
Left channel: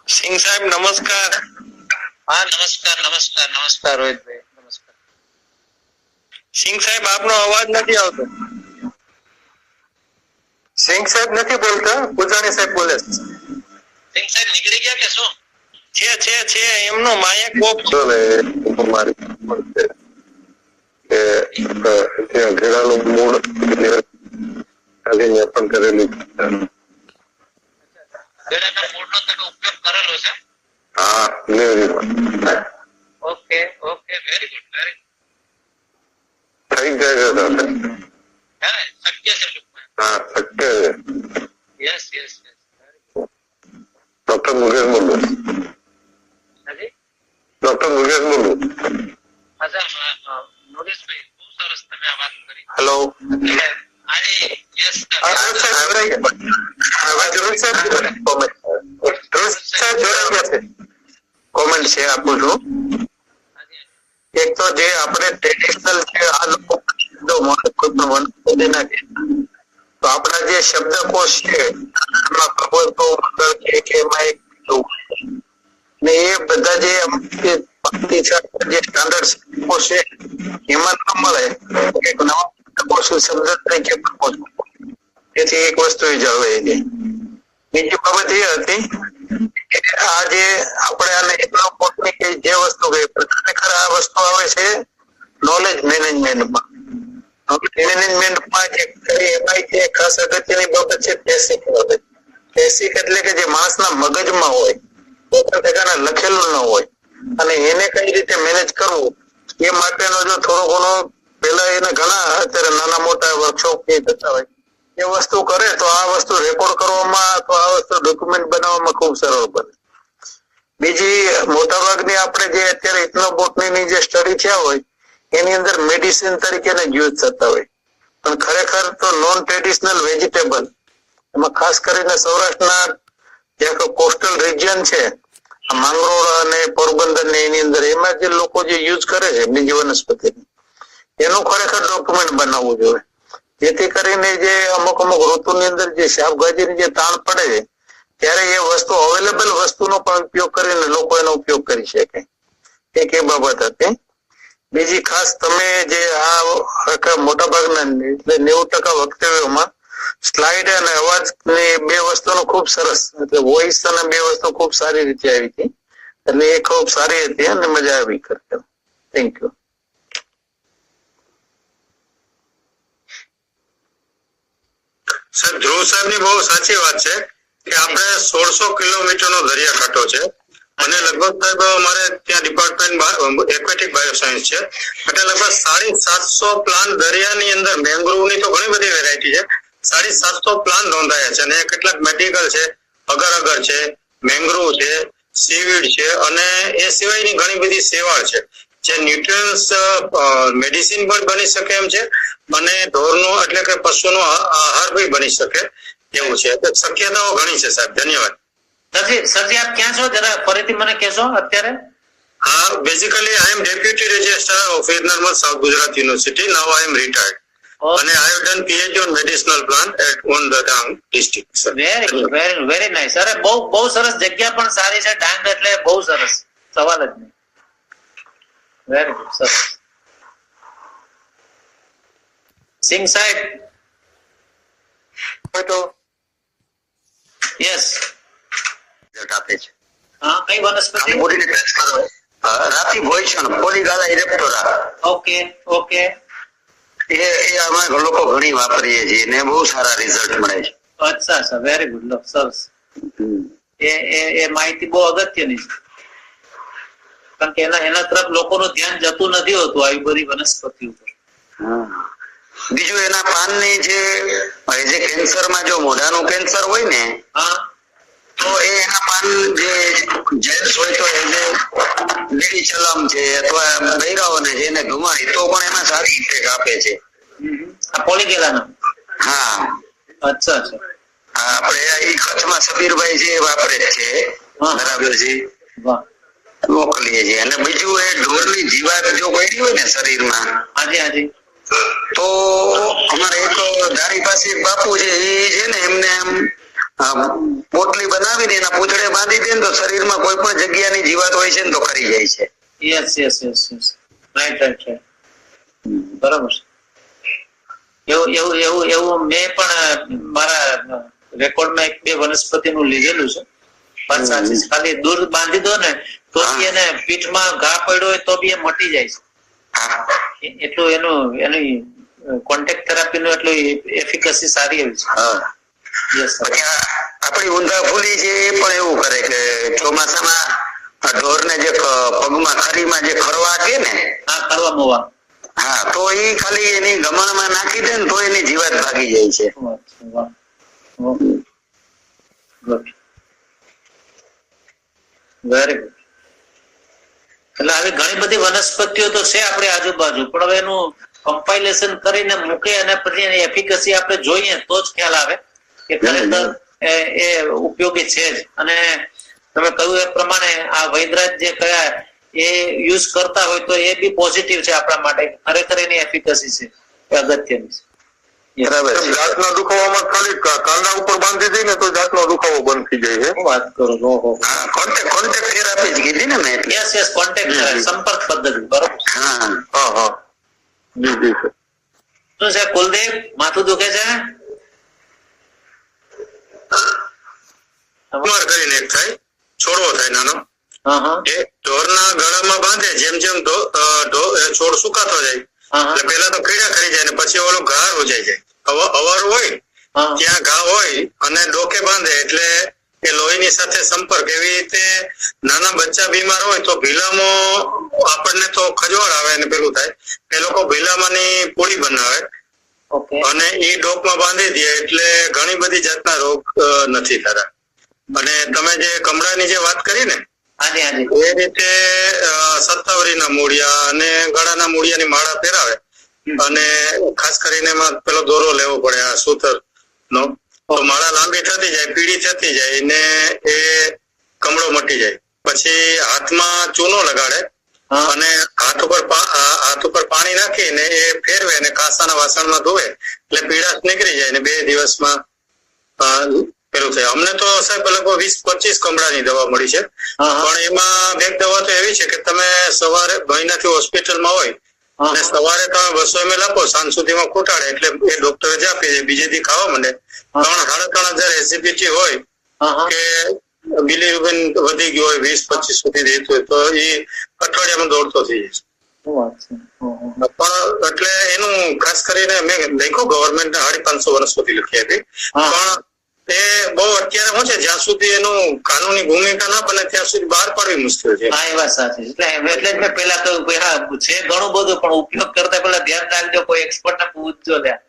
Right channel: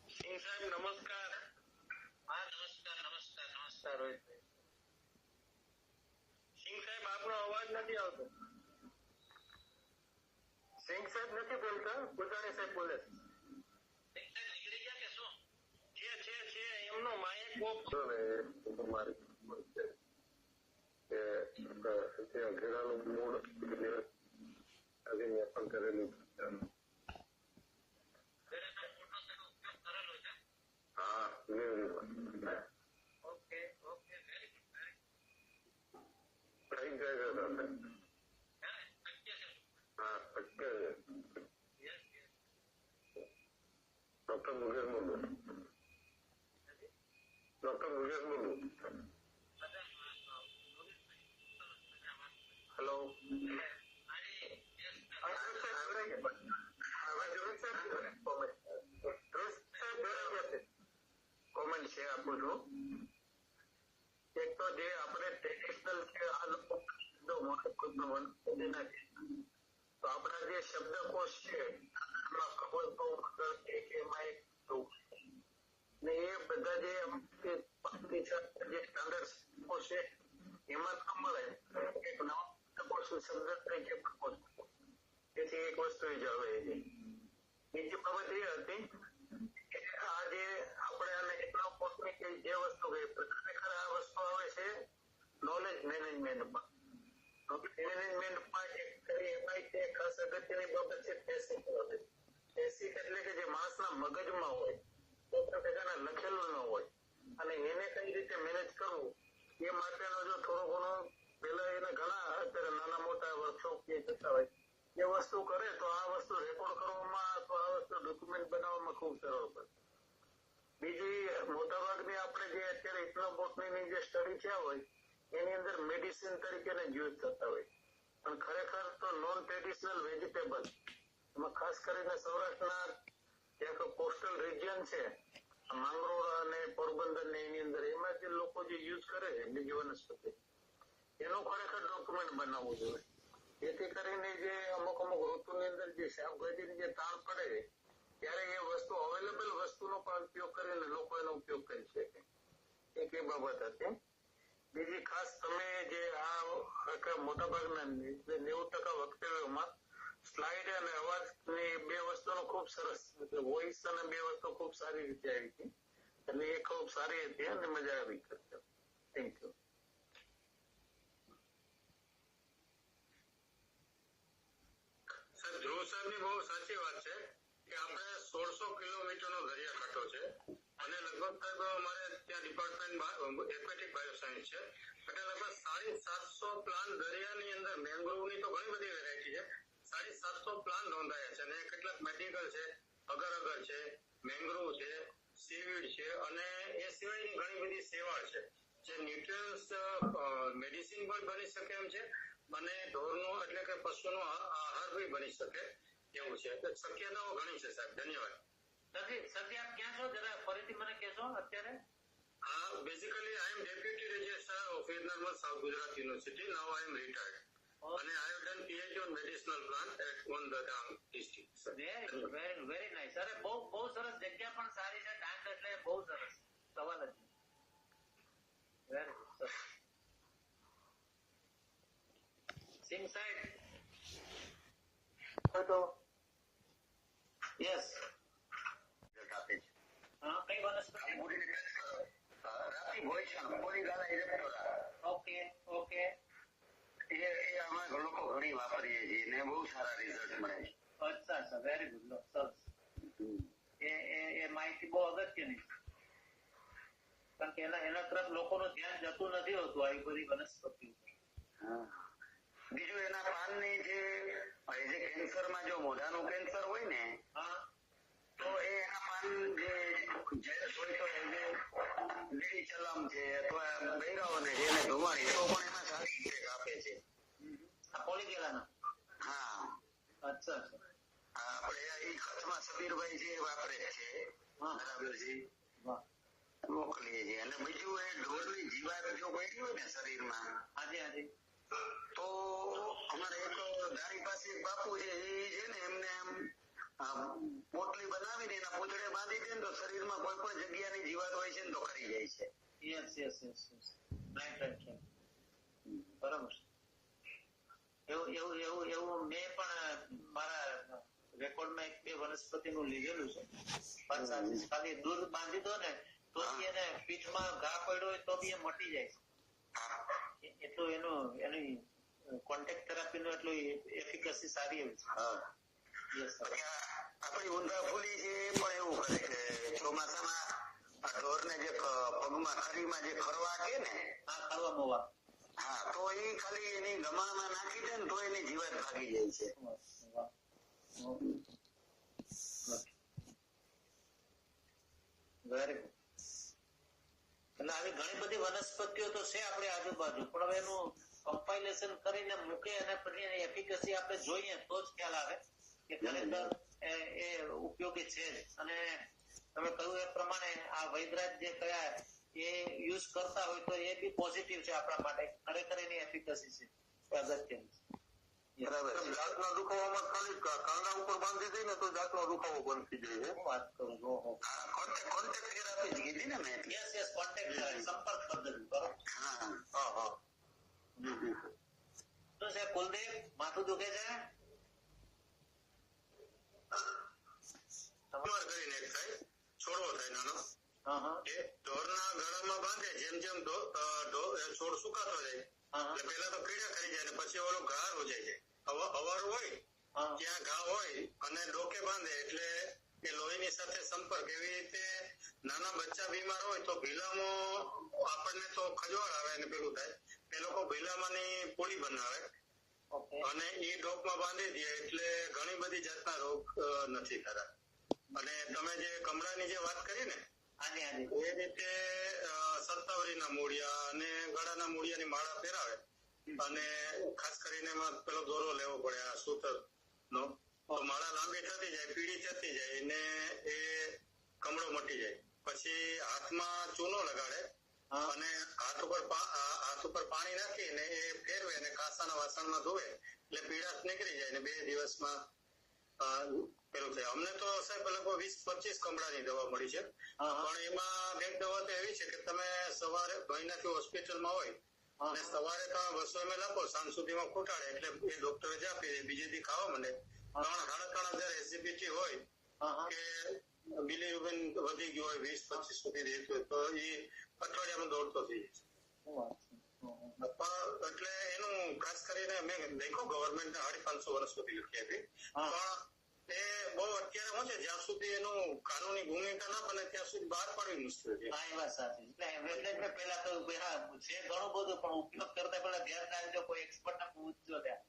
સિંહ સાહેબ નમસ્કાર. હા નમસ્કાર રોહિતભાઈ, નમસ્કાર. સિંહ સાહેબ આપનો અવાજ નથી આવતો. સિંહ સાહેબ નથી બોલતા, પૂજાણી સાહેબ બોલે છે. સિંહ સાહેબ નીકળી ગયા કે શું? છે એમનો માયક ઓફ છે. ઘેરાનું મૂળ પણ કરેલું. ગળાના મૂળનો તમે ઉપયોગ કરેલો છે? હા, ઓકે વેરી ગુડ થઈ જાય છે. હે શક્ય છે ટૂંકમાં. હા, શક્ય છે. યસ ડોક્ટર મુકેશ બોલું. હાજી ડોક્ટર મુકેશ બોલું. અચ્છા નોરેશભાઈ બહુ સરસ તમે આ વાત કરી. હેલો. કોમેન્ટ છે આપું છું. એક તો જે આપણે ટ્રેડિશનલ છે આ લોકો કોઈ પણ વનસ્પતિ નાખે તો આપણા જે શબ્દકોશ છે એમાં ભગવતો મંગળ કે એમાં એક ને એ બધા જે જે સ્ટાન્ડર્ડ શબ્દકોશ છે એમાં ન મળે એક નવા શબ્દકોશ શબ્દ તરીકે તેથી એક વસ્તુ એ જળવાઈ ગઈ. બીજી બાબત એ હતી કે આ જે આપણે આને એટલો પોતની કે જે વસ્તુ ગઈ ખરેખર આ વસ્તુ આવે છે નોલેજ મેનેજમેન્ટમાં. મેનેજમેન્ટમાં એમાં જે ખાસ અગત્યની બાબત છે બેસિક બાબત. બેસિક એટલે કે જે માણસના મગજમાં હોય પોતાના લખેલું ન હોય અને એને કઈ રીતે મેનેજ કરવું એ માટેનો જો થોડો ઘણો પેલા એને ઘણા અત્યારે નાના મોટા વર્કશોપ થતા હોય એ વસ્તુ કરે તો આ વસ્તુ રેકોર્ડ કરવામાં તો આ વસ્તુ ડોક્યુમેન્ટ બનાવવામાં ખૂબ સરળ બને. બીજી મોટાભાગની આપણે જે અત્યારે ઇથનોબોટની જે સ્ટડી થયા હોય એની અંદર મેડિસિન તરીકે યુઝ થતા હોય પણ ખરેખર તો નોન ટ્રેડિશનલ વેજીટેબલ એમાં ખાસ કરીને સૌરાષ્ટ્રના જે કોસ્ટલ રિજિયન છે માંગરોળ અને પોરબંદર ને એની અંદર એમાં જે લોકો જે યુઝ કરે છે બીજી વનસ્પતિ એનું ખરેખર ડોક્યુમેન્ટ બનાવવું જોઈએ જેથી કરીને જે અમુક ઋતુની અંદર જે શાકભાજીની જે તાણ પડે છે ત્યારે એ વસ્તુ અવેલેબલ વસ્તુનો પણ ઉપયોગ કરીને લોકો એનો ઉપયોગ કરી શકે. એક એ બાબત હતી. બીજી ખાસ તમે જે આ મોટા ભાગના એટલે 90% વક્તવ્યોમાં સ્લાઇડ અને અવાજ ની બે વસ્તુનો ખૂબ સરસ એટલે વોઇસ અને બે વસ્તુ ખૂબ સારી રીતે આવી હતી એટલે એ ખૂબ સારી હતી અને મજા આવી કરતા. Thank you. સર ધ્રુવ સાહેબ ની બહુ સાચી વાત છે કે આપણે 1600 કિલોમીટરનો દરિયાકાંઠો છે અને લગભગ સાહેબ અમારે ત્યાં ડિપાર્ટમેન્ટ એક્વેટિક બાયોસાયન્સ છે એટલે લગભગ 750 પ્લાન્ટ દરિયાની અંદર મેંગ્રોવની તો ઘણી બધી વેરાયટી છે 750 પ્લાન્ટ નોંધાયા છે અને કેટલાક મેડિકલ છે અગર અગર છે મેંગ્રોવ છે સીવીડ છે અને એ સિવાયની ઘણી બધી સેવાળ છે જે ન્યુટ્રિયન્સ મેડિસિન પણ બની શકે એમ છે અને ઢોરનો એટલે કે પશુનો આહાર બી બની શકે એવું છે શક્યતાઓ ઘણી છે સાહેબ. ધન્યવાદ. સરજી આપ ક્યાં છો જરા ફરીથી મને કહેશો અત્યારે? હા, basically I am deputy registrar of Narmad south Gujarat university. Now I am retired અને I have done PhD on medicinal plant at on the Dang district. Very nice. અરે બહુ સરસ જગ્યા પણ સારી છે ડાંગ એટલે બહુ સરસ સવાલ જ નહીં. વેરી ગુડ સરસ. સિંહ સાહેબ તો યસ આપે છે. હા કઈ વનસ્પતિ? રાતી ભોયસણ પોલીગાલા ઇરેપ્ટોરા. ઓકે એ અમે લોકો ઘણી વાપરીએ છીએ ને બહુ સારા રિઝલ્ટ મળે છે. અચ્છા વેરી ગુડ. લો સરસ. એ માહિતી બહુ અગત્યની છે કારણ કે એના તરફ લોકોનું ધ્યાન જતું નથી હોતું આવી બધી વનસ્પતિ ઉપર. બીજું એના પાનની જે કેન્સરમાં જો મોઢાનું કેન્સર હોય ને તો એના પાન જે જેન્ટ્સ હોય તો એને બીડી ચલમ છે અથવા બૈરાઓને છે એને ધુમાડી તો પણ એમાં સારી ઇફેક્ટ આપે છે. આ પોલીકેલાનો. હા અચ્છા અચ્છા. આપણે એ કચ્છમાં સબીરભાઈ છે એ વાપરે જ છે. હા. બરાબર છે. વાહ. મોકલીએ છીએ. અને બીજું એ ઢોરની જીવાત જો પડી હોય ને શરીરમાં હાજી હાજી. તો અમારે એક ધારી પાસે એક બાપુ છે એ છે ને એમને આમ પોટલી બનાવીને એના પૂંછડે બાંધી દે ને તો શરીરમાં કોઈ પણ જગ્યાની જીવાત હોય છે ને તો ખરી જાય છે. Yes yes yes yes. Right right right. બરાબર છે. એવું મેં પણ મારા રેકોર્ડમાં એક બે વનસ્પતિનું લીધેલું છે. વાત સાચી છે. ખાલી દૂર બાંધી દો ને તો બી એને પીઠમાં ઘા પડ્યો હોય તો બી એ મટી જાય છે. એટલું એની કોન્ટેક્ટ થેરાપી નું એટલું એફિકસી સારી એવી છે. Yes sir. આપણી ઊંધા ફૂલી છે એ પણ એવું કરે કે ચોમાસામાં ઢોરને જે પગમાં ખરીમાં જે ખરવા કે ને હા કરવા મોવા. હા તો એ ખાલી એની ગમણમાં નાખી દે ને તો એની જીવાત ભાગી જાય છે. Very good. એટલે આવી ઘણી બધી વનસ્પતિઓ તો છે આપણી આજુબાજુ પણ હવે એનું કમ્પાઇલેશન કરીને મૂકે અને પછી એની એફિકસી આપણે જોઈએ તો જ ખ્યાલ આવે કે ખરેખર એ ઉપયોગી છે જ. અને તમે કહ્યું એ પ્રમાણે આ વૈદરાજ જે કયા એ યુઝ કરતા હોય તો એ બી પોઝિટિવ છે આપણા માટે. ખરેખર એની એફિકસી છે એ અગત્યની છે. બરાબર છે. દાંતના દુખાવામાં ખાલી કાંડા ઉપર બાંધી દઈએ ને તો દાંતનો દુખાવો બંધ થઈ જાય છે. શું વાત કરો. ઓહો. હા કોન્ટેક્ટ થેરાપી જ કીધી ને મેં. Yes yes. કોન્ટેક્ટ સંપર્ક પદ્ધતિ. બરોબર. હા હા હા જી જી સર. શું છે કુલદીપ, માથું દુખે છે? કુમાર કરીને એક થાય છોડવો થાય નાનો હા હા એ ઢોરના ગળામાં બાંધે જેમ જેમ છોડ સુકાતો જાય હા એટલે પેલા તો કીડા ખરી જાય ને પછી ઓલો ઘા રોજાઈ જાય. અવાર હોય હા. ત્યાં ઘા હોય અને ડોકે બાંધે એટલે એ લોહીની સાથે સંપર્ક. એવી રીતે નાના બચ્ચા બીમાર હોય તો ભીલામાં આપણને તો ખજવાળ આવે ને પેલું થાય એ લોકો ભીલામાંની પૂરી બનાવે ઓકે. અને એ ડોકમાં બાંધી દે એટલે ઘણી બધી જાતના રોગ નથી થતા. અને તમે જે કમળાની જે વાત કરી ને હાજી હાજી. એ રીતે સત્તાવરીના મૂળિયા અને ગળાના મૂળિયાની માળા પહેરાવે અને ખાસ કરીને એમાં પેલો દોરો લેવો પડે આ સૂતર નો તો માળા લાંબી થતી જાય પીળી થતી જાય ને એ કમળો મટી જાય. પછી હાથમાં ચૂનો લગાડે અને હાથ ઉપર પાણી નાખીને એ ફેરવે અને કાસાના વાસણમાં ધોવે એટલે પીળાશ નીકળી જાય ને 2 દિવસમાં પેલું થાય. અમને તો સાહેબ લગભગ 20-25 કમળાની દવા મળી છે પણ એમાં એક દવા તો એવી છે કે તમે સવારે મહિનાથી હોસ્પિટલમાં હોય અને સવારે તમે 200 ml આપો સાંજ સુધીમાં ખૂટાડે એટલે એ ડોક્ટરે જ આપી દે. બીજે દી ખાવા માંડે 3,500 એસિડિટી હોય કે બિલીરુબિન વધી ગયું હોય 20-25 સુધી રહેતું હોય તો એ અઠવાડિયામાં દોડતો થઈ જાય. પણ એટલે એનું ખાસ કરીને મેં લખ્યું ગવર્મેન્ટને 550 વનસ્પતિ લખી આપી પણ એ બહુ અત્યારે શું છે જ્યાં સુધી એનું કાનૂની ભૂમિકા ના બને ત્યાં સુધી બહાર પાડવી મુશ્કેલ છે. હા એ વાત સાચી. એટલે જ મેં પેલા કહ્યું કે હા છે ઘણું બધું પણ ઉપયોગ કરતા પેલા ધ્યાન રાખજો કોઈ એક્સપર્ટ ને પૂછજો લ્યા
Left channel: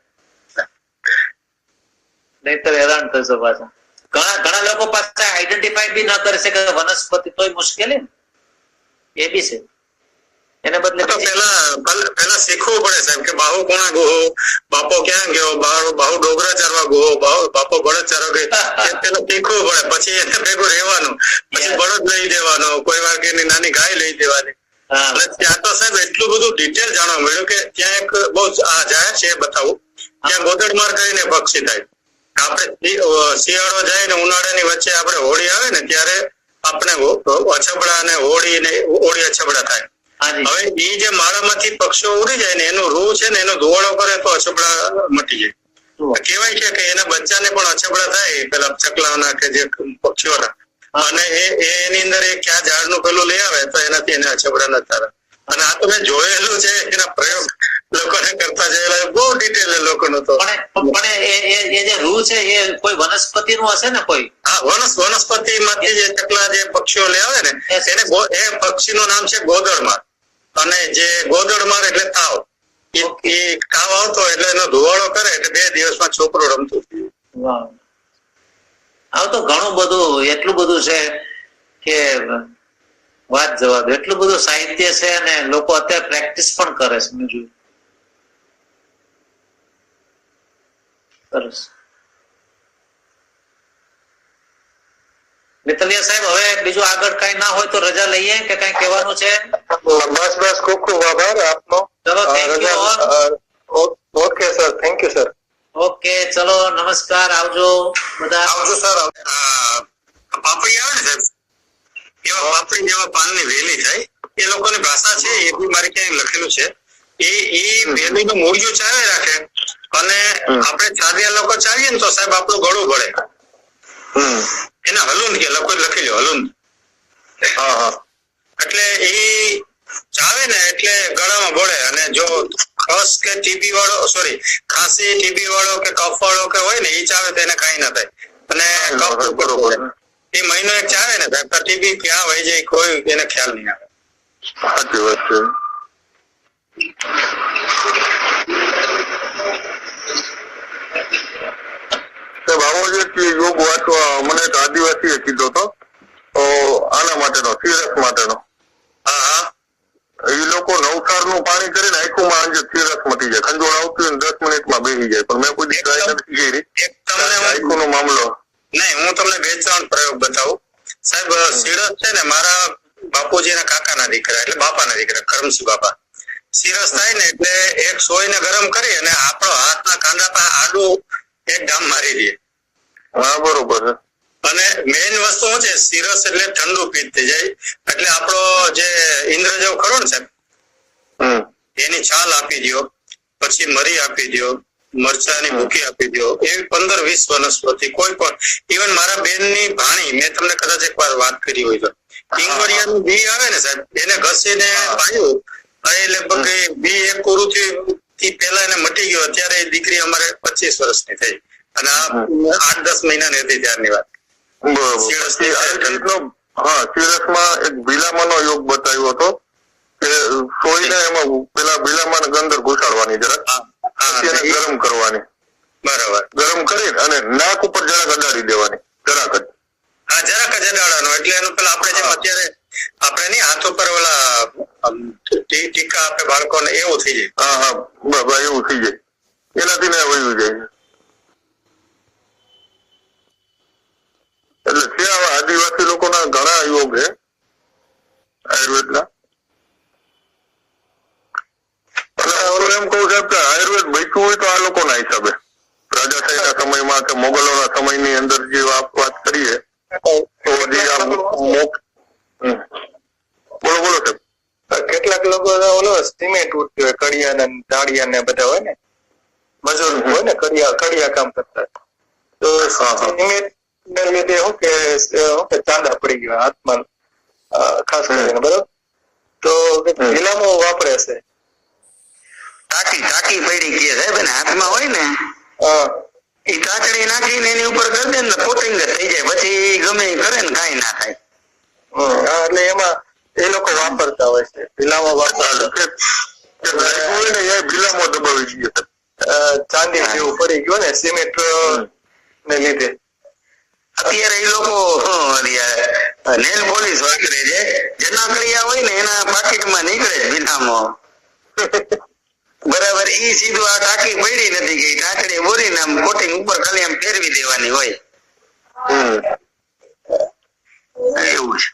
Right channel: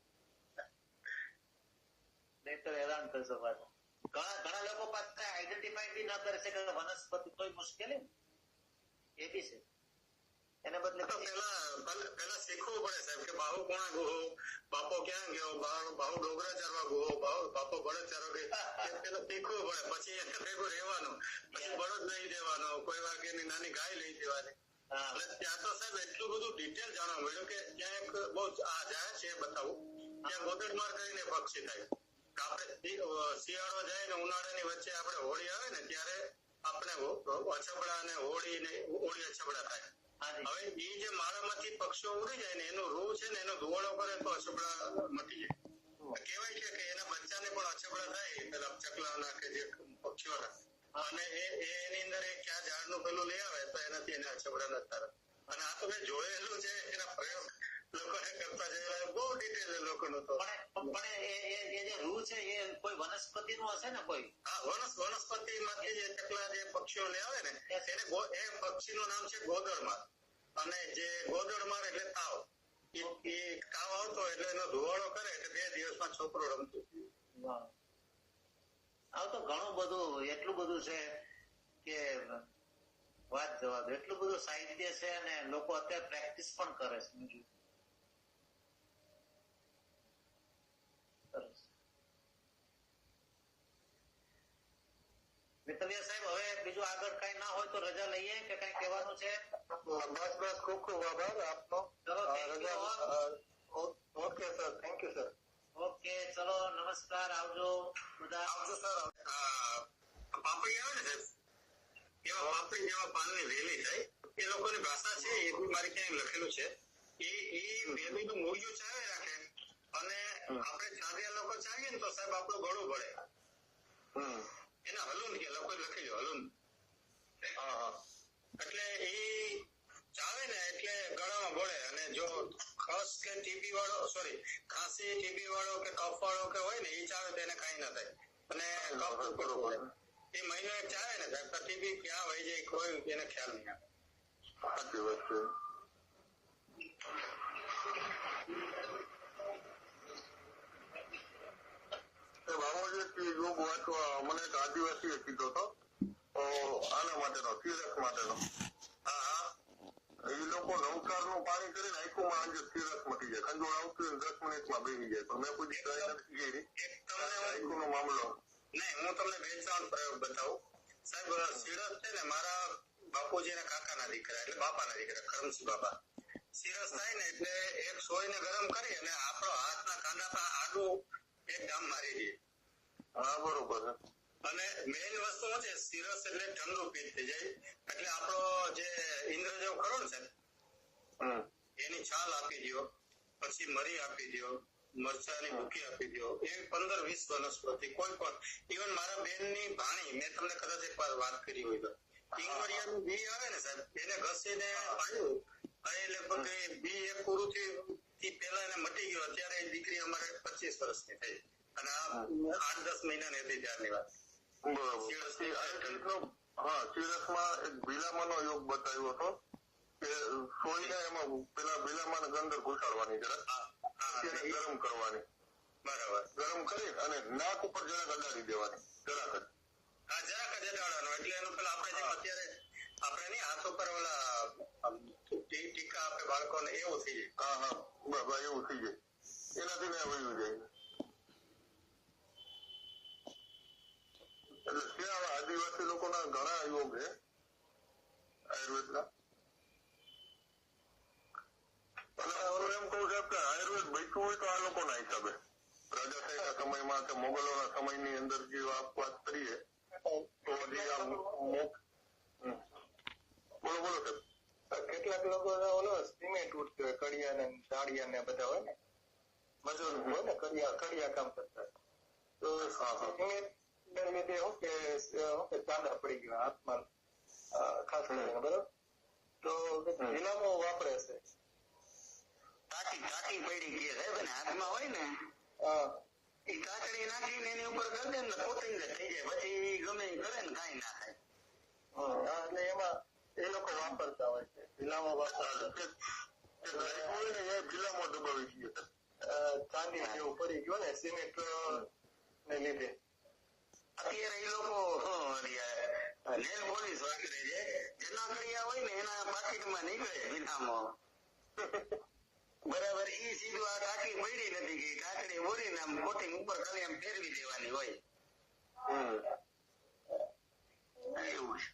નહીતર હેરાન થશો પાછા. ઘણા લોકો પાસે આઈડેન્ટિફાઈ બી ના કરી શકે વનસ્પતિ તોય મુશ્કેલી એ બી છે. એને બદલે પેલા શીખવું પડે સાહેબ કે બાહુ કોણા ગોહો બાપો ક્યાં ગયો બાહુ ડોગરા ચારવા ગોહો બાપો બળદ ચારવા ગયો પેલા શીખવું પડે પછી એને ભેગું રહેવાનું પછી બળદ લઈ દેવાનો કોઈ વાર કે નાની ગાય લઈ દેવાની. ત્યાં તો સાહેબ એટલું બધું ડિટેલ જાણવા મળ્યું કે ત્યાં એક બહુ જાય છે બતાવું ત્યાં ગોદડમાર કરીને પક્ષી થાય. આપણે શિયાળો જાય ને ઉનાળાની વચ્ચે આપણે હોળી આવે ને ત્યારે આપણે અછબડા અને હોળી અછબડા થાય. હવે એ જે માળામાંથી પક્ષીઓ ઉડી જાય ને એનું રૂ છે ને એનો ધુવાડો કરે તો અછબડા મટી જાય. કહેવાય છે કે એના બચ્ચાને પણ અછબડા થાય પેલા ચકલાના કે જે પક્ષીઓના અને એની અંદર એ ક્યાં ઝાડનું પેલું લઈ આવે તો એનાથી એને અછબડા ન થાય. અને આ તો મેં જોયેલું છે એના પ્રયોગ લોકોને કરતા જોયેલા બહુ ડિટેલ એ લોકોનું તો. પણ એ જે રૂ છે એ કોઈ વનસ્પતિ નું હશે ને કોઈ? હા વનસ્પતિ માંથી જે ચકલા જે પક્ષીઓ લઈ આવે ને એને એ પક્ષીનું નામ છે ગોદડમાર અને જે ગોદડમાર એટલે તાવ એ તાવ આવતો એટલે એનો ધુવાડો કરે એટલે 2 દિવસમાં છોકરો રમતું. આવ તો ઘણું બધું એટલું બધું છે કે વાત જવા દો. એટલું બધું સાહિત્ય છે અને લોકો અત્યારે પ્રેક્ટિસ પણ કરે છે. મેં જોયું. સરસ. મિત્તલિયા સાહેબ, હવે બીજું આગળ કઈ ના હોય તો રજા લઈએ કે કઈ કહેવાનું છે? બસ ખૂબ ખૂબ આભાર આપનો. ચલો, thank you. Okay sir, thank you sir. Okay, ચલો, નમસ્કાર, આવજો બધા. આવજો સર. પાપડી આવે ને સાહેબ, એવા પાપડી જેવા પાનની વેલી થાય, એ લોકોની ભાષા છે, એ બી મારે ક્યાંય લખેલું છે. એ વેલીનું મૂળિયું ચાવે રાખે અને આપણે ચાવ્યા લોકો ચાવીએ ને તો સાહેબ આપણું ગળું ભળે. એને હલુંદ કે લોકો લખી લો, હલુંદ. એટલે એ ચાવે ને એટલે ગળામાં ભળે. અને જો ખસ કે ટીબી વાળો, સોરી, ખાંસી ટીબી વાળો કે કફ વાળો કે હોય ને એ ચાવે તો એને કઈ ના થાય. અને કફ બરોબર એ મહિનો એક ચાવે ને સાહેબ, ટીબી ક્યાં વહી જાય કોઈ એને ખ્યાલ નહીં આવે. સાચી વાત છે. યોગ વાંચવા મને એક આદિવાસીએ કીધો હતો, આના માટેનો, સિરસ માટેનો. એ લોકો નવસારનું પાણી કરીને આંખોમાં આજે સિરસ મટી જાય. ખંજોળ આવતું હોય ને 10 મિનિટમાં બેસી જાય, પણ મેં કોઈ ટ્રાય નથી કરી. આંખોનો મામલો નહીં, હું તમને 2-3 પ્રયોગ બતાવું સાહેબ. સિરસ છે ને, મારા બાપુજીના કાકાના દીકરા એટલે બાપાના દીકરા કરમસિંહ બાપા, સિરસ થાય ને એટલે એક સોયને ગરમ કરી અને આપણો હાથના કાંદા પર આડું એક ડામ મારી દે. હા, બરોબર છે. અને મેઇન વસ્તુ શું છે, સિરસ એટલે ઠંડુ પીત થઈ જાય. એટલે આપણો જે ઇન્દ્રજવ ખરો ને સાહેબ, એની છાલ આપી દો, પછી મરી આપી દો, મરચાની ભૂકી આપી દો. એવી 15-20 વનસ્પતિ કોઈ પણ. ઇવન મારા બેનની ભાણી, મેં તમને કદાચ એકવાર વાત કરી હોય તો, ઈંગોળિયાનું બી આવે ને સાહેબ, એને ઘસીને પાયું. એ લગભગ બી એક કોરું થી પહેલા એને મટી ગયો. અત્યારે એ દીકરી અમારે 25 વર્ષની થઈ અને આ 8-10 મહિનાની હતી ત્યારની વાત. હા, સિરસમાં એક ભીલામાનો યોગ બતાવ્યો હતો કે સોયને એમાં પેલા ભીલામાને ગંદર ઘુસાડવાની જરાક, એને ગરમ કરવાની. બરાબર. ગરમ કરી અને નાક ઉપર જરાક અડાડી દેવાની, જરાક જ. હા, જરાક જ અડાડવાનો. એટલે એનું પેલા આપણે જેમ અત્યારે આપણે નહીં હાથ ઉપર ઓલા ટીકા આપે બાળકોને, એવું થઈ જાય. હા, બરાબર, એવું થઈ જાય. એનાથી ને વયું જાય. એટલે છે આવા આદિવાસી લોકોના ઘણા યોગ છે આયુર્વેદના. અને એમ કહું સાહેબ કે આયુર્વેદ બચ્યું હોય તો આ લોકોના હિસાબે, રાજાશાહીના સમયમાં કે મોગલોના સમયની અંદર જે વાત કરીએ તો જે આ બોલો બોલો સાહેબ. કેટલાક લોકો ઓલો સિમેન્ટ ઉઠતી હોય, કડિયા ને દાળિયા ને બધા હોય ને, મજૂર હોય ને, કડિયા કામ કરતા, તો સિમેન્ટ ને લીધે શું કે ચાંદા પડી ગયા હાથમાં, ખાસ કરીને. બરોબર. તો ગિલામો વાપરે છે. ટાંકી પડી ગઈ સાહેબ, ને હાથમાં હોય ને એ કાચડી નાખીને એની ઉપર કરી દે ને કોટિંગ થઈ જાય. પછી ગમે એ કરે ને કાંઈ ના થાય. એટલે એમાં એ લોકો વાપરતા હોય છે, ભીલામો વાપરતા. ભીલામો દબાવી ગયો, ચાંદી જેવું પડી ગયું ને સિમેન્ટ ને લીધે. અત્યારે એ લોકો નેલ પોલીસ વાપરે છે. જેના કડિયા હોય ને એના પાકીટમાં નીકળે ભીલામો. બરાબર. ઈ સીધું આ ટાંકી પડી નથી ગઈ, ટાંકડી બોરીને આમ કોટિંગ ઉપર ખાલી આમ ફેરવી દેવાની હોય. એવું છે.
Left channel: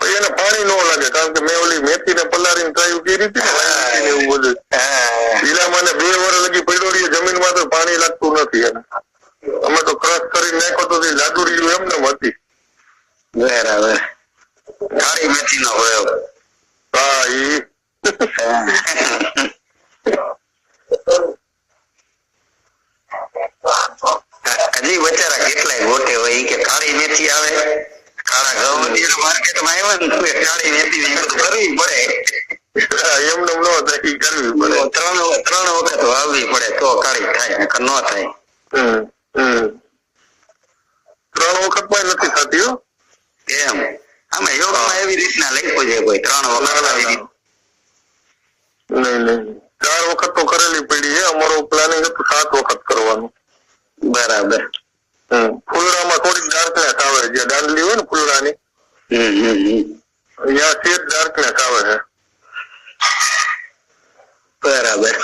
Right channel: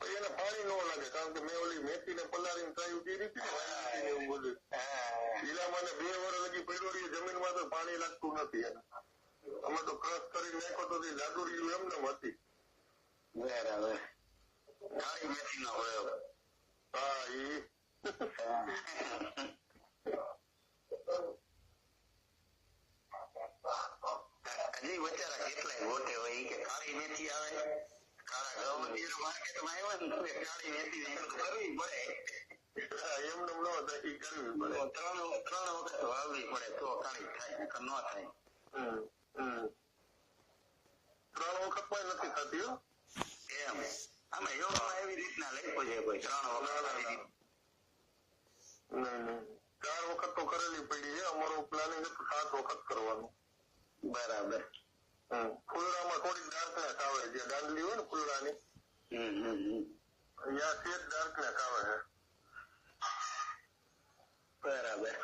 એને પાણી ન લાગે, કારણ કે મેં ઓલી મેથી ને પલાળીને ટ્રાય કરી હતી ને, એવું બધું. ભીલામાં 2 વર્ષ લગી પડ્યો રહીએ જમીનમાં તો પાણી લાગતું નથી એને. અમે તો ક્રશ કરી નાખો તો જાદુરી એમને હતી. બરાબર. કાળી મેથી નો પ્રયોગ. હા, ઈ હજી બચારા કેટલાય ગોટે હોય કે કાળી મેથી આવે, કાળા ઘઉં માર્કેટમાં આવ્યા ને કાળી મેથી ને બધું કરવી પડે. એમને ન થાય, કરવી પડે. 3 વખત વાવવી પડે તો કાળી થાય, નકર ન થાય. 3 વખતમાં નથી થતી હો એમ. આમાં યોગમાં એવી રીતના લખ્યું છે કોઈ 3 વખત. નહીં, 4 વખત તો કરેલી પડી છે. અમારું પ્લાનિંગ હતું 7 વખત કરવાનું. બરાબર. ફૂલડામાં થોડીક ડાર્કનેસ આવે, જે દાંડલી હોય ને ફૂલડાની અહીંયા સેજ ડાર્કનેસ આવે છે. બરાબર.